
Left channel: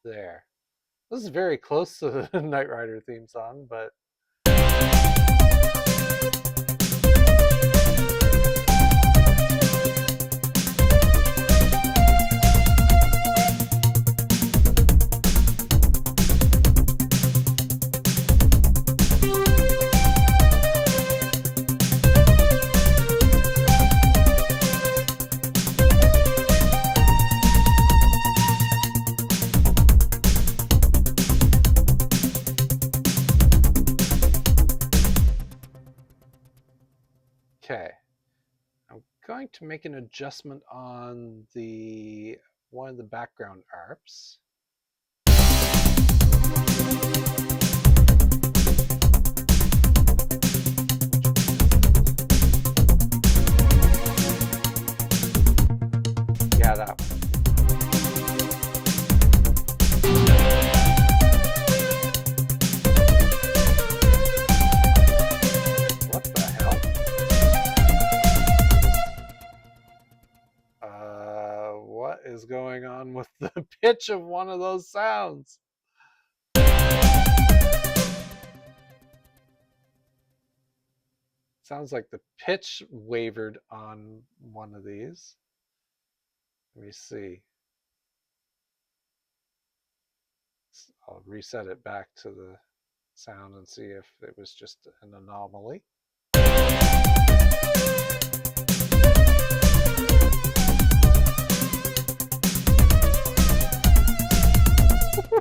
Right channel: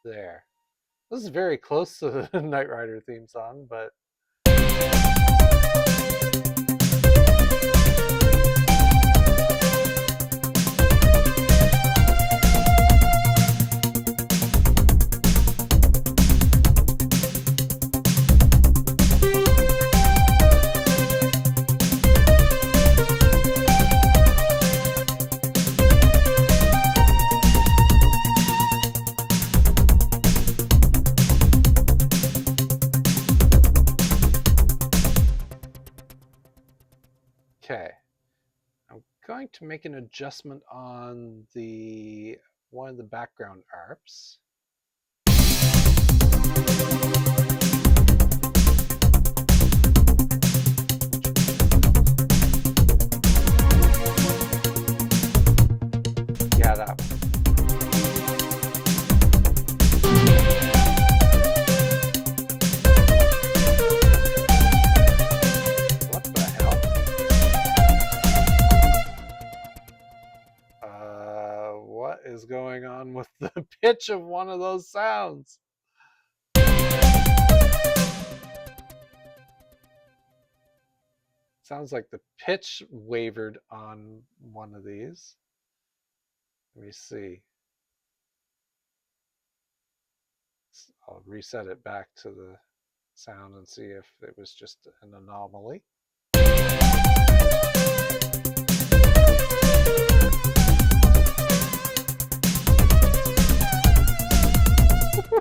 there. This is very close to the Knight Rider theme song, but okay. I'm going to make an adjustment on the one of the background arps. Yeah, that one. What the hell? What is going on with the pitch of one of those sounds? Sounds like the pitch wavered on one of these. Let me see. I'll reset it back to the sound and see if it was just an anomaly.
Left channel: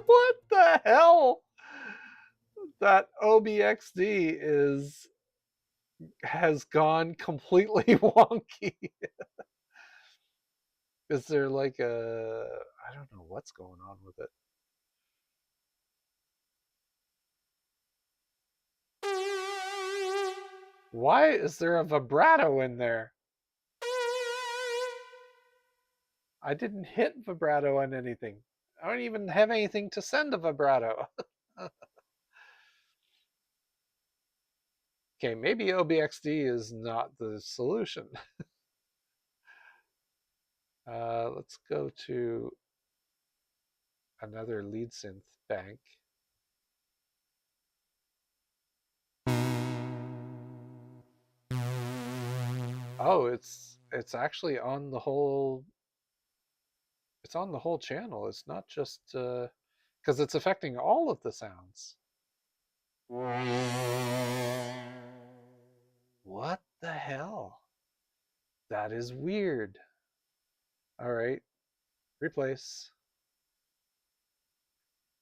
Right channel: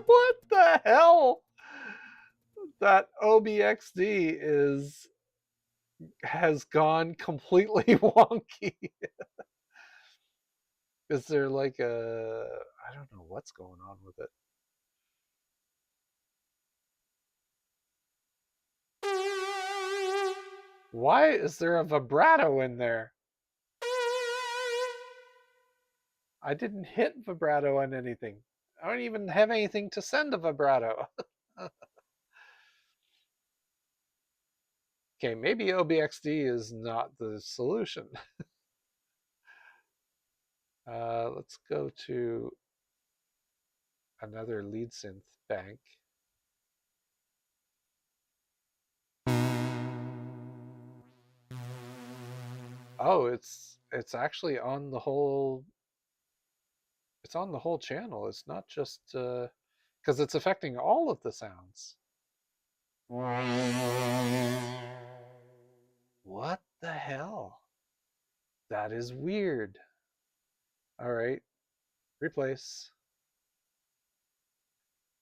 What the hell? That OBXD has gone completely wonky. Is there like I don't know what's going on with it. Why is there a vibrato in there? I didn't hit vibrato on anything. I don't even have anything to send a vibrato. Okay, maybe OBXD is not the solution. Let's go to another lead synth bank. Oh, it's actually on the whole. It's on the whole channel. It's not just because it's affecting all of the sounds. What the hell? That is weird. All right, replace.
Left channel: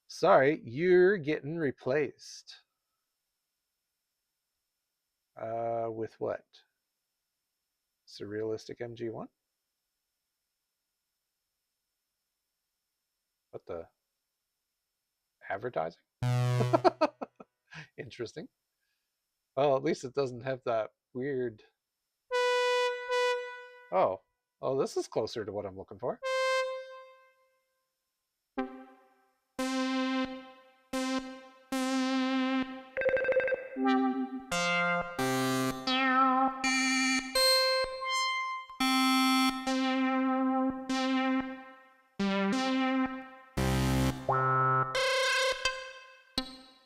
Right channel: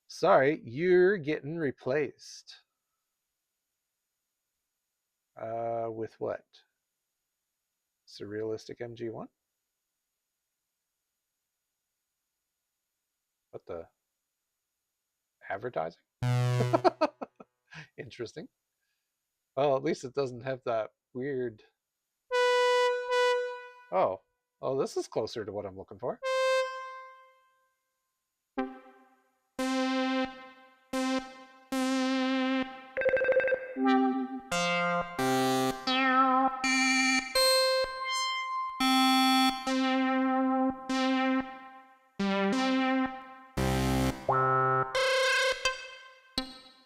Sorry, you're getting replaced. With what? Surrealistic MG1? What the? Advertising? Interesting. Well, at least it doesn't have that weird. Oh, this is closer to what I'm looking for.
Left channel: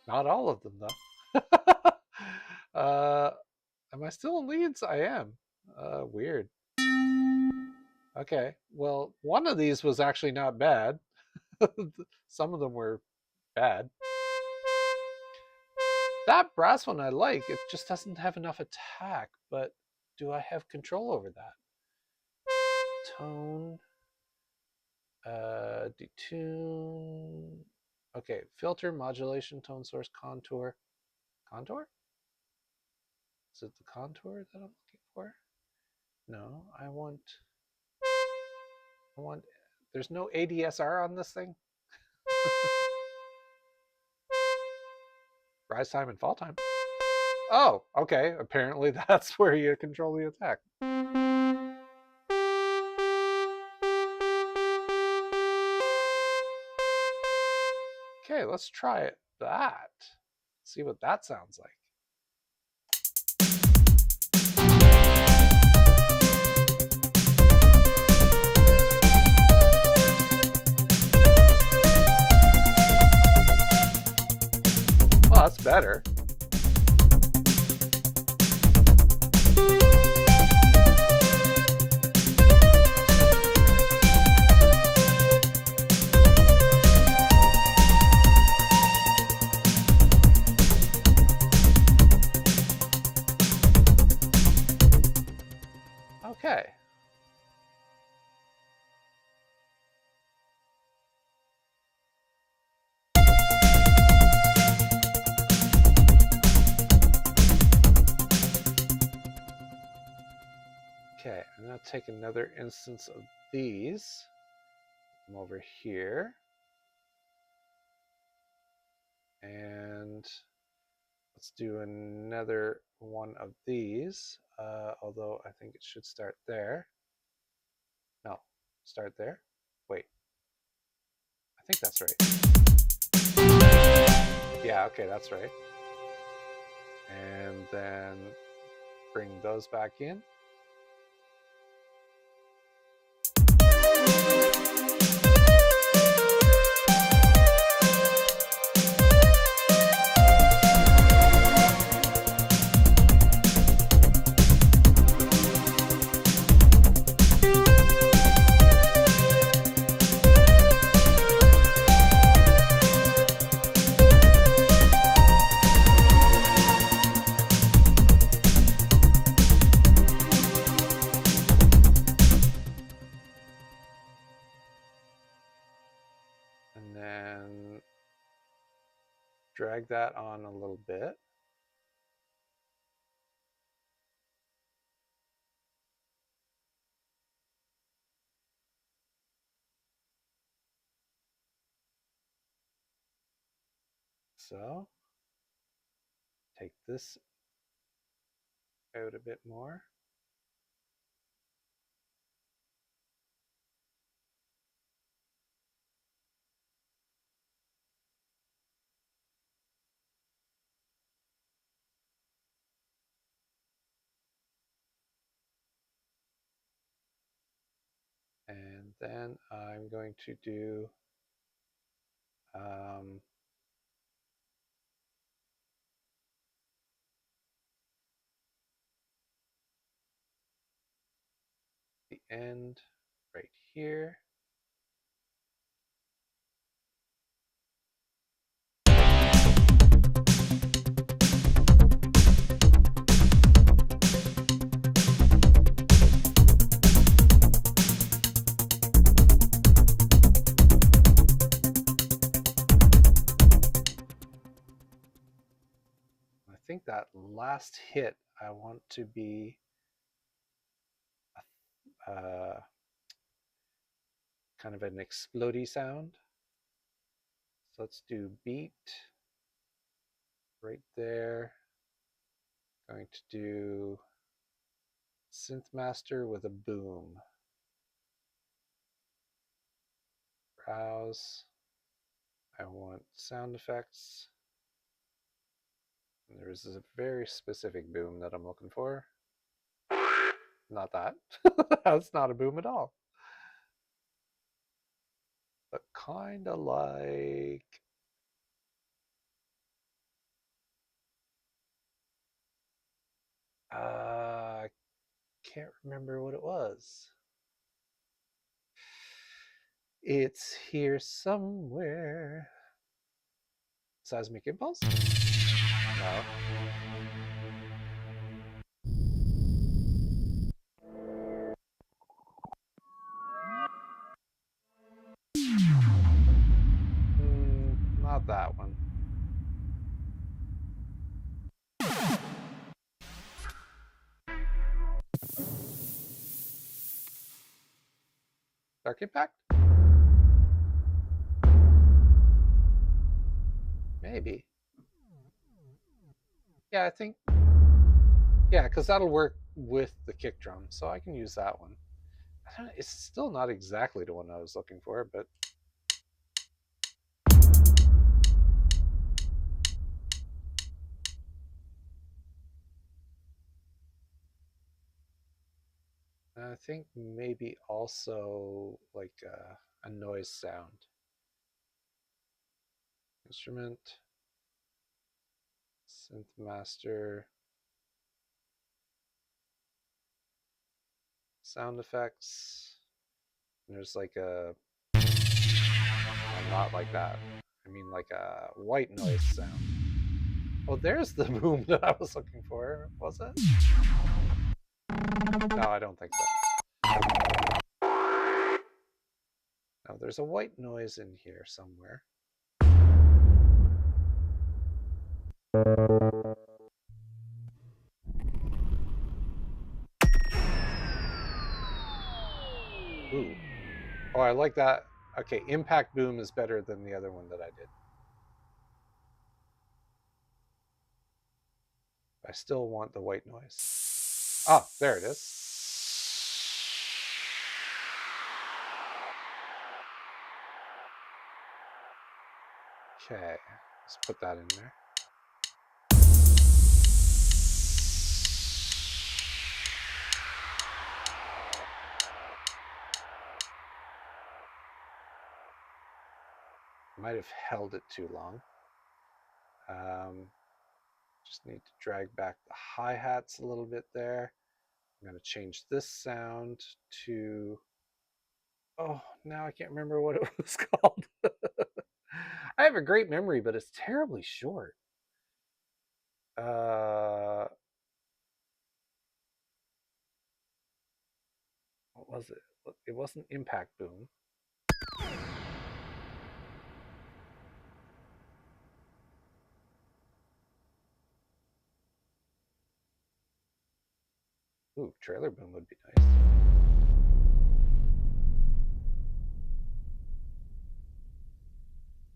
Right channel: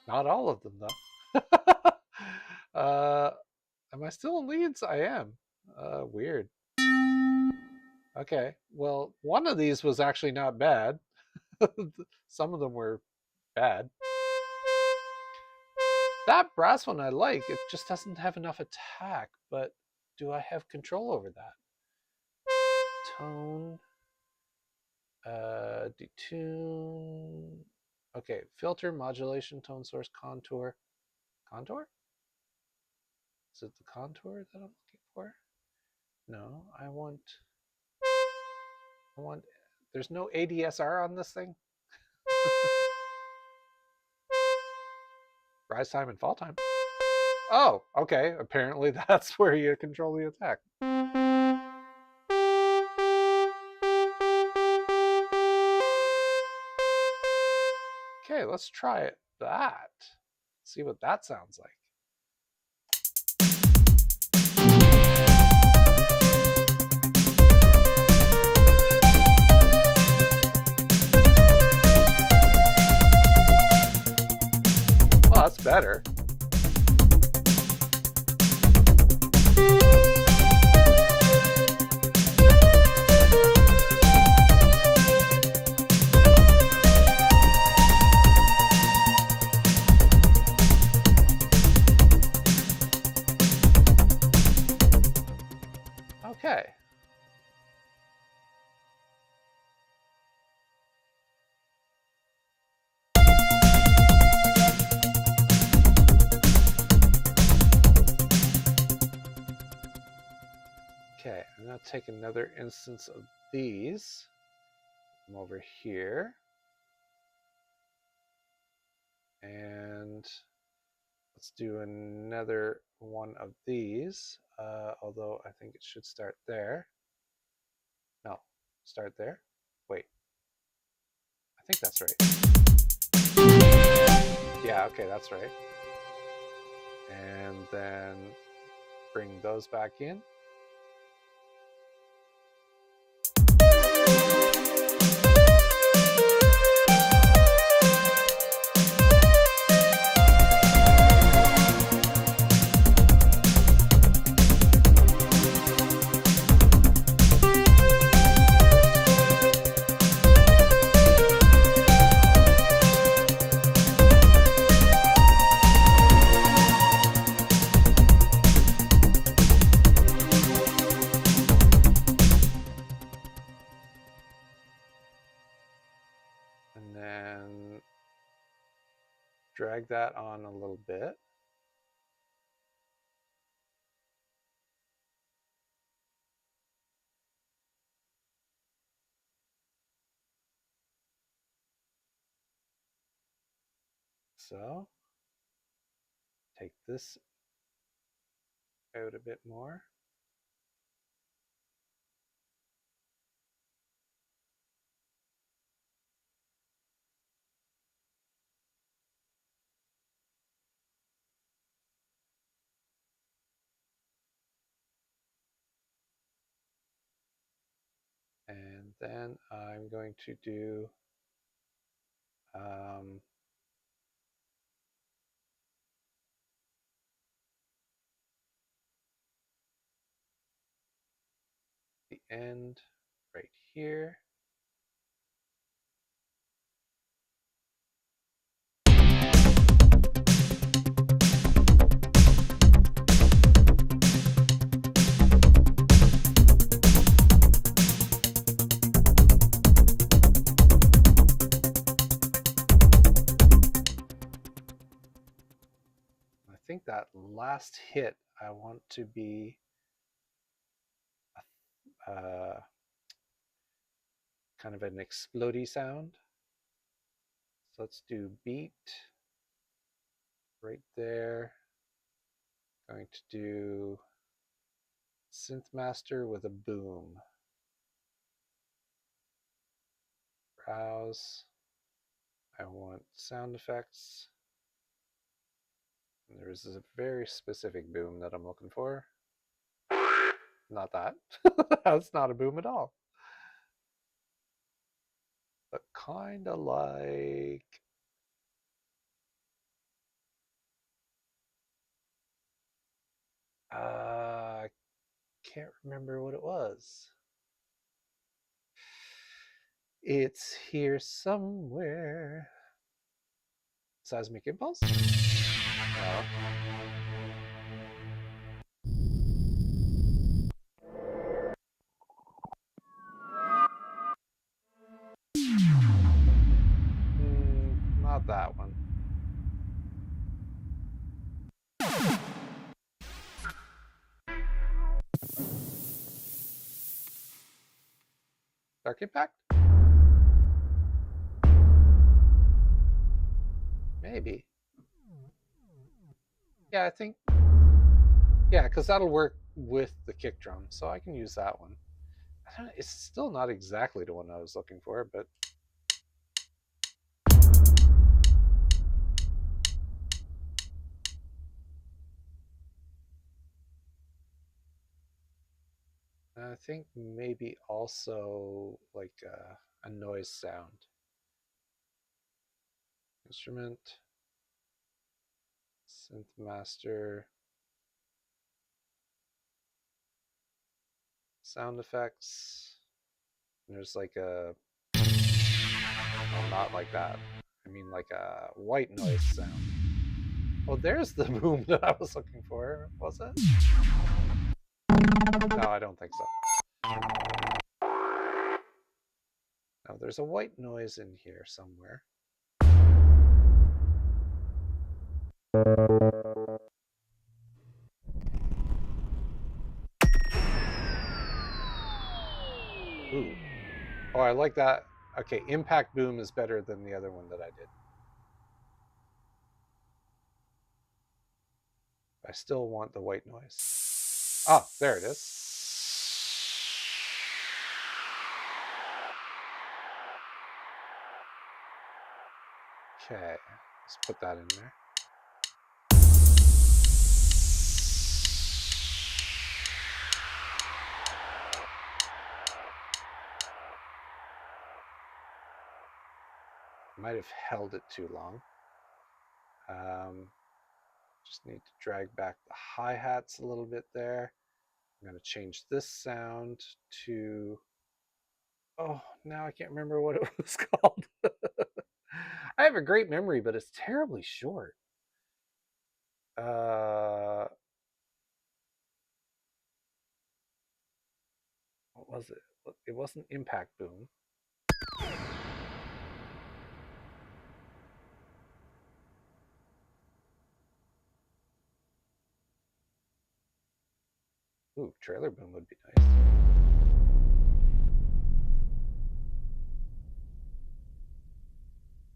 Not all of them, though. Am I still in leads? I am. Weird. Okay. Well, one of these was actually not bad. Some of them were bad. That brass one I like. It just doesn't have enough attack, but do I have control over that? Tone, detune. Okay, filter, modulation, tone source, contour. Contour? Is it the contour that I'm looking for? No, I want, there's no ADSR on this thing? Rise time and fall time. Oh, okay. Apparently that's where you control the attack. Okay, let's try it. That. See what that sounds like. Well, that's better. Okay. Okay, I'm going to take another instance of these. Come over here. And let's do another one of these, although I think it should start there. No, start there. Wait, I think that's right. Yeah, okay, that's right. And then bring those back in. And then drag that on a little bit. So take this out a bit more. And then I'm going to do the end right here. I think that last hit I want to be kind of an explodey sound. So let's do beat right there. Going to do synth master with a boom. Browse. I want sound effects. And there's a very specific boom that I'm looking for. Not that. That's not a boom at all. But kind of like. I can't remember what it was. It's here somewhere. Seismic impulse? No. Not that one. Dark Impact? Maybe. Yeah, I think. Yeah, because that'll work with the kick drum, so I can use that one. It's still not exactly the one I was looking for, but I think maybe also like a noise sound. Instrument, synth master, sound effects. And there's like a, well, not like that. I mean like a white noise sound. Oh, there's the boom that I was looking for. Was it? No, I don't think so. No, there's a white noise in here somewhere. Ooh. Oh, I like that. Okay, impact boom is better than the other one that I did. I still want the white noise. Ah, there it is. Okay, let's put that in there. Might have held it too long. Just need to drag back the hi-hats a little bit there. I'm going to change this sound to, oh, now I can't remember what it was called. I have a great memory, but it's terribly short. What was it? It wasn't Impact Boom. Ooh, Trailer Boom would be nice.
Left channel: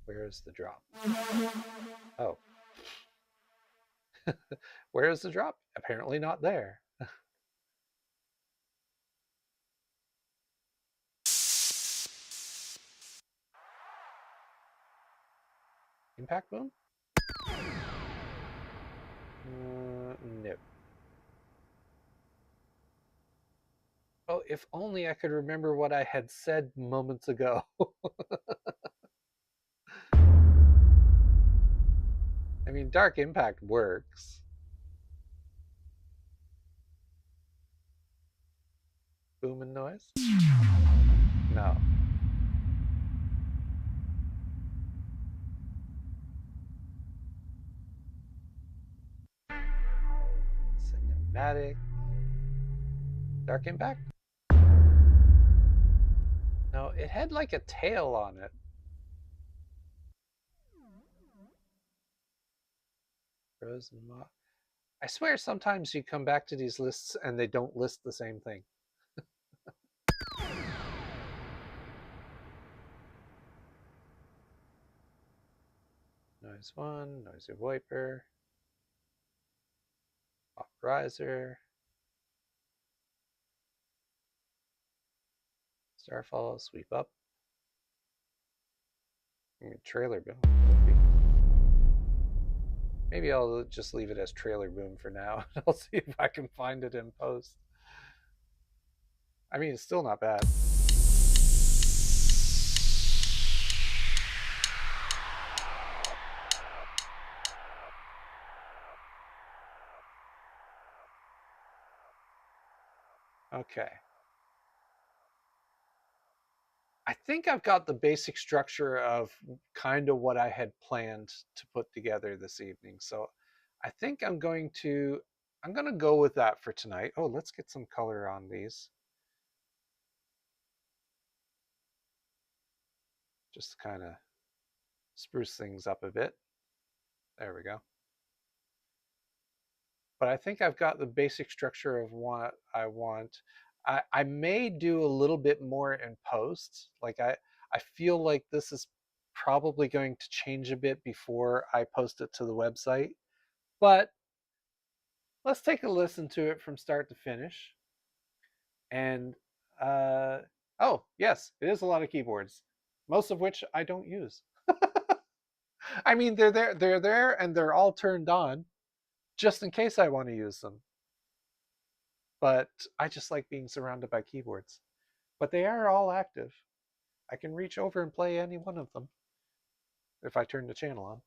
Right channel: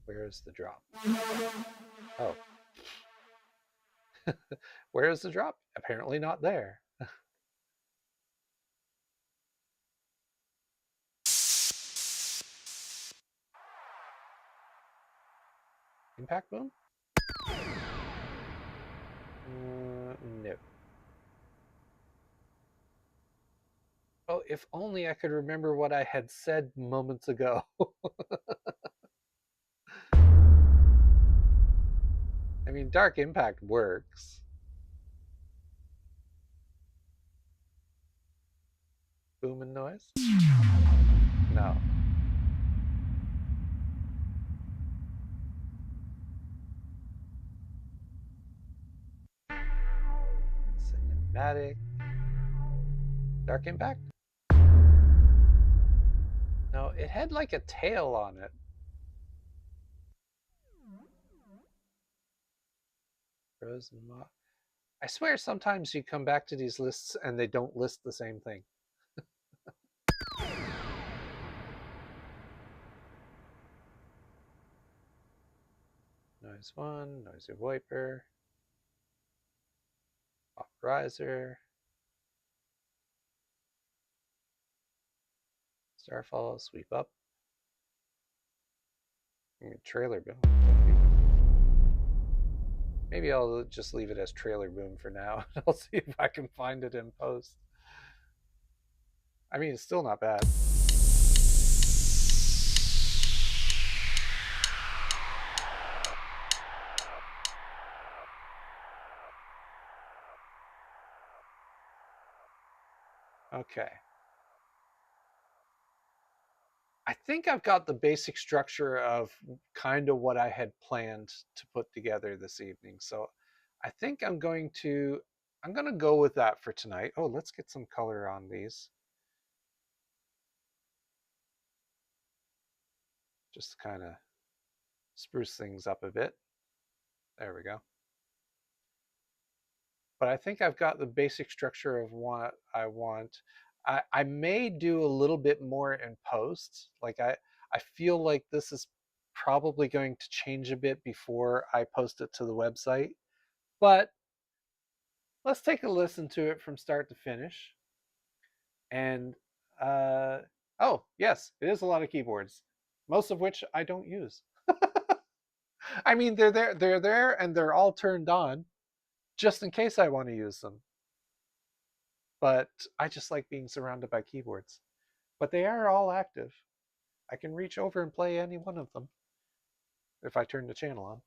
Where is the drop? Oh. Where is the drop? Apparently not there. Impact Boom? No. Oh, if only I could remember what I had said moments ago. I mean, Dark Impact works. Boom and noise? No. Cinematic. Dark Impact? No, it had like a tail on it. Rose and Moth. I swear sometimes you come back to these lists and they don't list the same thing. Noise 1, Noisy Wiper, Pop Riser, Starfall, Sweep Up. I mean, Trailer Boom would be. Maybe I'll just leave it as Trailer Boom for now. I'll see if I can find it in post. I mean, it's still not bad. Okay. I think I've got the basic structure of kind of what I had planned to put together this evening. So I think I'm going to go with that for tonight. Oh, let's get some color on these. Just kind of spruce things up a bit. There we go. But I think I've got the basic structure of what I want. I may do a little bit more in post. Like I feel like this is probably going to change a bit before I post it to the website. But let's take a listen to it from start to finish. And uh, oh, yes, it is a lot of keyboards, most of which I don't use. I mean, they're there, and they're all turned on just in case I want to use them. But I just like being surrounded by keyboards. But they are all active. I can reach over and play any one of them if I turn the channel on.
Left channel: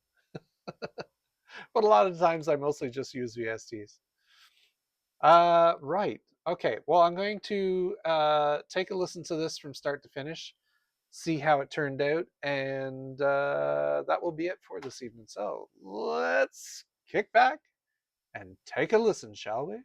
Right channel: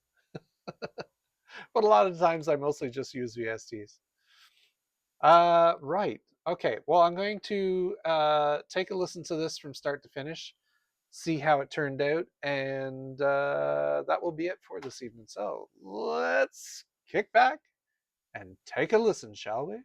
But a lot of times I mostly just use VSTs. Right. Okay. Well, I'm going to take a listen to this from start to finish, see how it turned out, and that will be it for this evening. So let's kick back and take a listen, shall we?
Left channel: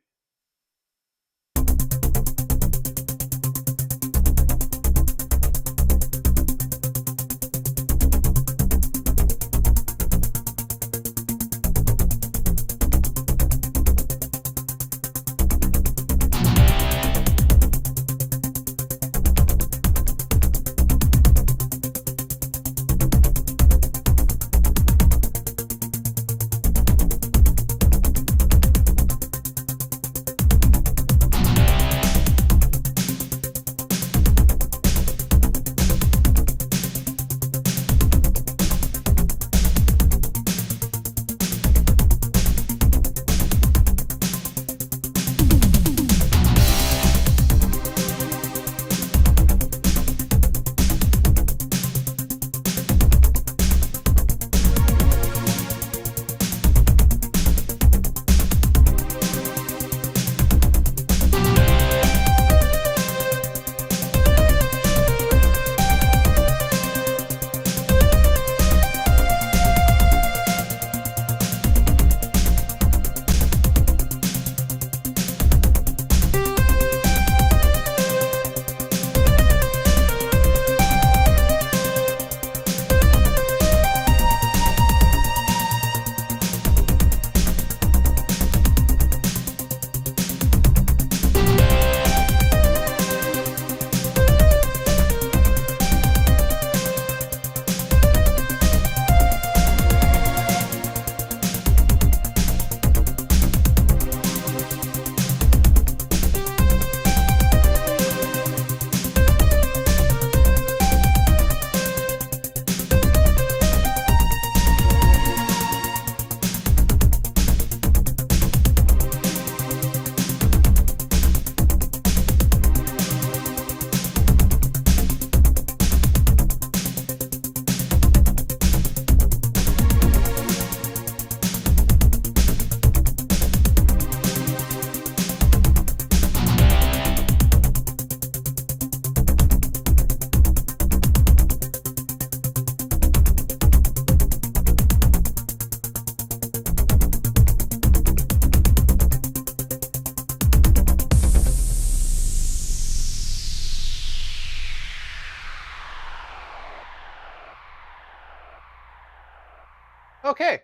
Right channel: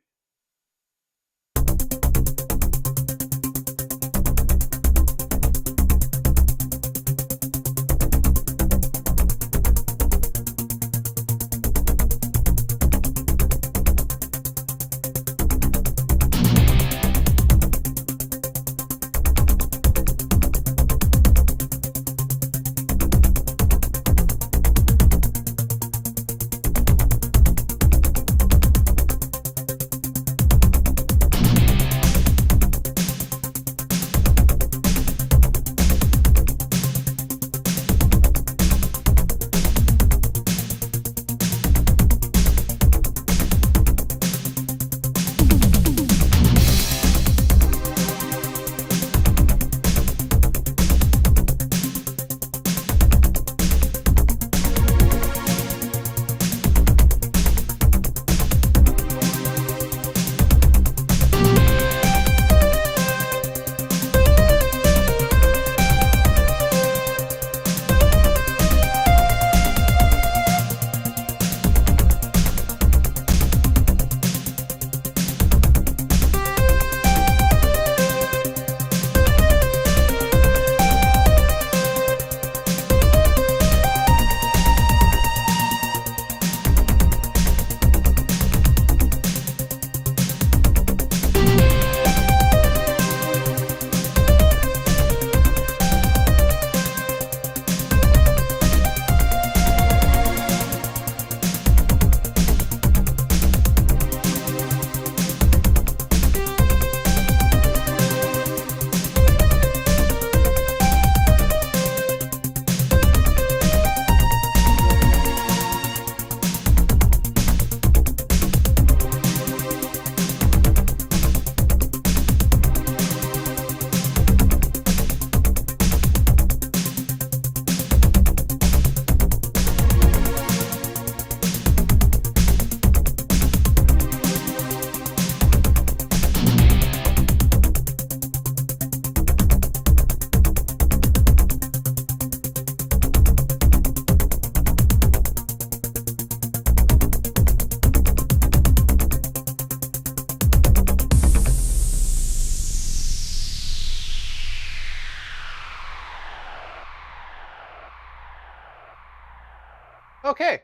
Okay,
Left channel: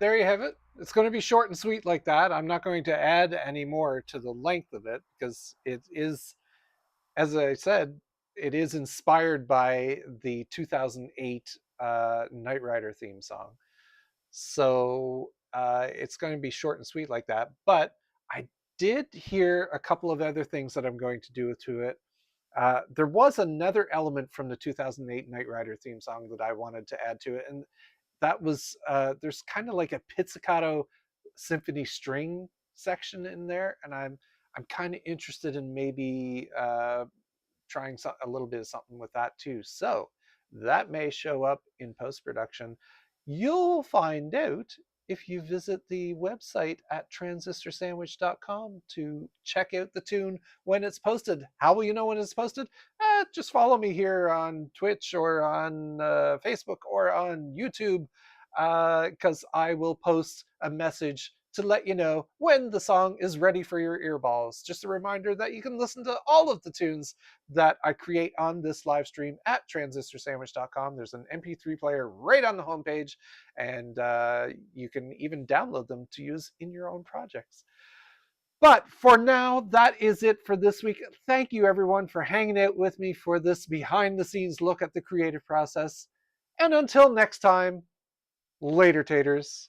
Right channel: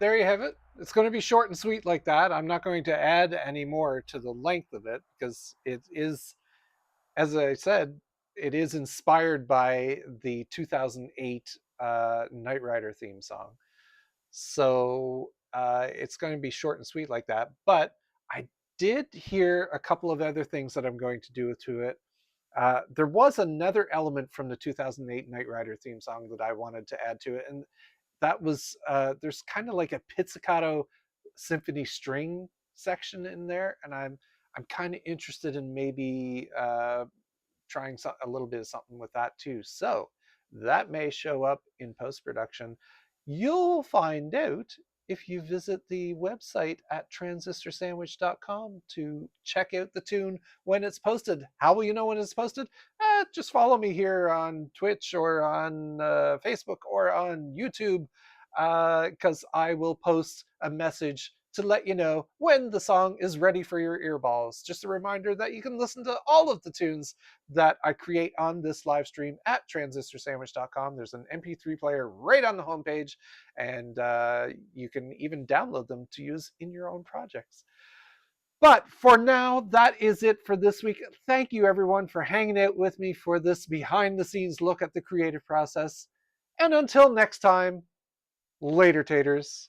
there you have it. It's going to be short and sweet like that. I'm not going to add any more to the length of it because it is, as I said, it is inspired by the 2008 Knight Rider theme song. So it's going to be short and sweet like that. But I did hear a couple of other things that I'm going to do to it. There was another element from the 2008 Knight Rider theme song that I wanted to add to it, and that was there's kind of like a pizzicato symphony string section in there, and I'm kind of interested in maybe trying a little bit of something with that too. So that may show up in post production. You'll find out if you visit the website at transistorsandwich.com to check out the tune when it's posted. How will you know when it's posted? Just follow me here on Twitch or on Facebook or on YouTube, because I will post a message to let you know when the song is ready for your earballs. Just a reminder that you can listen to all of the tunes that I create on this live stream at transistorsandwich.com. There's an MP3 player right on the homepage, and you can even download them to use in your own projects. But for now, that is it for this week. Thank you, everyone, for hanging out with me for this behind the scenes look at the creative process. And until next time, later, taters.